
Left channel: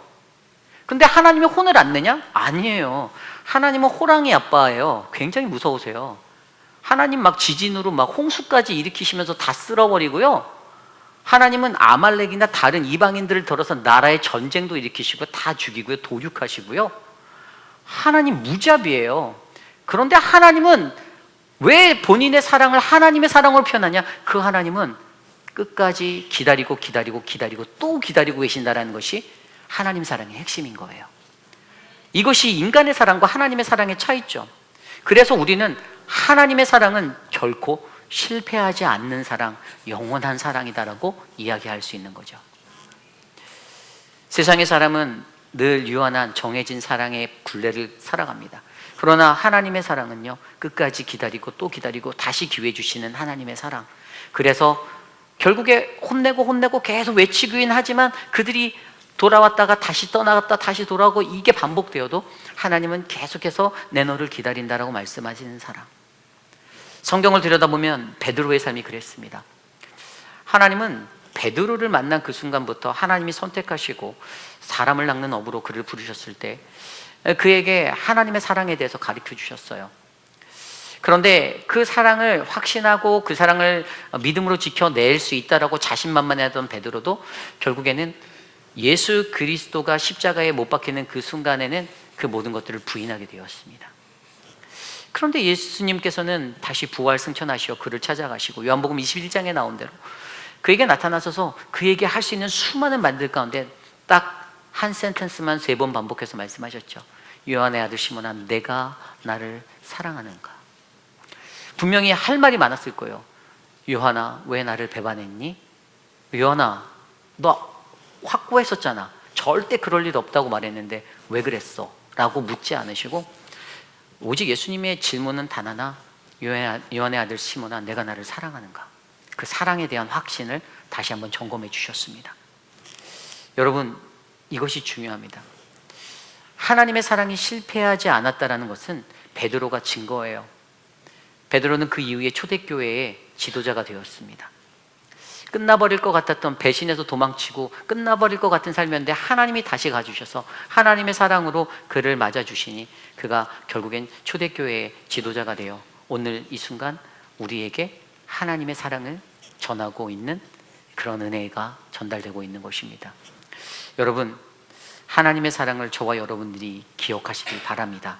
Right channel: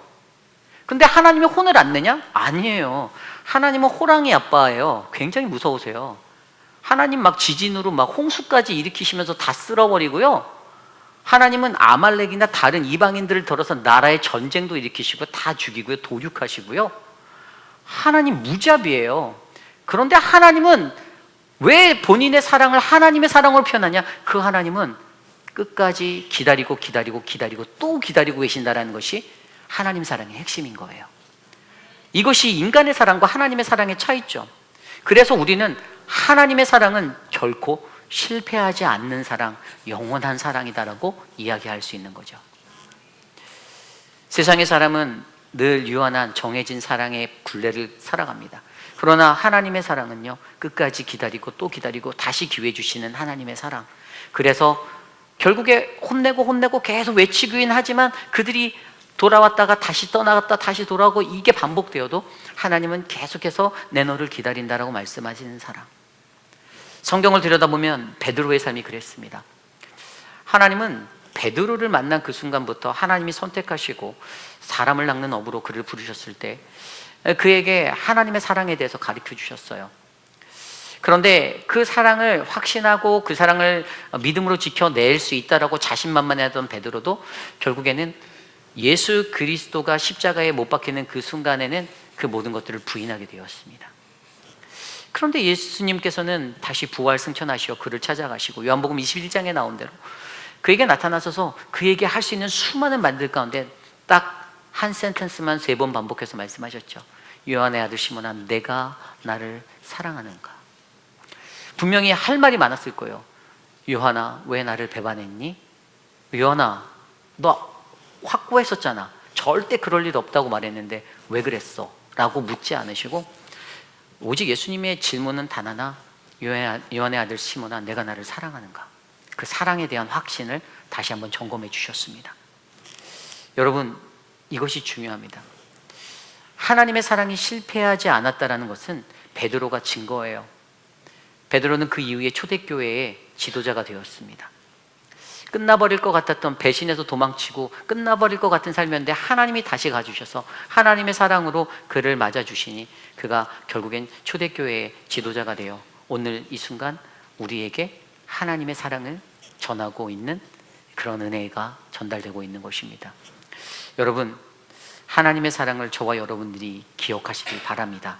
근데 하나님이 혼을 안 내냐? 아니에요. 하나님은 호랑이 아빠예요. 굉장히 무서우세요. 하나님 막 지진으로 막 홍수까지 일으키시면서 다 쓸어버리고요. 하나님은 아말렉이나 다른 이방인들을 들어서 나라의 전쟁도 일으키시고 다 죽이고요, 도륙하시고요. 하나님 무자비예요. 그런데 하나님은 왜 본인의 사랑을 하나님의 사랑으로 표현하냐? 그 하나님은 끝까지 기다리고 기다리고 기다리고 또 기다리고 계신다는 것이 하나님 사랑의 핵심인 거예요. 이것이 인간의 사랑과 하나님의 사랑의 차이점. 그래서 우리는 하나님의 사랑은 결코 실패하지 않는 사랑, 영원한 사랑이다라고 이야기할 수 있는 거죠. 세상의 사람은 늘 유한한 정해진 사랑의 굴레를 살아갑니다. 그러나 하나님의 사랑은요, 끝까지 기다리고 또 기다리고 다시 기회 주시는 하나님의 사랑. 그래서 결국에 혼내고 계속 외치긴 하지만 그들이 돌아왔다가 다시 떠나갔다 다시 돌아오고 이게 반복되어도 하나님은 계속해서 내 너를 기다린다라고 말씀하시는 사랑. 성경을 들여다보면 베드로의 삶이 그랬습니다. 하나님은 베드로를 만난 그 순간부터 하나님이 선택하시고 사람을 낚는 업으로 그를 부르셨을 때 그에게 하나님의 사랑에 대해서 가르쳐 주셨어요. 그런데 그 사랑을 확신하고 그 사랑을 믿음으로 지켜낼 수 있다라고 자신만만했던 베드로도 결국에는 예수 그리스도가 십자가에 못 박히는 그 순간에는 그 모든 것들을 부인하게 되었습니다. 그런데 예수님께서는 다시 부활 승천하시어 그를 찾아가시고 요한복음 21장에 나온 대로 그에게 나타나셔서 그에게 할 수 있는 수많은 말들 가운데 딱 한 센텐스만 3번 반복해서 말씀하셨죠. 요한의 아들 시몬아, 내가 나를 사랑하는가? 분명히 할 말이 많았을 거예요. 요한아, 왜 나를 배반했니? 요한아, 너 확고했었잖아. 절대 그럴 일 없다고 말했는데 왜 그랬어? 라고 묻지 않으시고 오직 예수님의 질문은 단 하나, 요한의 아들 시몬아, 내가 나를 사랑하는가? 그 사랑에 대한 확신을 다시 한번 점검해 주셨습니다. 여러분, 이것이 중요합니다. 하나님의 사랑이 실패하지 않았다는 것은 베드로가 증거예요. 베드로는 그 이후에 초대교회의 지도자가 되었습니다. 끝나버릴 것 같았던, 배신해서 도망치고 끝나버릴 것 같은 삶이었는데 하나님이 다시 가주셔서 하나님의 사랑으로 그를 맞아주시니 그가 결국엔 초대교회의 지도자가 되어 오늘 이 순간 우리에게 하나님의 사랑을 전하고 있는 그런 은혜가 전달되고 있는 것입니다. 여러분, 하나님의 사랑을 저와 여러분들이 기억하시길 바랍니다.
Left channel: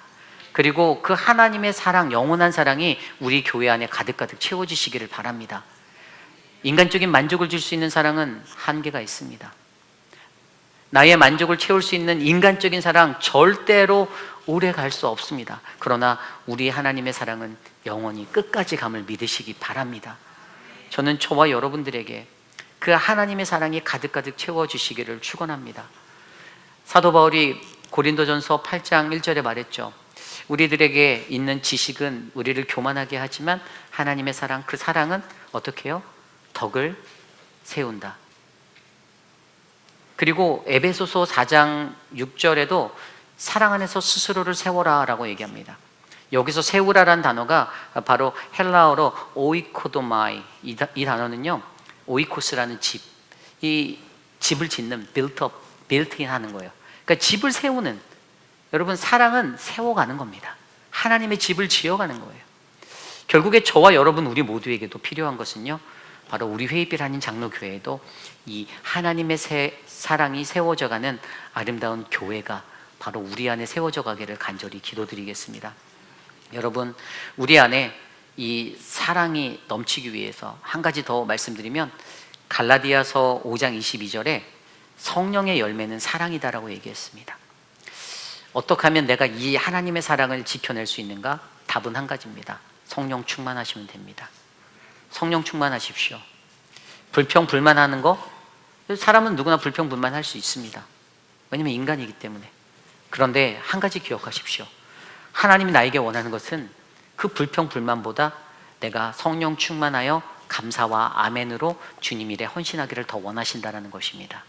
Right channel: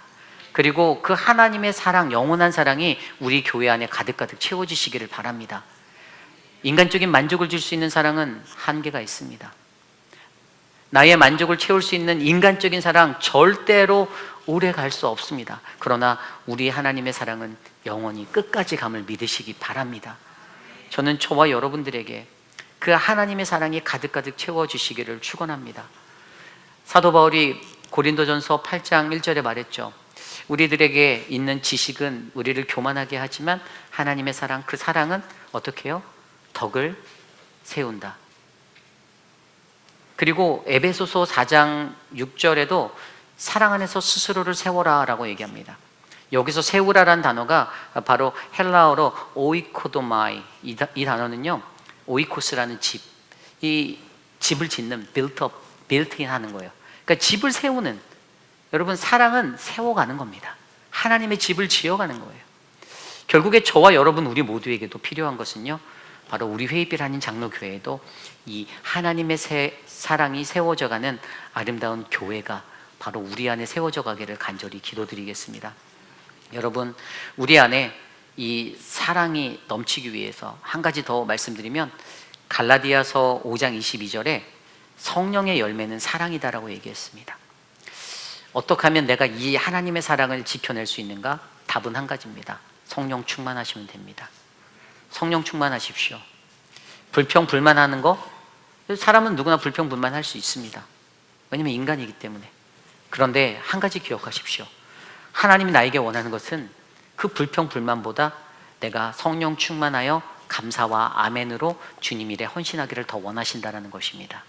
그리고 그 하나님의 사랑, 영원한 사랑이 우리 교회 안에 가득가득 채워지시기를 바랍니다. 인간적인 만족을 줄 수 있는 사랑은 한계가 있습니다. 나의 만족을 채울 수 있는 인간적인 사랑 절대로 오래 갈 수 없습니다. 그러나 우리 하나님의 사랑은 영원히 끝까지 감을 믿으시기 바랍니다. 저는 저와 여러분들에게 그 하나님의 사랑이 가득가득 채워주시기를 축원합니다. 사도 바울이 고린도전서 8장 1절에 말했죠. 우리들에게 있는 지식은 우리를 교만하게 하지만 하나님의 사랑, 그 사랑은 어떻게 해요? 덕을 세운다. 그리고 에베소서 4장 6절에도 사랑 안에서 스스로를 세워라 라고 얘기합니다. 여기서 세우라라는 단어가 바로 헬라어로 오이코도마이, 이 단어는요, 오이코스라는 집, 이 집을 짓는 빌트인 하는 거예요. 그러니까 집을 세우는, 여러분, 사랑은 세워가는 겁니다. 하나님의 집을 지어가는 거예요. 결국에 저와 여러분 우리 모두에게도 필요한 것은요, 바로 우리 회의빛 한인 장로교회에도 이 하나님의 사랑이 세워져가는 아름다운 교회가 바로 우리 안에 세워져 가기를 간절히 기도드리겠습니다. 여러분, 우리 안에 이 사랑이 넘치기 위해서 한 가지 더 말씀드리면 갈라디아서 5장 22절에 성령의 열매는 사랑이다라고 얘기했습니다. 어떻게 하면 내가 이 하나님의 사랑을 지켜낼 수 있는가? 답은 한 가지입니다. 성령 충만하시면 됩니다. 성령 충만하십시오. 불평 불만하는 거, 사람은 누구나 불평 불만할 수 있습니다. 왜냐하면 인간이기 때문에. 그런데 한 가지 기억하십시오. 하나님이 나에게 원하는 것은 그 불평 불만보다 내가 성령 충만하여 감사와 아멘으로 주님 일에 헌신하기를 더 원하신다는 것입니다.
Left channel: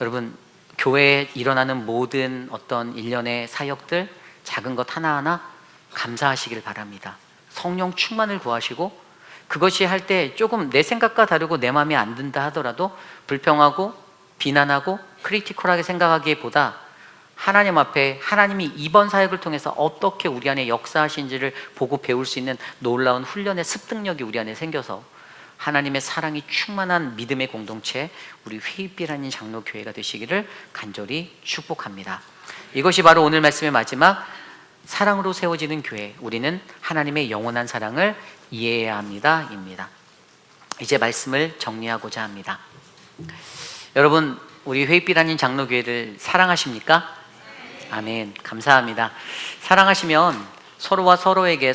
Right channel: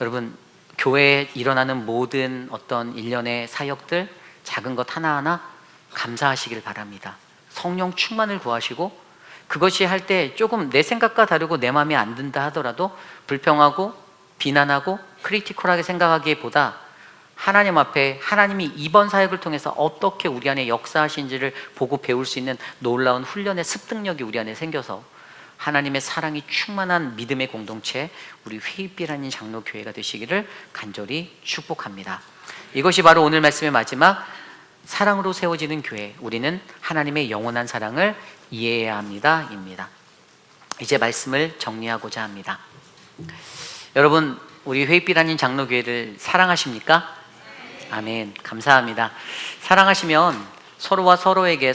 여러분, 교회에 일어나는 모든 어떤 일련의 사역들, 작은 것 하나하나 감사하시길 바랍니다. 성령 충만을 구하시고, 그것이 할 때 조금 내 생각과 다르고 내 마음에 안 든다 하더라도 불평하고 비난하고 크리티컬하게 생각하기보다 하나님 앞에 하나님이 이번 사역을 통해서 어떻게 우리 안에 역사하신지를 보고 배울 수 있는 놀라운 훈련의 습득력이 우리 안에 생겨서 하나님의 사랑이 충만한 믿음의 공동체, 우리 회의빛 한인 장로교회가 되시기를 간절히 축복합니다. 이것이 바로 오늘 말씀의 마지막, 사랑으로 세워지는 교회, 우리는 하나님의 영원한 사랑을 이해해야 합니다 입니다. 이제 말씀을 정리하고자 합니다. 여러분, 우리 회의빛 한인 장로교회를 사랑하십니까? 아멘. 감사합니다. 사랑하시면 서로가 서로에게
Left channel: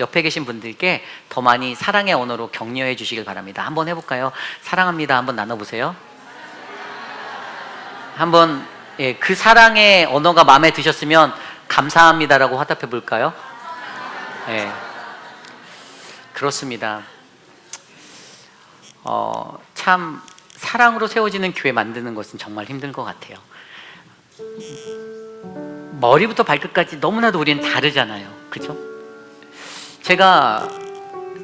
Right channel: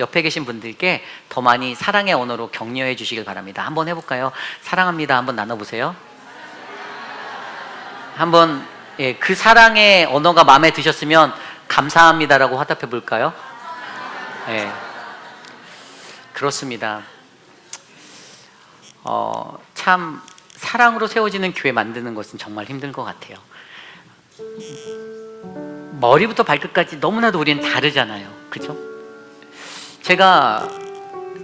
옆에 계신 분들께 더 많이 사랑의 언어로 격려해 주시길 바랍니다. 한번 해볼까요? 사랑합니다. 한번 나눠보세요. 한번 그 사랑의 언어가 마음에 드셨으면 감사합니다라고 화답해 볼까요? 예. 그렇습니다. 참 사랑으로 세워지는 교회 만드는 것은 정말 힘든 것 같아요. 머리부터 발끝까지 너무나도 우리는 다르잖아요. 그죠? 제가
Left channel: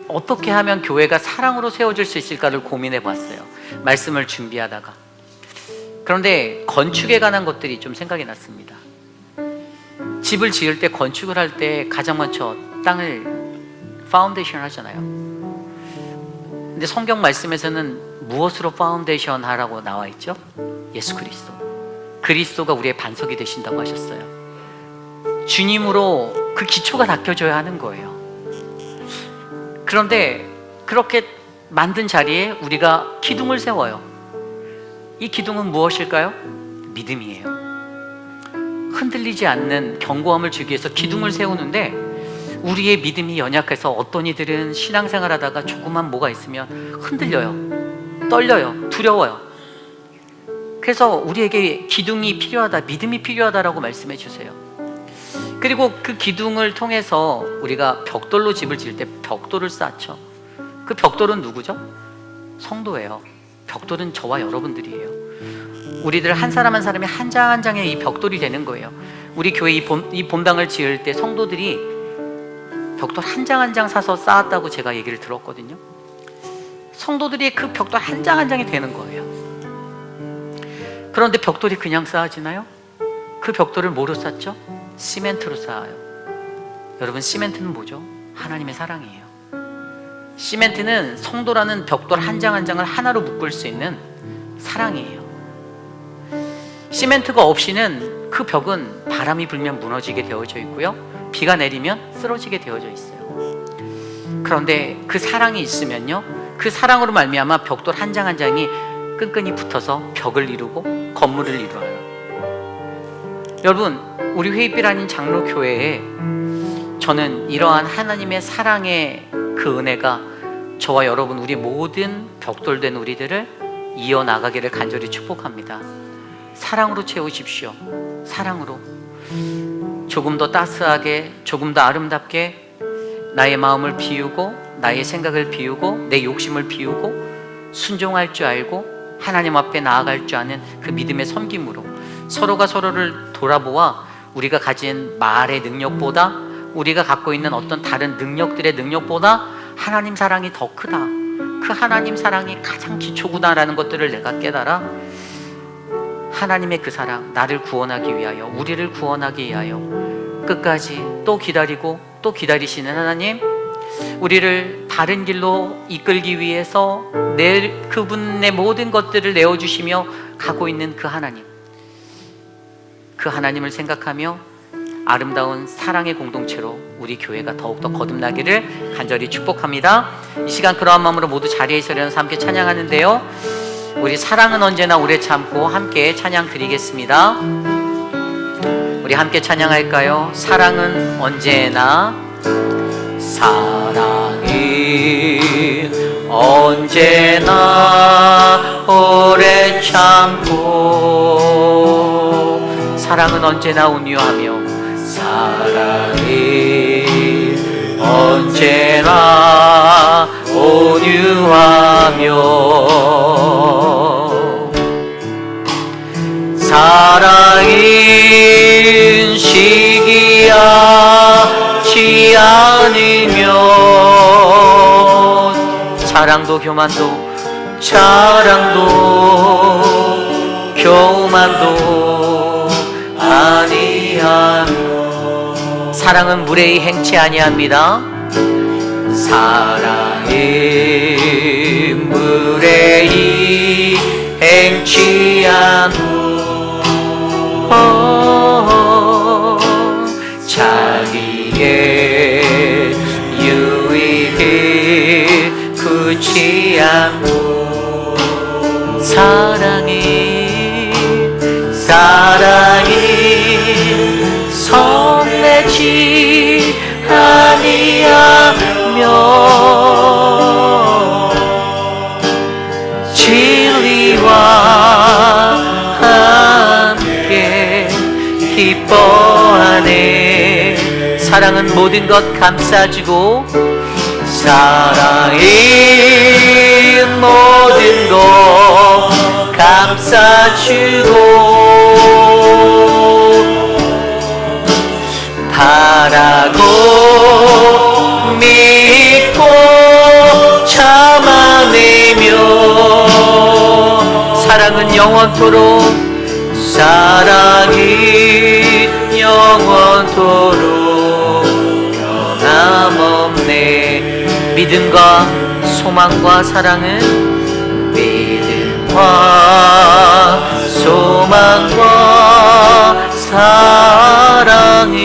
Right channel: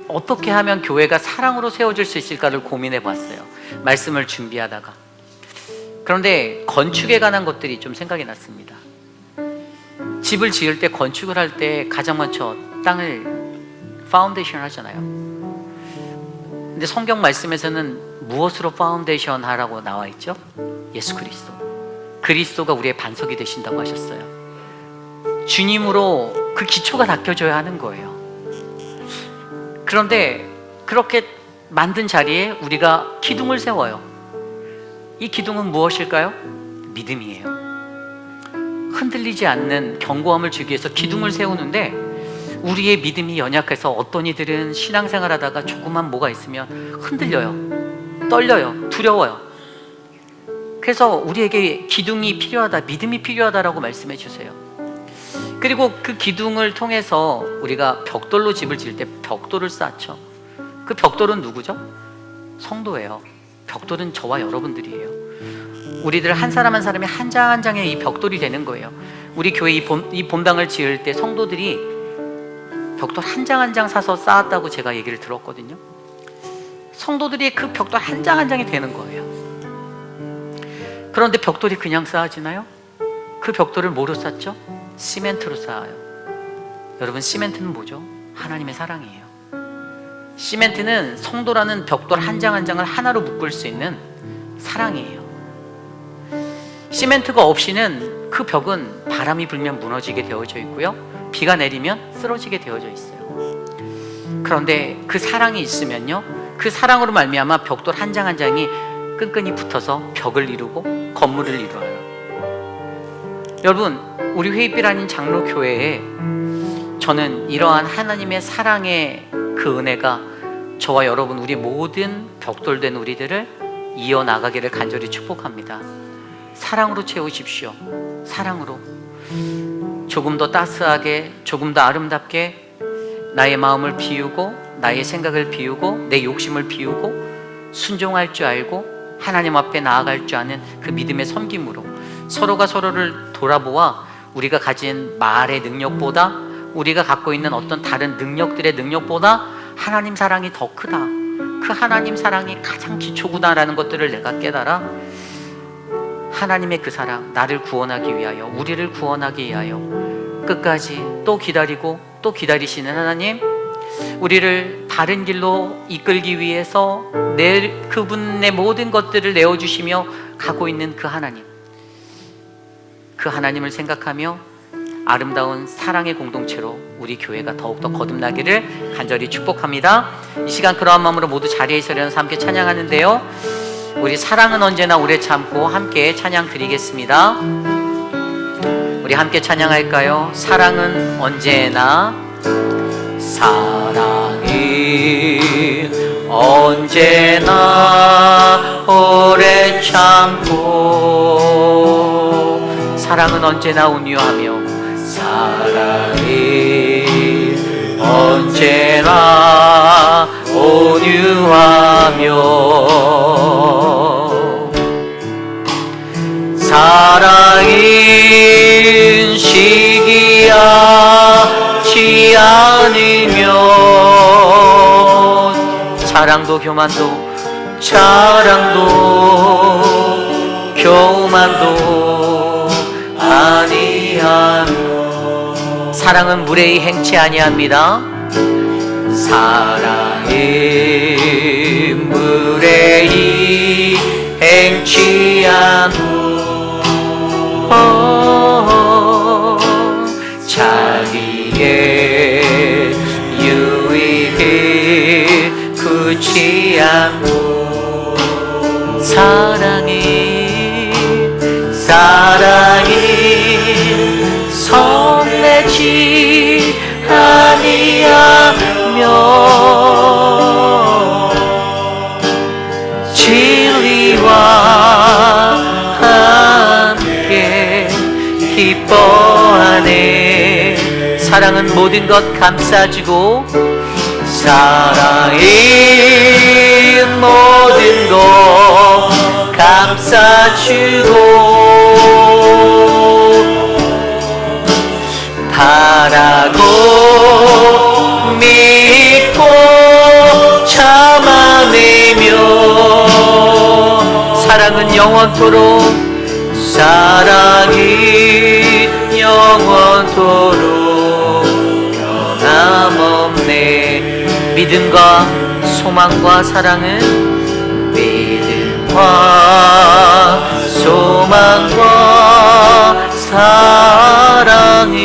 어떻게 하면 교회가 사랑으로 세워질 수 있을까를 고민해 봤어요. 말씀을 준비하다가. 그런데 건축에 관한 것들이 좀 생각이 났습니다. 집을 지을 때, 건축을 할 때 가장 먼저 땅을 파운데이션 하잖아요. 근데 성경 말씀에서는 무엇으로 파운데이션 하라고 나와 있죠? 예수 그리스도. 그리스도가 우리의 반석이 되신다고 하셨어요. 주님으로 그 기초가 닦여져야 하는 거예요. 그런데 그렇게 만든 자리에 우리가 기둥을 세워요. 이 기둥은 무엇일까요? 믿음이에요. 흔들리지 않는 견고함을 주기 위해서 기둥을 세우는데 우리의 믿음이 연약해서 어떤 이들은 신앙생활 하다가 조그만 뭐가 있으면 흔들려요. 떨려요. 두려워요. 그래서 우리에게 기둥이 필요하다, 믿음이 필요하다라고 말씀해 주세요. 그리고 그 기둥을 통해서 우리가 벽돌로 집을 지을 때 벽돌을 쌓죠. 그 벽돌은 누구죠? 성도예요. 벽돌은 저와 여러분들이에요. 우리들 한 사람 한 사람이 한 장 한 장의 이 벽돌이 되는 거예요. 우리 교회 이 본당을 지을 때 성도들이 벽돌 한 장 한 장 사서 쌓았다고 제가 얘기를 들었거든요. 성도들이 그 벽돌 한 장 한 장이 되는 거예요. 그런데 벽돌이 그냥 쌓아지나요? 그 벽돌을 뭐로 쌓죠? 시멘트로 쌓아요. 여러분, 시멘트는 뭐죠? 하나님의 사랑이에요. 시멘트는 성도라는 벽돌 한 장 한 장을 하나로 묶을 수 있는 사랑이에요. 시멘트가 없이는 그 벽은 바람이 불면 무너지게 되어져 있고요, 비가 내리면 쓰러지게 되어져 있어요. 그런데 그 사랑이 있으면요, 그 사랑으로 말미암아 벽돌 한 장 한 장이 끈끈이 붙어서 벽을 이루고 건물을 이루어요. 여러분, 우리 회의빛 아닌 장로교회에 저는 이러한 하나님의 사랑의 그 은혜가 저와 여러분, 우리 모든 벽돌된 우리들을 이어나가기를 간절히 축복합니다. 사랑으로 채우십시오. 사랑으로. 조금 더 따스하게, 조금 더 아름답게 나의 마음을 비우고, 나의 생각을 비우고, 내 욕심을 비우고, 순종할 줄 알고 하나님 앞에 나아갈 줄 아는 그 믿음의 섬김으로 서로가 서로를 돌아보아 우리가 가진 말의 능력보다, 우리가 갖고 있는 어떤 다른 능력들의 능력보다 하나님 사랑이 더 크다, 그 하나님 사랑이 가장 기초구나라는 것들을 내가 깨달아 하나님의 그 사랑, 나를 구원하기 위하여, 우리를 구원하기 위하여 끝까지 또 기다리고 또 기다리시는 하나님, 우리를 바른 길로 이끌기 위해서 그분의 모든 것들을 내어주시며 가고 있는 그 하나님, 그 하나님을 생각하며 아름다운 사랑의 공동체로 우리 교회가 더욱더 거듭나기를 간절히 축복합니다. 이 시간 그러한 마음으로 모두 자리에 있으려서 함께 찬양하는데요, 우리 사랑은 언제나 오래 참고 함께 찬양 드리겠습니다. 우리 함께 찬양할까요? 사랑은 언제나, 사랑은 언제나 오래 참고, 사랑은 언제나 온유하며, 사랑은 언제나 온유하며, 사랑은 시기하지 않으면, 사랑도 교만도 교만도 아니하며, 사랑은 무례히 행치 아니합니다. 사랑은 무례히 행치 않고 자기의 유익을 굳이 않고, 사랑이 손내지 아니하며, 모든 것 감싸주고 사랑이 모든 것 감싸주고 바라고 믿고 참아내며 사랑은 영원토록 사랑이 영원토록 변함없네. 믿음과 소망과 사랑은 믿음과 소망과 사랑이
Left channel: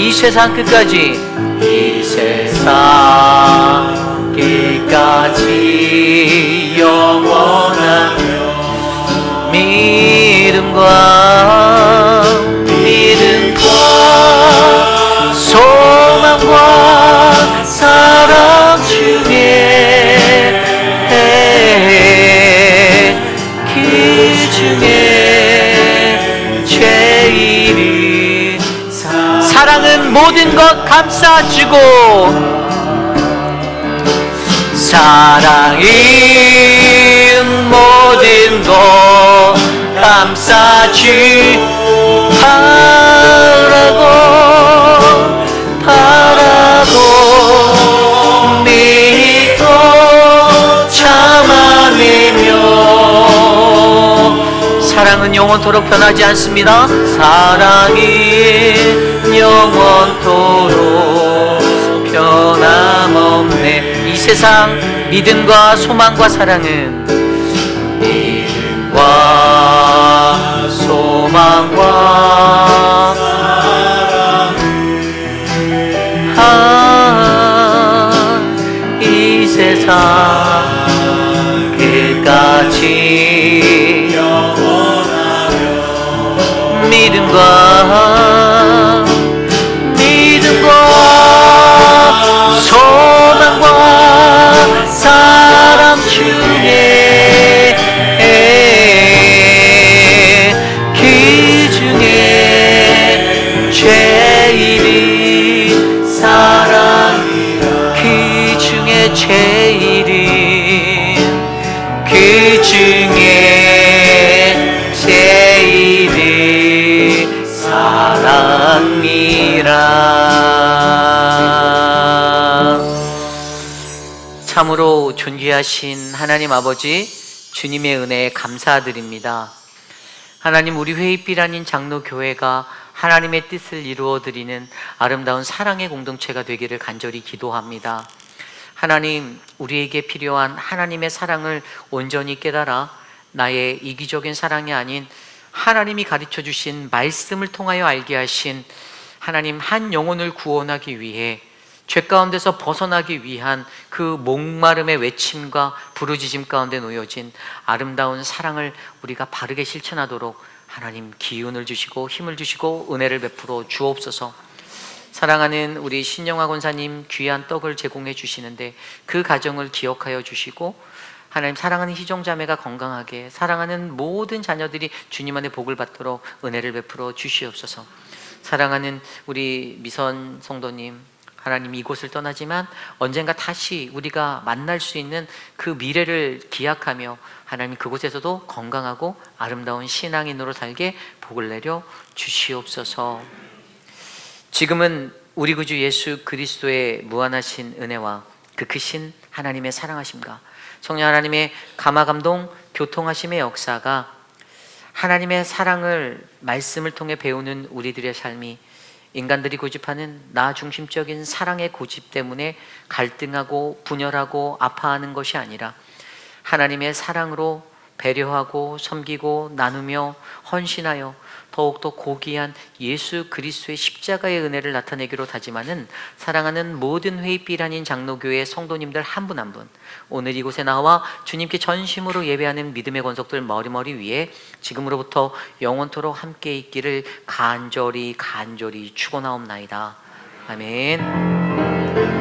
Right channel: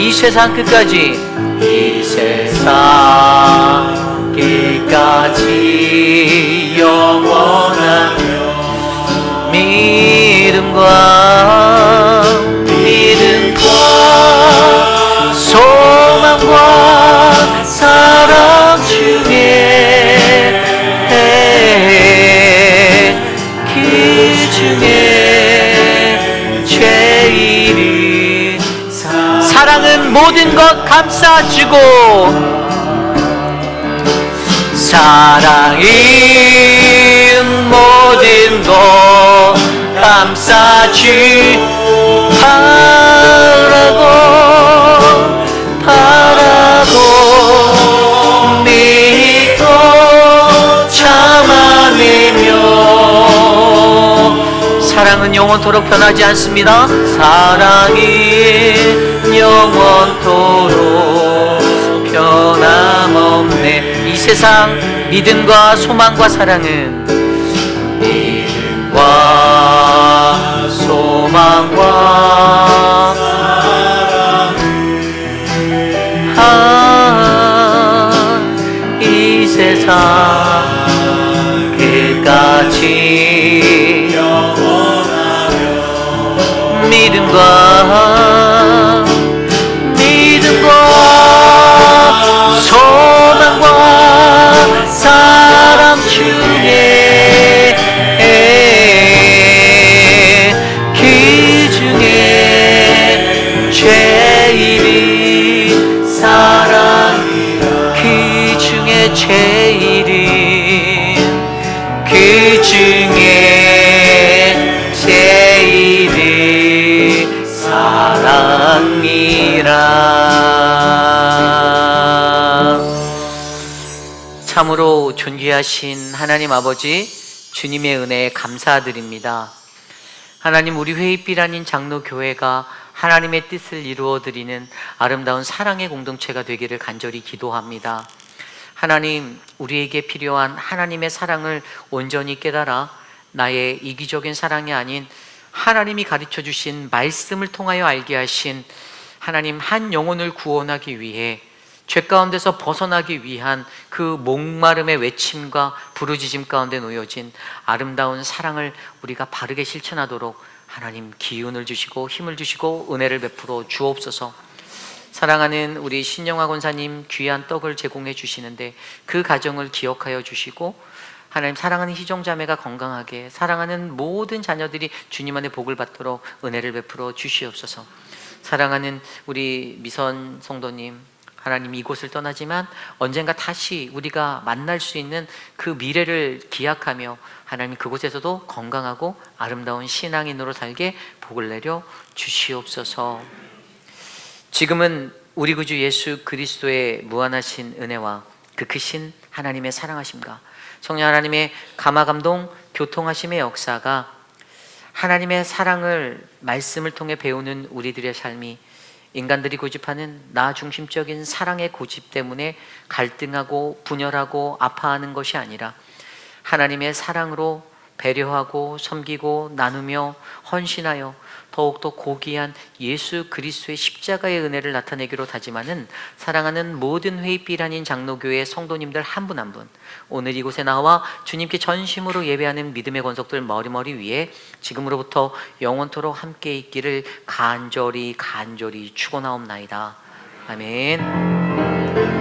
이 세상 끝까지 이 세상 끝까지 영원하며 믿음과 소망과 사랑 중에 그 중에 제일 사랑은 모든 것 감싸주고 사랑이 모든 것 감싸주 바라고 믿고 참아내며 사랑은 영원토록 변하지 않습니다. 사랑이 영원토록 변함없네. 이 세상 믿음과 소망과 사랑은 믿음과 소망과 이 세상 끝까지 믿음과 소망과 사랑 중에 그 중에 제일이 사랑이라 그 중에 제일이 그 중에 제일이 사랑이라. 참으로 존귀하신 하나님 아버지, 주님의 은혜에 감사드립니다. 하나님, 우리 회의빛 아닌 장로교회가 하나님의 뜻을 이루어드리는 아름다운 사랑의 공동체가 되기를 간절히 기도합니다. 하나님, 우리에게 필요한 하나님의 사랑을 온전히 깨달아 나의 이기적인 사랑이 아닌 하나님이 가르쳐 주신 말씀을 통하여 알게 하신 하나님, 한 영혼을 구원하기 위해 죄 가운데서 벗어나기 위한 그 목마름의 외침과 부르짖음 가운데 놓여진 아름다운 사랑을 우리가 바르게 실천하도록 하나님 기운을 주시고 힘을 주시고 은혜를 베풀어 주옵소서. 사랑하는 우리 신영화 권사님 귀한 떡을 제공해 주시는데 그 가정을 기억하여 주시고 하나님, 사랑하는 희종자매가 건강하게, 사랑하는 모든 자녀들이 주님 안에 복을 받도록 은혜를 베풀어 주시옵소서. 사랑하는 우리 미선 성도님, 하나님, 이곳을 떠나지만 언젠가 다시 우리가 만날 수 있는 그 미래를 기약하며 하나님, 그곳에서도 건강하고 아름다운 신앙인으로 살게 복을 내려 주시옵소서. 지금은 우리 구주 예수 그리스도의 무한하신 은혜와 그 크신 하나님의 사랑하심과 성령 하나님의 감화감동 교통하심의 역사가 하나님의 사랑을 말씀을 통해 배우는 우리들의 삶이 인간들이 고집하는 나 중심적인 사랑의 고집 때문에 갈등하고 분열하고 아파하는 것이 아니라 하나님의 사랑으로 배려하고 섬기고 나누며 헌신하여 더욱더 고귀한 예수 그리스도의 십자가의 은혜를 나타내기로 다짐하는 사랑하는 모든 회의빛 아닌 장로교회 성도님들 한 분 한 분, 오늘 이곳에 나와 주님께 전심으로 예배하는 믿음의 권속들 머리머리 위에 지금으로부터 영원토록 함께 있기를 간절히 축원하옵나이다. 아멘.